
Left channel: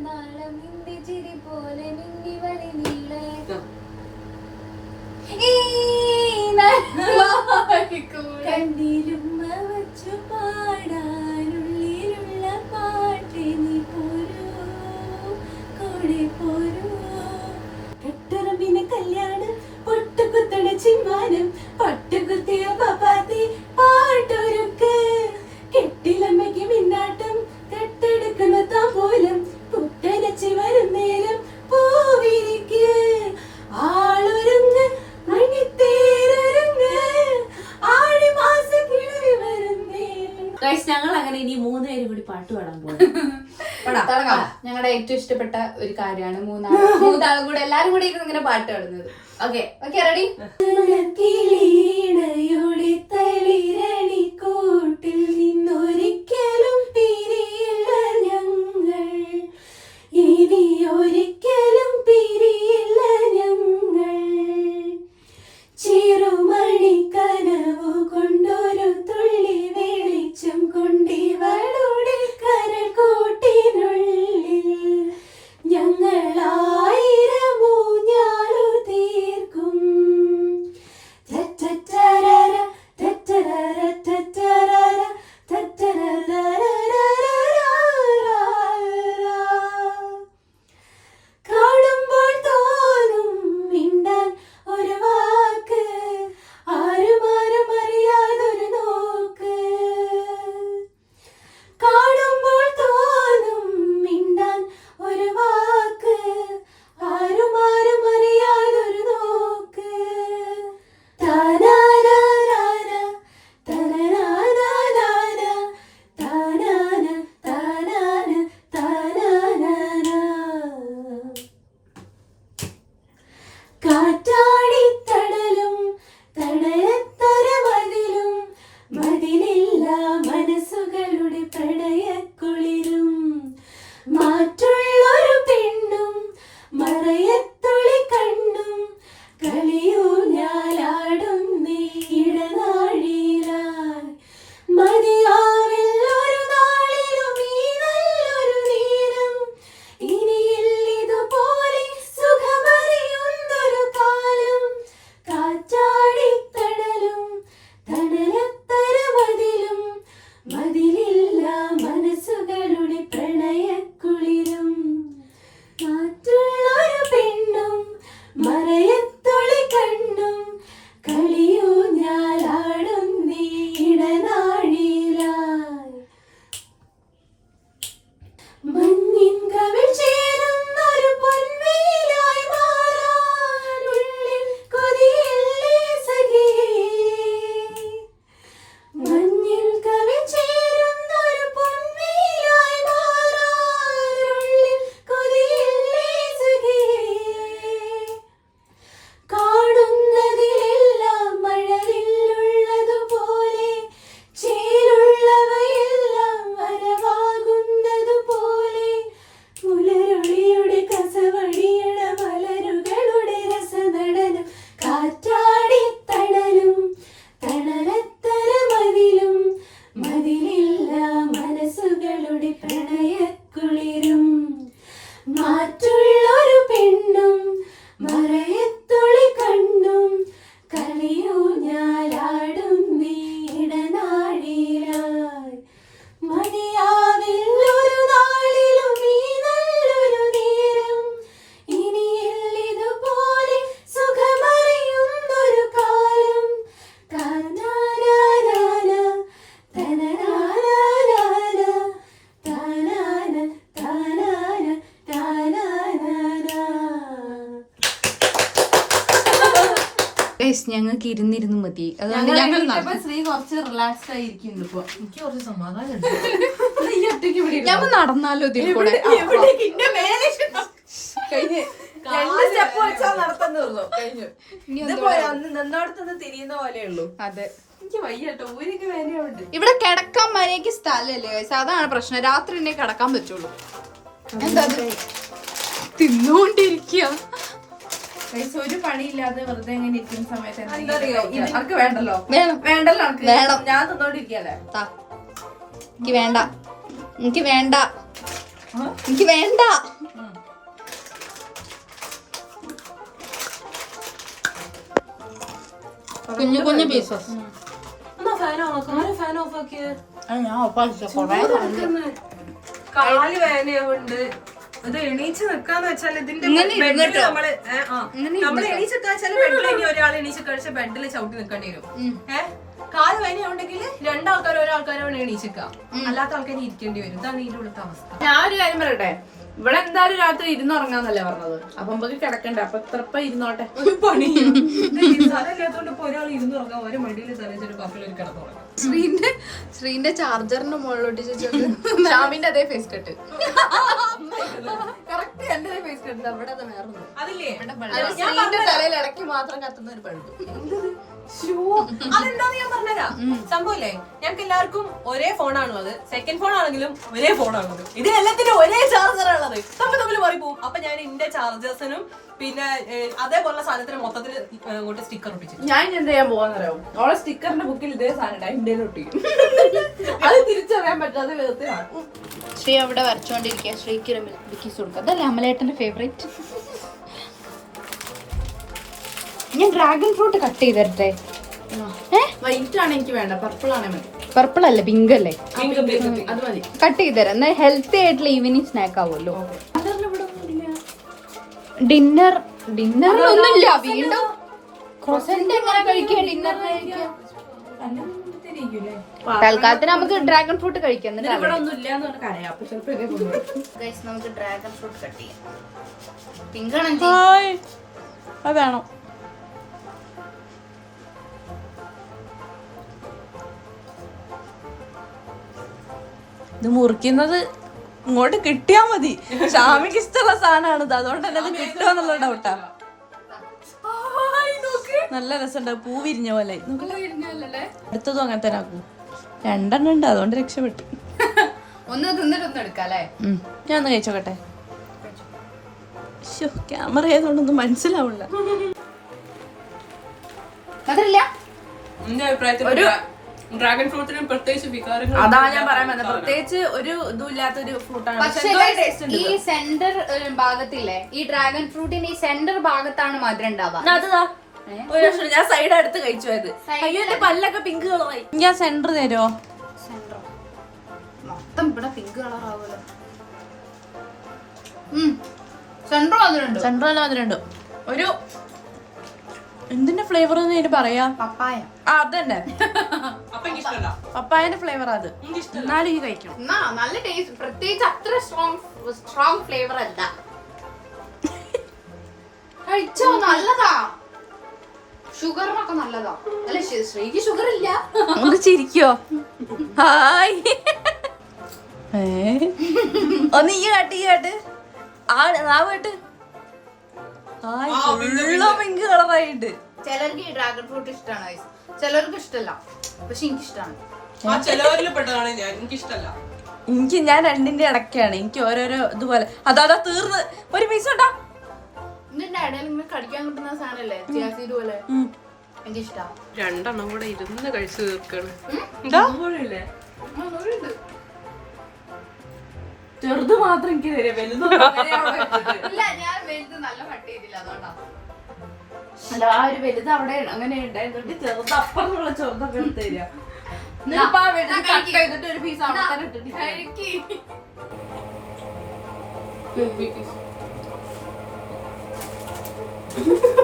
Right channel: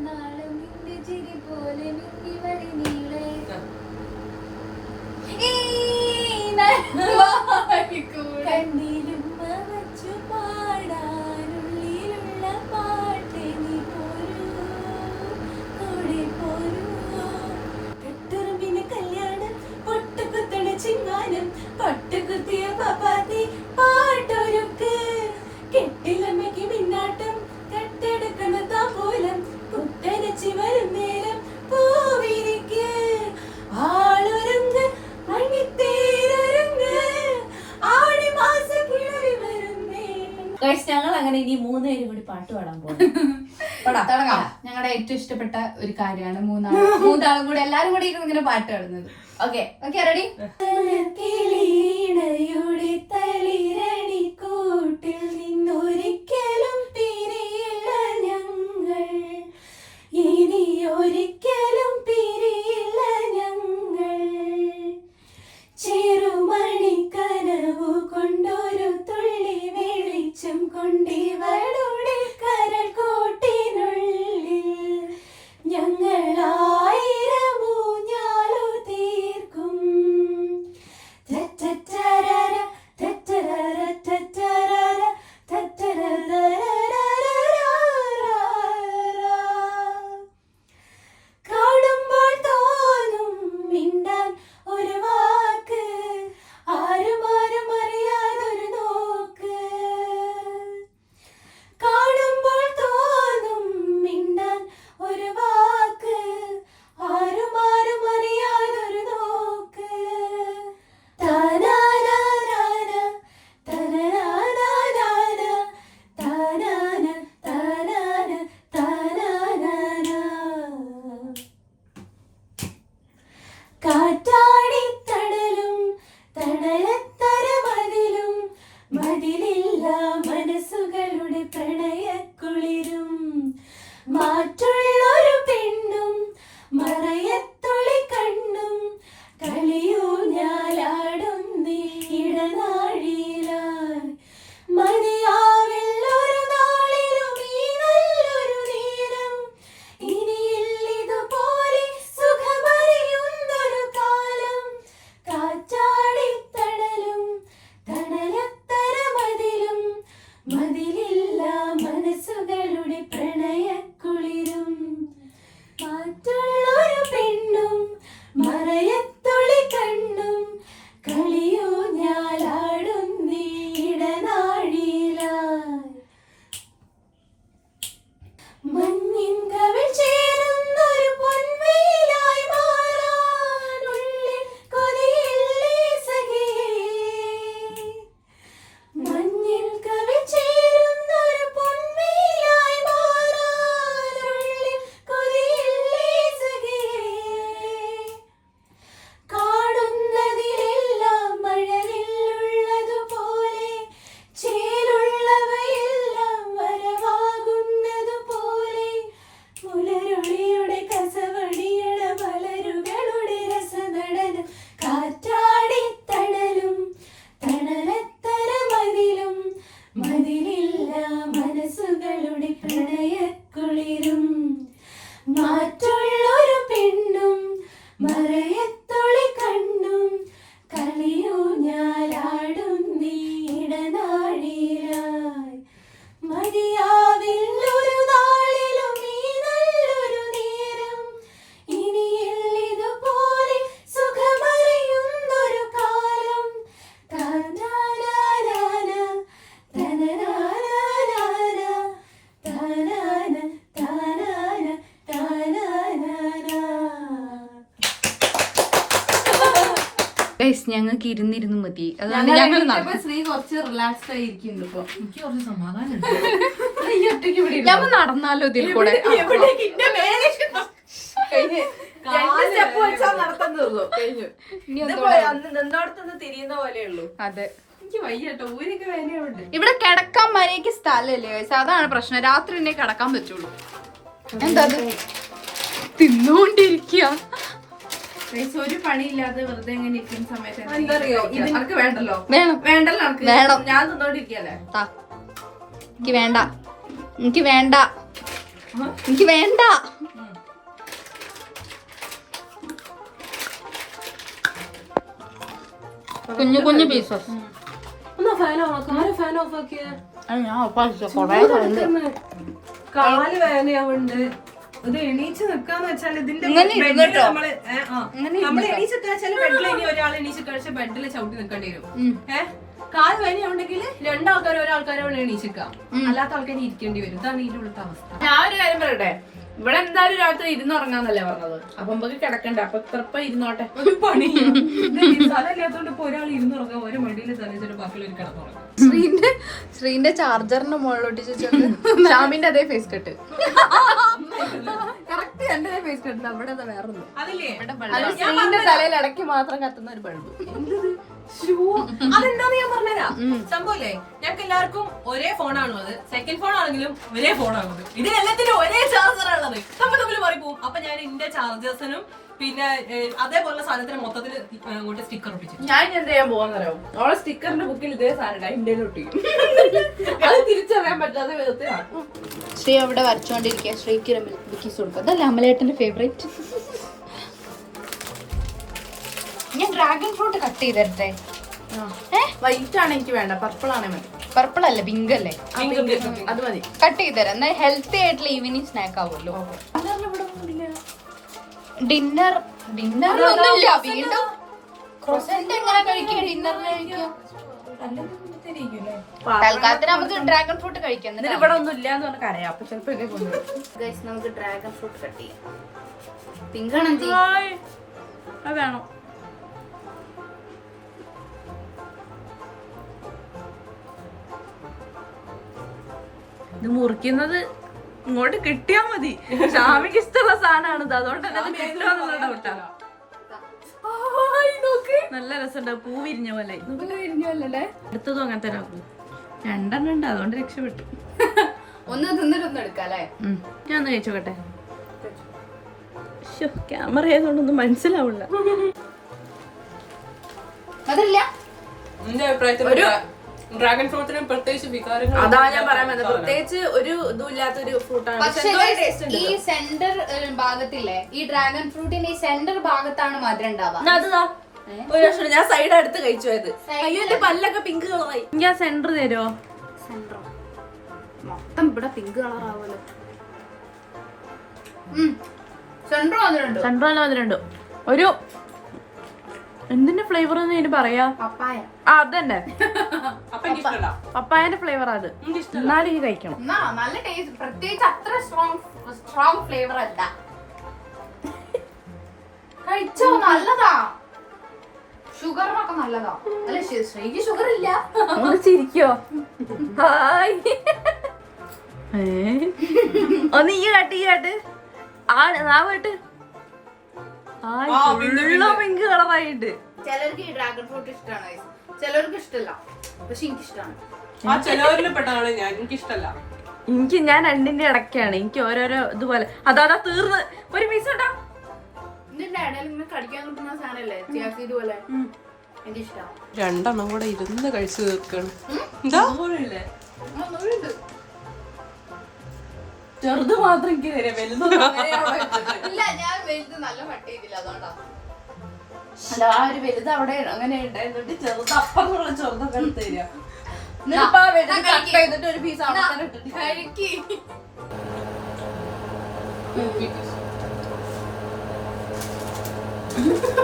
നാളം നിന്റെ ചിരി പോലെ മിന്നി വരിനീളെ കണ്ണിലുമ്മ വച്ചു പാടാനുള്ളിലുള്ള പാട്ട് നീ പോരൂ കൂടെ പോരൂ. കട്ടുറമ്പിന് കല്യാണം പൊട്ടുകുത്തണ ചിമ്മാനം പൊട്ടുകുത്തിയ പപ്പാത്തി പാട്ടൊരുക്ക് കെട്ടിലമ്മയ്ക്ക് മിന്നാട്ടം കട്ടെടുക്കുന്ന താമ്പൂലം പുത്തരച്ച് വരും നേരം പൂവിരിക്ക് ആളൊരുങ്ങ് മണിത്തേരൊരുങ്ങ് ആടി മാസ കിഴവി വരുന്നേ. ഞങ്ങൾ അങ്ങനെ ഇനി 3 പേരും കൂടി പാട്ട് പാടാൻ പോകും. തുടങ്ങാം. ഞങ്ങളുടെ ഏറ്റവും ഇഷ്ടപ്പെട്ട ഒരു കാര്യമാണ് മൂന്നാളും കൂടെ എല്ലാരും കൂടെ ഇരുന്ന് ഇങ്ങനെ പാട്ട് പാടുന്നത്. Okay okay ready? കൂട്ടിൽ നിന്നൊരിക്കലും പിരിയില്ല ഞങ്ങൾ ഇനി ഒരിക്കലും പിരിയില്ല ഞങ്ങൾ ചെറുമണിക്കനവു കൊണ്ടൊരു തുള്ളി വെളിച്ചം കൊണ്ടിവളുടെ കരക്കോട്ടിനുള്ളിൽ ഞങ്ങളായിരം ഊഞ്ഞാലു തീർക്കും ഞങ്ങൾക്ക് ഇരുന്നിരുന്ന് മതി. അതുകൊണ്ട് ഞങ്ങൾ ശ്രീ കുറച്ച് റിലാക്സ്ഡ് ആയിരിക്കുന്നു ഇപ്പൊ. എനിക്ക് കുറച്ച് സമാധാനം ഞങ്ങൾ നടന്നാലോ ഇതിൽ കൂടെ. തിരിയുന്ന പോലെയുള്ളൂ. അതെ, എനിക്ക് വയ്യട്ടോ, ഊരിക്ക് വേനയുണ്ട്. ഇവിടെ കിടക്കാൻ മര്യാദക്ക് സ്ഥലല്ലേ guys. അതാണ് പ്രശ്നം. രാത്രി തന്നെ കിടക്കാൻ പറ്റുള്ളൂ. എന്താ തിന്നോണ്ടിരിക്കുക. ഒരു പണിയില്ലാതെ വെറുതെ എങ്ങനെ ഇരിക്കുന്ന സമയത്ത് എനിക്ക് വേണ്ടല്ലോ വേണം വേണ്ടല്ലോ വേണം. ഞാൻ തന്നോണ്ടിരിക്കല്ലേ. എനിക്ക് വേണ്ട, എനിക്ക് വേണ്ട, എനിക്ക് വേണ്ട. കുഞ്ഞു കുഞ്ഞു പീസസ്. കാല് വേനയുണ്ട്. ഇത് എണീച്ച് നിക്കാന്ന് വെച്ചാൽ ഇതിന്റെ നമ്മള് എണീച്ചൊക്കെ ബെഡിൽ ഇനി ഒരാൾ എണീച്ച് കഴിച്ച ബെഡിൽ ചവിട്ടി നിൽക്കേണ്ടി വരും. കാല് വേനയുണ്ടെങ്കിൽ രണ്ടാൾക്കാരോ ഒരാൾക്കാരോ എണീച്ചിക്കാം, അല്ലാത്ത ആൾക്കാർ ഇരിക്കേണ്ടി വരും. ഇതാണ് ഇതിന്റെ ഉള്ളത്തെ അവസ്ഥ. ഞാനൊരു കാര്യം പറയട്ടെ, ഇവിടെ എന്തായാലും രാത്രി ഇരുന്നുറങ്ങാന്നല്ലേ പറഞ്ഞത്. അപ്പൊ നമുക്ക് കിടക്കണ്ട, അപ്പൊ എത്രപ്പ ഇരുന്നോട്ടെ. ഒരു പണി സ്ഥലമില്ലാത്തോണ്ട് ഇപ്പൊ ഒരാൾ ഇരുന്നുറങ്ങാം, ഒരു മടിയിൽ തലച്ചൊരു ബാക്കിയുള്ള കിടന്നുറങ്ങാം. ശ്രീന്റെ ചാർജറിന്റെ മുകളിലോട്ട് ചോദിച്ചോണ്ട് ഷാമിന്റെ അതേ ഫേസ് കട്ട്. എന്റെ ഫേസ് കട്ട് അവിടെ വേറെ അതില്ലേ ശ്രീന്റെ തലയിൽ ഇടയ്ക്ക് മാത്രം കത്തുന്ന ഒരു ബൾബ്. അതെന്താന്ന് ഞാൻ പറഞ്ഞുതരാം. സംഭവല്ലേ, ഞങ്ങൾക്ക് എല്ലാവർക്കും ഒരേ ഫോണാണോ അത്, സെക്കൻഡ് ഫോൺ ആണെങ്കിലും ഒരേ ഫോണാണത്. ഇതിനെല്ലാത്തിനും ഒരേ ചാർജറാണുള്ളത്. തമ്മിൽ മാറിപ്പോവും. അപ്പൊ ഞാൻ എന്റെ ചാർജേഴ്സിനും പിന്നെ അതേപോലുള്ള സാധനത്തിന് മൊത്തത്തിൽ അങ്ങോട്ട് സ്റ്റിക്കർ ഒപ്പിച്ചു. ഞാൻ എന്താ ചെയ്യാൻ പോവാന്നറിയോ, ഓളെ സ്റ്റിക്കറിന്റെ ബുക്കിൽ ഇതേ സാധനം ഇന്ത്യയിൽ ഒട്ടിക്കും. അത് തിരിച്ചറിയാൻ പറ്റാത്ത വിധത്തിലാണ്. ശ്രീ അവിടെ വരച്ചോണ്ടിരിക്കുക. ശ്രീക്ക് ബിക്കീസ് കൊടുക്കുക. അതല്ലേ അമലേട്ടന്റെ ഫേവറേറ്റ്. ഞാൻ ഡ്രാഗൺ ഫ്രൂട്ട് കട്ട് ചെയ്ത് തരട്ടെ. വൈറ്റ് ആണ് എനിക്ക് വേണ്ട, പർപ്പിൾ ആണേ മതി. പർപ്പിൾ അല്ല, പിങ്ക് അല്ലേ? അത് മതി. കട്ട് ചെയ്ത് തരാം. എന്നാൽ ഹെൽത്തി ആയിട്ടുള്ള ഈവനിങ് സ്നാക്ക് ആവുമല്ലോ. ഡിന്നർ ഒന്നുമില്ല. വീണ്ടും തൽക്കാലത്തിന് നമുക്ക് ഡ്രാഗൺ ഫ്രൂട്ട് കഴിക്കാം. ഇവിടെ ഒന്നും ഇല്ലാന്ന് പറഞ്ഞ കരയാ. അപ്പൊ ചിലപ്പോ നമുക്ക് ഡ്രാഗൺ ഫ്രൂട്ട് കട്ട് ചെയ്യാം. പിങ്ക് ആണ് അത് വേണം. ഇത് മുറിക്കുന്നത് ഇങ്ങോട്ട് കിട്ടിയാ മതി. ഷാമിക്ക് ഇഷ്ടമുള്ള സാധനമാണ് ഇത്, അതുകൊണ്ട് തന്നെ അത് കിട്ടുമെന്നുള്ള ഡൗട്ടാ. നല്ല രസമുണ്ട്, പൂ വിരിഞ്ഞ പോലെ. അടുത്തതും അങ്ങനെ തന്നെ ആക്കും. രണ്ടെണ്ണം ഉണ്ട്, അതുകൊണ്ട് രക്ഷപ്പെട്ടു. ഒന്ന് തിന്നിട്ടൊന്നും എടുക്കാം അല്ലേ? ഞാൻ ഒന്ന് കഴിച്ചോക്കട്ടെ. ക്യാമറ ആയതുകൊണ്ടൊന്നും മനസ്സിലാവില്ല. മധുരില്ല? ഒരു ഡ്രാഗൺ ഫ്രൂട്ടിനും പ്രത്യേകിച്ച് വികാരങ്ങൾ. അതാ ഞാൻ പറയാൻ വന്നത്, പ്രത്യേകിച്ച് ഒരു ഇതുമില്ലാത്തൊരു ഫ്രൂട്ടാണ്. ഈ സെന്റർ ഭാഗത്തില്ലേ, ഈ ഡ്രാഗൺ ഫ്രൂട്ടിന്റെ ഈ സെന്റർ ഭാഗത്താണ് മധുരം ഉണ്ടാവുക. ഒരു വർഷം ഞാൻ സൈഡ് അടുത്ത് കഴിച്ചു പോയത്. അയ്യോ എന്റെ പല്ലൊക്കെ പിങ്ക് കളറായി. എനിക്ക് ആ സെന്റർ തരുമോ? സെന്റർ മൊത്തം ഇവിടെ പിങ്ക് കളർ ആവുമല്ലോ. സെന്റർ വന്നിട്ടുണ്ട്. സെന്റർ തന്നെ വന്നിട്ടുണ്ട്. ഒരു എന്തിന്റെ ഫ്ലേവർ എന്ന് ഇതിന് പറയാ? പപ്പായ. ആ അതന്നെ, പപ്പായന്റെ ഫ്ലേവർ അത്. എന്നാലും ഈ കഴിക്കണം. നല്ല ടേസ്റ്റ്. പ്രത്യേകിച്ച് അത്ര സ്ട്രോങ് ഫ്ലേവർ അല്ല. കഴിച്ചോ, നല്ലതാ. ഷുഗറിനൊക്കെ നല്ലതാ. അല്ല ശ്രീക്ക് ഷുഗർ ഇല്ല. ഒന്ന് ചിരിക്കോ? ഹായ്. ഒന്ന് ഈ കാട്ട് ആ നാവ് കേട്ട്. ഹായ്, ഫുള്ള് പിങ്ക് കളറായിട്ട്. ചിലർക്ക് ഈ ഡ്രാഗൺ ഫ്രൂട്ട് ഇഷ്ടമാണ്, ചിലർക്ക് ഇഷ്ടമല്ല. പക്ഷെ എനിക്ക് ഇഷ്ടമാണ്. ഞാൻ രണ്ടിന്റെ ഇടയ്ക്കാണ്. എനിക്ക് ഓരോരോ ഇതുപോലെ. അതാ തീർന്ന് ഒരു പീസ് ഉണ്ടാ. ഇതിന്റെ ഇടയിൽ ഇങ്ങനെ കടിക്കാൻ കിട്ടുന്ന സാധനല്ലേ, ചിയാസീഡ് പോലെ. എനിക്ക് ഇഷ്ടമാണ്. രണ്ടെണ്ണം കൂടെ ഇരുന്ന് കഴിച്ചു തീർക്കാണ്. ചെറുത് മാത്രം എനിക്ക് തരാം, വലുതൊന്നും ഇല്ല, ഞാൻ വലുത് നല്ല കട്ട് ചെയ്തില്ല, അതുകൊണ്ടാണ്. അല്ല, ആ ഒരു വലുത് അവിടെ അങ്ങനെ ഉണ്ടായിരുന്നിട്ട് ചെറുത് അപ്പുറമുള്ള ചെറുതൊക്കെ എടുത്ത് തരിക. എന്നിട്ടിപ്പോ ആ വലുത് കട്ട് ചെയ്തിട്ട് ഒരു പീസ് അവിടെ തന്നെ ഇട്ടിട്ട്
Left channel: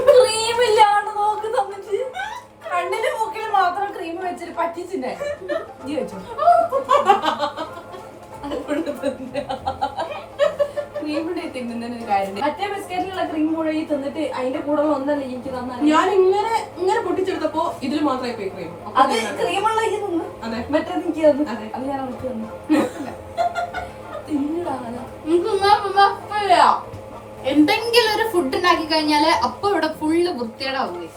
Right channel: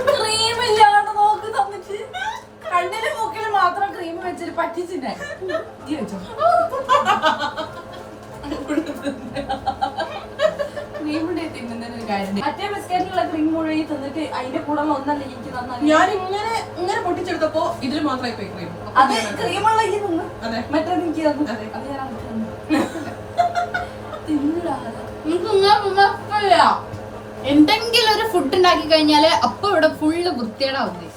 ക്രീമില്ലാണ്ട് നോക്ക് തന്നിട്ട് കണ്ണിന് മൂക്കിൽ മാത്രം ക്രീം വെച്ചിട്ട് പറ്റിച്ചില്ലേ? മറ്റേ ബിസ്ക്കറ്റിലുള്ള ക്രീം മുഴുവൻ തന്നിട്ട് അതിന്റെ കൂടെ ഒന്നല്ല എനിക്ക് തന്നെ. ഞാൻ ഇങ്ങനെ ഇങ്ങനെ പൊട്ടിച്ചെടുത്തപ്പോ ഇതിൽ മാത്രമായി പോയി ക്രീം. അത് ക്രീമുള്ള അതെ. മറ്റേ എനിക്ക് തന്നു. അത് ഞാൻ അവർക്ക് തന്നു. എന്തെങ്കിലും ഒരു ഫുഡ് ഉണ്ടാക്കി കഴിഞ്ഞാല് അപ്പൊ ഇവിടെ ഫുള്ള് വൃത്തികേടാവും.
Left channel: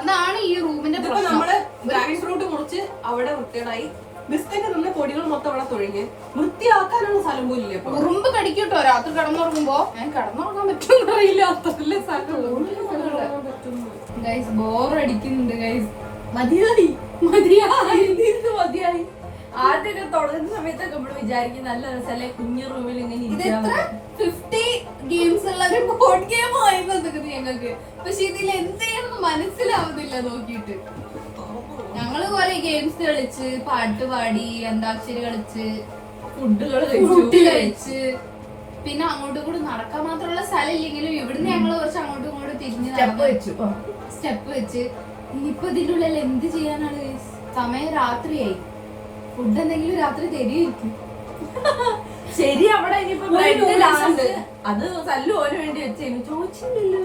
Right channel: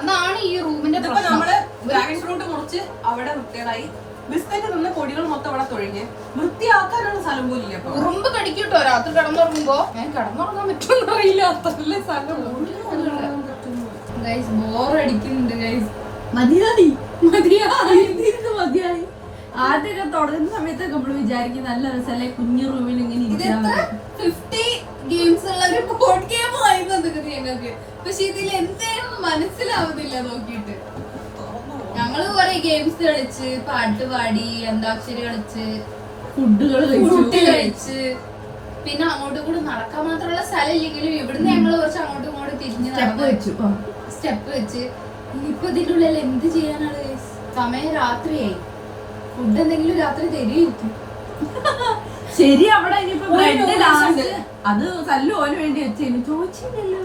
അതാണ് ഈ റൂമിന്റെ ഇതിപ്പോ പ്രശ്നം. നമ്മള് ഡ്രാഗൺ ഫ്രൂട്ട് മുറിച്ച് അവിടെ വൃത്തികേടായി. ബിസ്ക്കറ്റ് നിന്ന് പൊടികൾ മൊത്തം ഇവിടെ തൊഴിഞ്ഞ് വൃത്തിയാക്കാനുള്ള സ്ഥലം പോലും ഇല്ല. അപ്പൊ ഉറുമ്പ് കടിക്കൂട്ടോ രാത്രി കിടന്നുറങ്ങുമ്പോ. ഞാൻ കിടന്നുറങ്ങാൻ പറ്റുമെന്ന് അറിയില്ല. അത്രല്ലേ ഗൈസ് ബോറടിക്കുന്നുണ്ട് ഗൈസ്. മതിയായി മതിയായി. ആദ്യമൊക്കെ തുടങ്ങുന്ന സമയത്തൊക്കെ നമ്മൾ വിചാരിക്കും നല്ല രസമല്ലേ കുഞ്ഞു റൂമിൽ ഇങ്ങനെ ഇരിക്കാൻ. 50 ഗെയിംസ് ഉള്ള ഒരു ബോർഡ് ഗെയിം ആയിരുന്നു ഞങ്ങൾക്ക്. പക്ഷെ ഇതിൽ എന്തായിരുന്നു മനസ്സിലാവുന്നില്ല നോക്കിയിട്ട്. ഞങ്ങള് കൊറേ ഗെയിംസ് കളിച്ച് പാട്ട് പാടി അന്താക്ഷരി കളിച്ച് ഫുഡ് കഴിച്ച് പിന്നെ അങ്ങോട്ടും കൂടെ നടക്കാൻ മാത്രമുള്ള സ്ഥലം ഇല്ലെങ്കിലും ഇവിടുന്ന് ഞങ്ങള് കുറച്ച് അങ്ങോട്ടും ഇങ്ങോട്ടും തിരിഞ്ഞ് സ്റ്റെപ്പ് വെച്ച് ഇനിയിപ്പൊ ഇതിന്റെ ഉള്ളിൽ എന്ത് ചെയ്യാനാണ് guys? സമയം രാത്രിയായി. ഫുഡ് എന്തെങ്കിലും രാത്രി തരുമായിരിക്കും. ശരി അവിടെ ഇനിയിപ്പോ ബ്രെഡ് ലാസ്റ്റ് അത് തല്ലു ഓന് വേണ്ടി വെച്ച് ചോദിച്ചില്ലല്ലോ.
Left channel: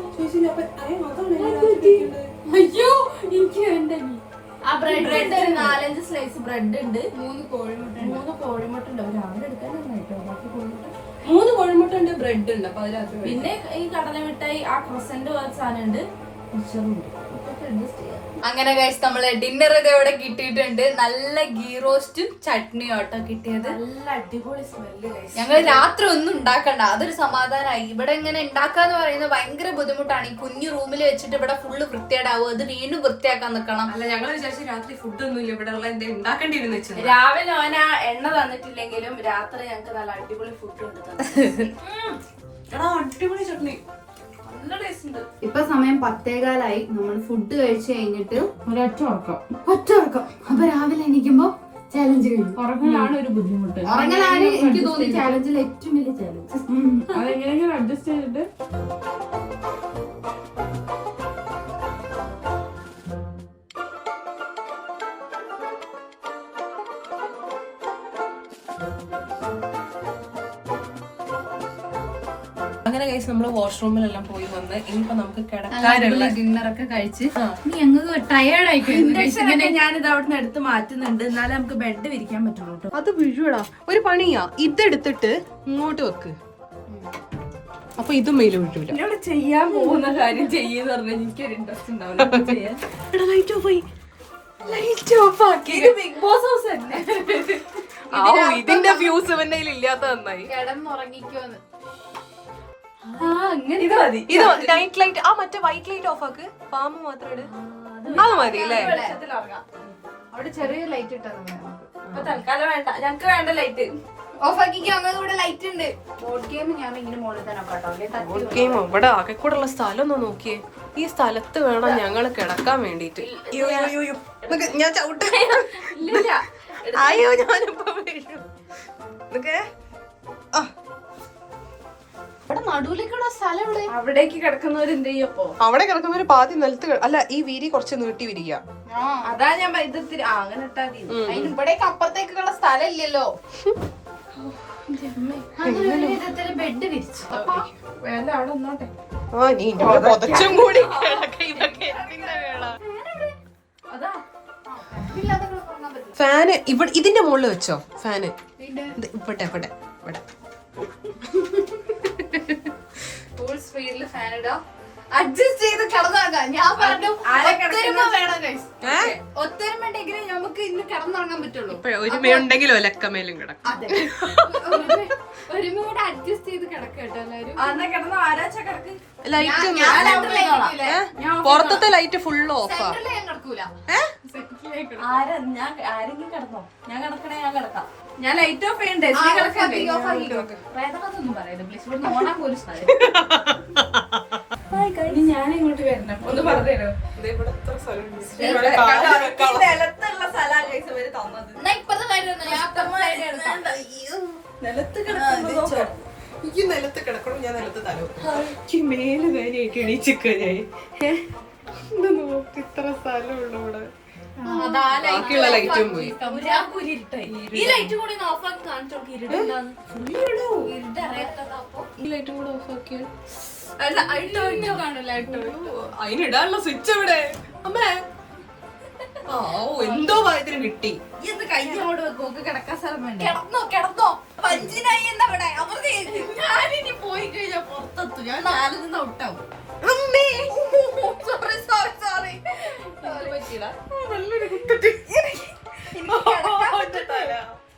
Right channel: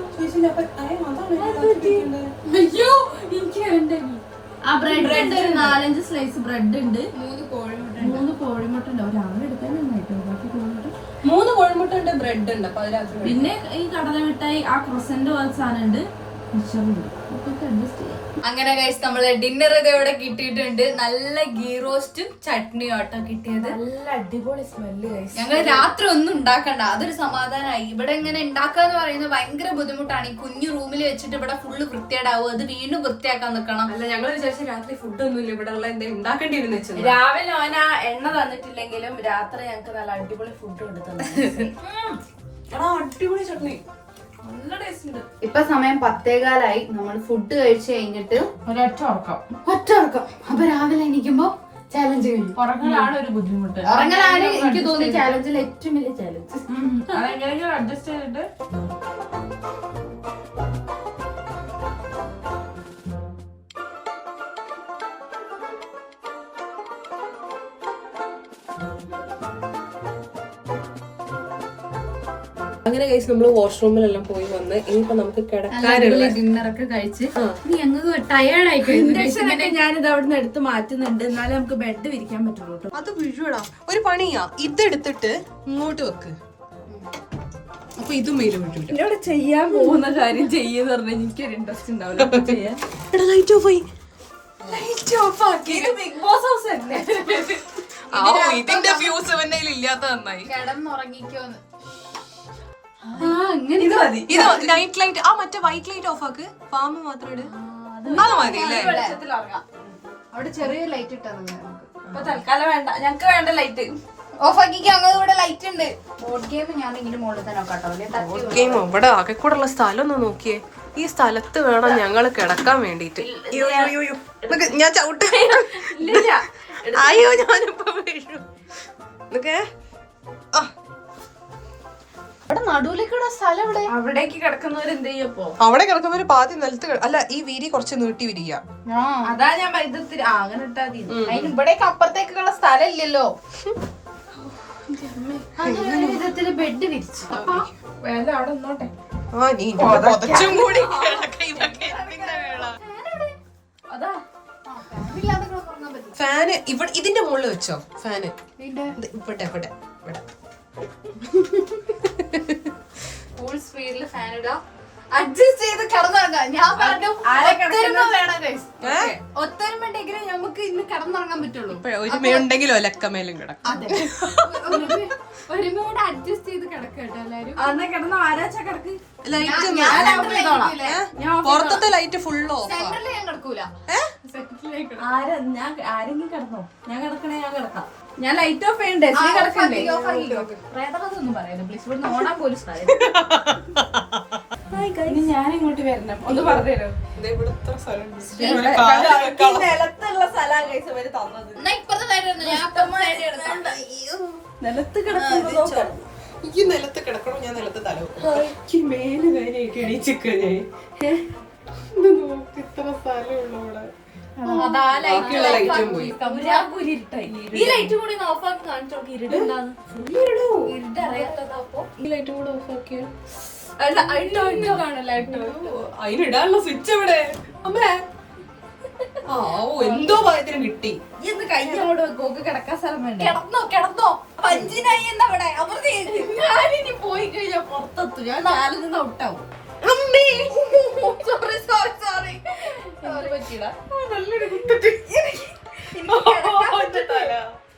അയ്യോ എനിക്ക് വേണ്ട. ആ ബ്രെഡ് ഒരു 4-5 സ്ലൈസ് ബ്രെഡ് ഉണ്ട്. 3 കോഴിമുട്ട 3 കോഴിമുട്ട ഉണ്ട്. ഒരാളെ എടുക്കാൻ 3 കോഴിമുട്ട ഉണ്ട്, ബ്രെഡ് ഉണ്ട്. അപ്പൊ അതിനകത്ത് പിന്നെ ഈ കടല മിഠായി ആ ക്രസന്റ് പോലത്തെ സാധനം ഉണ്ട്. അങ്ങനെ ഗൈസ് നമ്മള് ഡിന്നർ ഇവിടെ കിട്ടിയിട്ടുണ്ട്. നല്ല ഗീ റോസ്റ്റും ചട്നിയും ആട്ടോ കിട്ടിയത്. നല്ല അടിപൊളി സ്മെല്ല്. ഞങ്ങൾ രാത്രി ഒന്നും ഉണ്ടാക്കണ്ട, അതൊരു സമാധാനമായി. ഇവിടെ ഇങ്ങനെ ഉണ്ടാക്കാന്ന് പറയുന്നത് ഭയങ്കര ബുദ്ധിമുട്ടാണ്. ഈ കുഞ്ഞു റൂമിൽ വെച്ചിട്ട് ഇവിടെ ഫുള്ള് വൃത്തിയേടാവും. അത് വീണ്ടും വൃത്തിയാക്കാൻ നിൽക്കണം. അല്ല ഞങ്ങൾ വിചാരിച്ചു രാത്രി ഫുഡ് ഒന്നും ഇല്ല, ഇവിടെ ഉള്ള എന്തെങ്കിലും ഉണ്ടാക്കേണ്ടിയിരുന്നു വെച്ചത്. രാവിലെ ഓന എണ്ണ തന്നിട്ടില്ലെങ്കിലും രാത്രി ഞങ്ങക്ക് നല്ല അടിപൊളി ഫുഡ് കൊടുത്തു. അടിപൊളി ചട്നി, നല്ല ടേസ്റ്റ് ഉണ്ട്. ഇപ്പൊ സമയം 10:15. നമ്മൾ ഫുഡ് കഴിച്ചു കഴിഞ്ഞിട്ട് ഒരൊറ്റ ഉറക്കം. അപ്പൊ രാവിലെ എണീക്കുമ്പോ ചാലഞ്ച് കഴിഞ്ഞു. ഉറങ്ങലാണ് ഒരു ബുദ്ധിമുട്ട്. ഉറങ്ങലാണ് എനിക്ക് തോന്നി ചാലഞ്ചിൽ ഏറ്റവും വലിയ ചാലഞ്ച്. അതെങ്ങനെയെങ്കിലും അഡ്ജസ്റ്റ് ചെയ്തിട്ട് അങ്ങനെ കഴിച്ച് നമ്മള് വാഷ്റൂമിലെല്ലാം പോയി വന്ന് ഇനിയിപ്പോ നമുക്ക് കിടക്കാനുള്ള ഡിന്നറൊക്കെ കഴിച്ച് ഞങ്ങൾക്ക് ടയേർഡായി പോയി. ഞാനിത് അവിടെ നിന്ന് എടുത്ത് മാറ്റുന്നുണ്ട്. എന്നാലേ നമുക്ക് ബെഡ് വിരിക്കാൻ പറ്റുള്ളൂ കേട്ടോ. അത് വീഴൂടാ. ഒരു പണിയാ, ഇതെടുത്തിട്ട് ഇങ്ങോട്ട് വെക്ക്. അപ്പൊ ഇതും മെയില് വീഴൂല. ഇവിടെ ചെയ്യാൻ പോകുന്ന കാര്യം ചെയ്യുന്ന പറഞ്ഞാൽ എനിക്കൊരു ഇൻട്രസ്റ്റ് ഉണ്ടാവില്ല ചെയ്യാൻ. ലൈറ്റ് ഓഫ് ആയി. ലൈറ്റ് ഓഫ് ആക്കി. ഇത് ബിഗ് ബോസ് ഹൗസ് തന്നെ. ഇതിന്റെ ഫ്യൂസ് ഇവന്റെ ഇല്ലാത്ത നന്നായി. കിടന്നുറങ്ങിക്കോന്ന്. ഇത് നൈറ്റ് ലൈറ്റ്, ആ മറ്റേ വൈറ്റ് ലൈറ്റ് ഓഫ് ആക്ക്. ഫാം മാത്രം ഇട്. അത് മതി അല്ലേ? അവിടെ ചെറിയ ലൈറ്റ് ഇട്ടത് തൽക്കാലം വേണ്ട, ഞങ്ങക്ക് വേണ്ട ലൈറ്റ്. ഓഫ് ആക്കി. അങ്ങനെ ഇവിടെ ലൈറ്റ് ഉണ്ട്. ബോർഡ് ഗെയിം ഞാൻ ഇങ്ങനെ മുകളിൽ തന്നെ കേട്ടോ. ഗെയിം ഇവിടെ ആകെ കൂടെ ഉള്ള സ്ഥലം ഒന്ന് നോക്കിയേ. ഈ സ്ഥലത്ത് വേണം ഞങ്ങള് കിടക്കാൻ വേണ്ടിട്ട്. ഞാൻ ചവിട്ട്. അയ്യോ ഞാനിപ്പോ വീഴു. നടുവിലേക്കുള്ള സ്ഥലം ഇവിടെ. അവിടേക്ക് കിടക്കുന്നവർ എന്ത് ചെയ്യപ്പോ? അവിടെ കിടക്കുന്നൊരു പാതി നിലത്ത് അല്ല, ഈ വീതി കുറച്ച് നീട്ടി വിരിക. അതാ ഞാൻ അങ്ങനെ ഇട്ടാ ഇവിടേക്ക് അപ്പുറത്തേക്കുള്ള സ്ഥലം ഇല്ലല്ലോ. ബെഡ് വിരിച്ചു. വേണ്ട അവിടെ നിന്നോട്ടെ. ആ നീ പുതച്ചും കൂടി ഇതൊക്കെ എന്തിന്റെ കേളാ. ഫാന് ഇവിടെ ഇതിന്റെ മുകളിൽ വെച്ചോ. ഫാന് ഇവിടെ ഇവിടെ ഇവിടെ ഫുൾ സ്പീഡിൽ ഫാൻ ഇടാം. അഡ്ജസ്റ്റ് ചെയ്ത് കിടന്നിറങ്ങാം. ഞാൻ പറഞ്ഞു ഒത്തൊരുമ വേണം ഗൈസ്. ഒത്തൊരുമ ഉണ്ടെങ്കിൽ നമുക്ക് ഇന്ന് കിടന്നിറങ്ങാൻ പറ്റുള്ളൂ. ഒരുമയുണ്ടെങ്കിലോ ലക്കമേലും കിടക്കും. അതെ, ഒരുമയോടെ അഡ്ജസ്റ്റ് ചെയ്ത് കിടക്കുക കേട്ടോ എല്ലാരും. അന്ന് കിടന്ന ആരാച്ച കിടക്ക്. പുറത്തത്തെ ലൈറ്റ് ഫുൾ ഓഫാ. സെന്ററിൽ ഞാൻ കിടക്കൂല. ആരെങ്കിലും കിടന്നോ? ഞാൻ കിടക്കണേ, ഞാൻ കിടക്കാം. ഞാൻ ലൈറ്റ് ഓഫ് ചെയ്യണ്ടേ? പ്രേതകഥയൊന്നും പറയുന്നത് പ്ലീസ്. ഇവിടെ നോടാൻ പോലും സ്ഥലം. ഞാൻ ഇങ്ങോട്ട് വരണം. ഒന്ന് പറഞ്ഞുതരോ? നിലത്തുള്ള സ്ഥലം എന്നാ ഇപ്പുറത്തെ സൈഡ് ഞാൻ അപ്പുറത്തെ സൈഡ് എടുക്കാം. നിലത്ത് കിടക്കുന്നത് എനിക്ക് നിലത്ത് കിടക്കണം. ഞാൻ നിലത്ത് തല എനിക്ക് മേല് കാര്യമായിട്ട് എണീച്ചിക്കേ. ഇത്ര സ്ഥലമുള്ളൂ ഇവിടെ. ഈ ലൈറ്റ് കൂടി ഓഫ് ആക്കി കാണിച്ചു നോക്കി. ഇരുട്ടുണ്ടാകും. ഈ ലൈറ്റും കൂടെ ഓഫ് ആക്കിയാൽ അതിനിടാനുള്ള സ്വിച്ച് എവിടെ അമ്മേ? ആ എന്തോ ഭാഗ്യത്തിന് കിട്ടി. ഇന്ന് കഴിഞ്ഞോട് വെക്കോക്ക് കിടക്കാൻ സ്ഥലം വേണ്ടേ? കിടന്നോ പഞ്ചിനായി എന്താ അവിടെ അവർക്ക് ഞാനിനി പോയി കഴിഞ്ഞാൽ പുറത്തെത്തും. ഞാൻ നാലിൽ നിന്ന് ഔട്ടാവും. സോറി നല്ലൊരു കുത്തറ്റ്.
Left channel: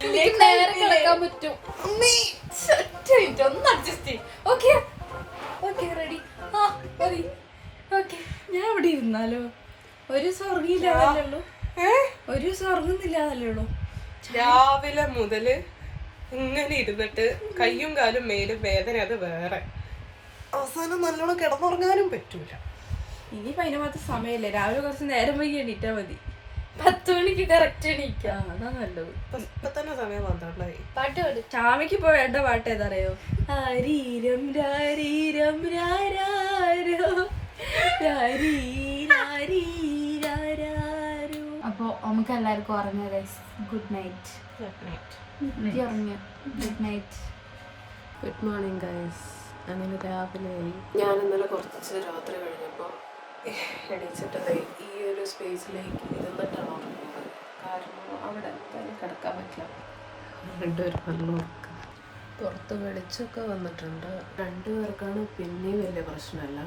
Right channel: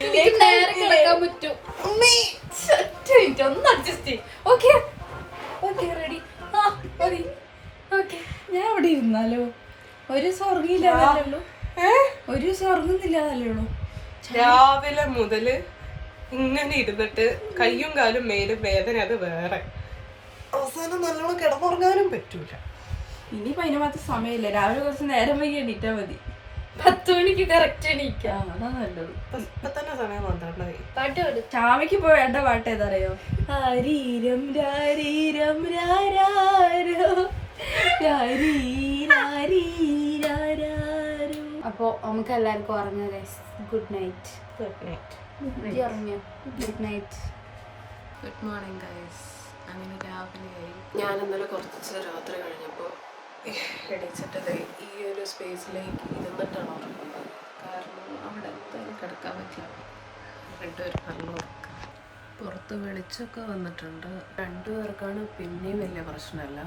എനിക്ക് നേരെ കിടക്കാൻ പറ്റും. ഒന്ന് അഡ്ജസ്റ്റ് ചെയ്യും. Okay ready. ഞാൻ ഇവിടെ ഇരുന്നാലോ? ഒരു സ്വർഗില്ലാതല്ലേ ഒരു സ്വർഗുന്നില്ലാതല്ലേ ഉള്ളൂ. രാവിലെ മുതല് ഇങ്ങനെ ഇരുന്നിട്ട് കയ്യും കാലും മേലും വേദന അത് വേറെ. അവസാനം നല്ലോണം കിടന്നുറങ്ങാനും പറ്റൂല. ഇനിയിപ്പോ അതിന് മാത്രം സമയമില്ല. രാവിലെ കുറച്ച് നേരം വൈകി എണീറ്റാ മതി. 10 മണിക്ക് കറക്റ്റ് എണീക്കാം. അതാ നല്ലത്. ഇപ്പൊ തന്നെ സമയം 12 പാട്ട് പാട്. ചാമയ്ക്ക് ഇപ്പൊ വേണ്ട പാട്ട് ഏതറിയോ? ആരീരം രാരീരം രാരാരോ രാരീരാരീരാരോ. അപ്പൊ നമുക്ക് എല്ലാവർക്കും ഉറങ്ങാം. Good night. ഉറങ്ങിയോ? Good night. Good morning guys. അങ്ങനെ രാവിലെയായി. ഞാൻ ഇന്നലെ കുറച്ച് രാത്രി കഴിഞ്ഞപ്പോൾ എണീച്ചിട്ടത് ഈ ഒരു സ്പേസിലേക്ക് ഇരുന്നിട്ടാണ് ഉറങ്ങുന്നത്. കാരണം അവിടെ എന്തായാലും കിടക്കാൻ പറ്റില്ല. രണ്ടുപേർ കണ്ണുറക്കുക. പുറത്ത് വെളിച്ചമൊക്കെ വന്നിട്ടുണ്ട്. 2 പേർക്കാണ് പിന്നെയും വലിയ പ്രശ്നമല്ല.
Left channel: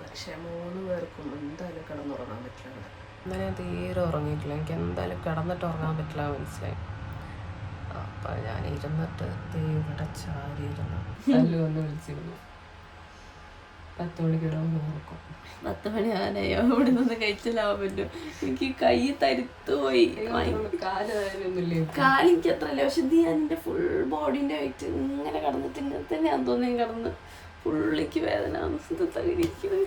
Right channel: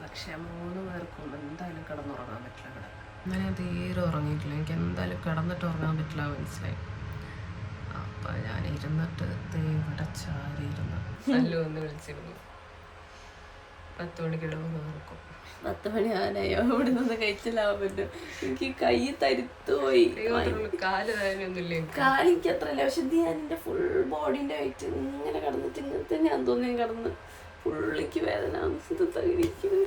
പക്ഷെ 3 പേർക്കും എന്തായാലും കിടന്നുറങ്ങാൻ പറ്റില്ല ഇവിടെ. അങ്ങനെ ഞാൻ തീരെ ഉറങ്ങിയിട്ടില്ല. എനിക്ക് എന്തായാലും കിടന്നിട്ട് ഉറങ്ങാൻ പറ്റില്ല മനസ്സിലായി. അപ്പം ഞാൻ ഇരുന്നിട്ട് ഇവിടെ ചാരി ഇരുന്ന് ഒന്ന് വിളിച്ചിരുന്നു. 10 മണിക്ക് ഇടവന്ന് നോക്കും. 10 മണി ആനായോ? ഇവിടെ നിന്ന് കഴിച്ചില്ലാവാൻ പറ്റും. എനിക്ക് കൈ തരുത്തു പോയി. കാല് വേദനയൊന്നുമില്ലേ? കാലിക്ക് അത്രല്ല. പക്ഷെ ഇത് ഞാൻ എൻ്റെ ഫുൾ ബോഡീൻ്റെ വെയിറ്റ് ഇങ്ങനെ കടന്നിട്ട് ഇങ്ങനെ തന്നെ ഞാൻ തോന്നി കടന്ന് ഫുള്ളിക്ക് വേദന തകരിക്കുന്നത്.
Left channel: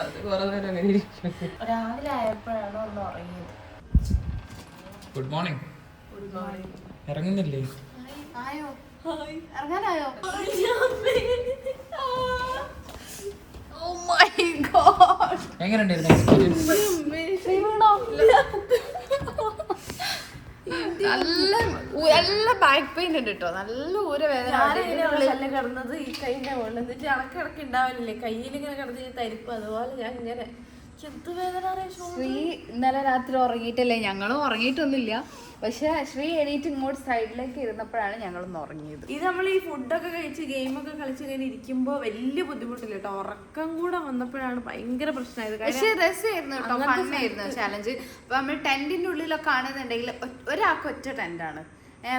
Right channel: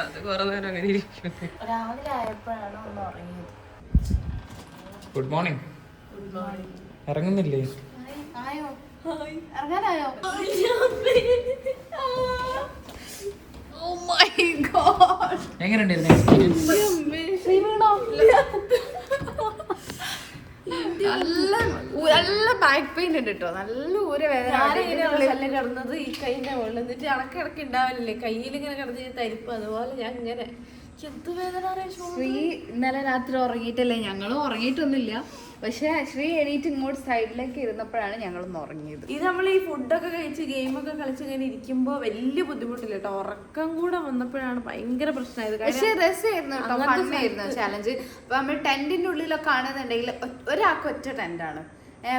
അത് കുറെ നേരം അങ്ങനെ ഇരിക്കും. രാവിലെ ആയപ്പോഴാണ് ഒന്ന് ഉറങ്ങിയത്. Good morning. Good morning. ഇറങ്ങുന്നില്ലേ? ആയോ? ഇറങ്ങാനായോ? Oh my god. എങ്ങനെയുണ്ടായിരുന്നു എക്സ്പീരിയൻസ്? നല്ല ബാക്ക് പെയിൻ ഉണ്ട് കേട്ടോ. നല്ല ഊരവേദന. ഞാനിങ്ങനെ കിടന്നത് ഈ കൈന്റെ മുകളിൽ എന്നിട്ട് ഇടക്കിടക്ക് ഉണ്ടാവില്ലേ കയ്യിലിങ്ങനെ കിടന്നിട്ട് തരിപ്പ്. അതുപോലെ ഞാൻ ഇങ്ങനെ എന്ത് വേദന. ശ്രീ ഇന്നലെ രാത്രി ഉറങ്ങിയിട്ടല്ലേ? ഞങ്ങളും ഉറങ്ങിയിട്ടൊന്നുമില്ല. പക്ഷെ ശ്രീ എണീറ്റ് ഇങ്ങോട്ട് സൈഡിലേക്ക് ഇരുന്നപ്പോഴാണ് ഞങ്ങളൊന്ന് ഉറങ്ങിയത്. ഇത് നമ്മൾ ഈ ഫുഡൊക്കെ കഴിച്ച് ഗെയിമൊക്കെ കളിച്ച് ഇങ്ങനെ ഇരിക്കുമ്പോ വലിയ ബുദ്ധിമുട്ടില്ല കേട്ടോ. ഉറക്കം കൂടെ വന്നപ്പോഴാണ് ഭയങ്കര പ്രശ്നമായത്. പക്ഷെ രസമായിരുന്നു കേട്ടോ. ഫണ്ണായിരുന്നു ചാലഞ്ച്. അപ്പൊ നമ്മൾ ടെന്റിന്റെ ഉള്ളിലൊക്കെ ആണെന്നുണ്ടെങ്കിൽ ഒരാൾക്ക് ഒറ്റ ടെന്റാണ്.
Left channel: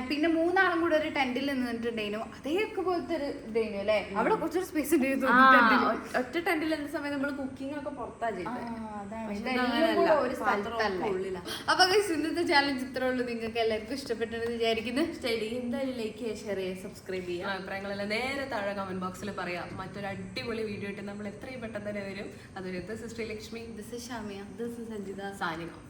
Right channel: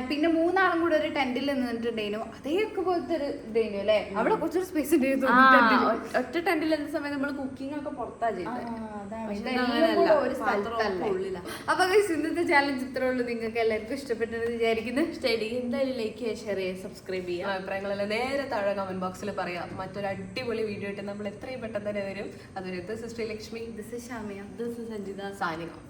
പിന്നെ 3 ആളും കൂടെ ഒരു ടെന്റിൽ നിന്നിട്ടുണ്ടായിരുന്നു. അതേയൊക്കെ പോലത്തെ ഒരു ഇതായിരുന്നു അല്ലെ? അവിടെ കുറച്ചൊരു സ്പേസ് ഉണ്ടായിരുന്നു. ഒറ്റ ടെന്റിൽ എന്ന സമയം നമ്മൾ കുക്കിംഗ് ഒക്കെ പുറത്താ ചെയ്തത്. അപ്പൊ ഇന്നത്തെ ചാലഞ്ച് ഇത്രേ ഉള്ളൂ. നിങ്ങൾക്ക് എല്ലാവർക്കും ഇഷ്ടപ്പെട്ടെന്ന് വിചാരിക്കുന്നു. എന്തായാലും ലൈക്ക് ചെയ്യുക, ഷെയർ ചെയ്യുക, സബ്സ്ക്രൈബ് ചെയ്യുക. അഭിപ്രായങ്ങളെല്ലാം നേരെ താഴെ കമന്റ് ബോക്സിൽ പറയാം. മറ്റൊരു അടിപൊളി വീഡിയോ ആയിട്ട് നമ്മൾ എത്രയും പെട്ടെന്ന് തന്നെ വരും. അതൊരു this is Sreelakshmi, this is Shamiya, this is Sanjitha. signing off.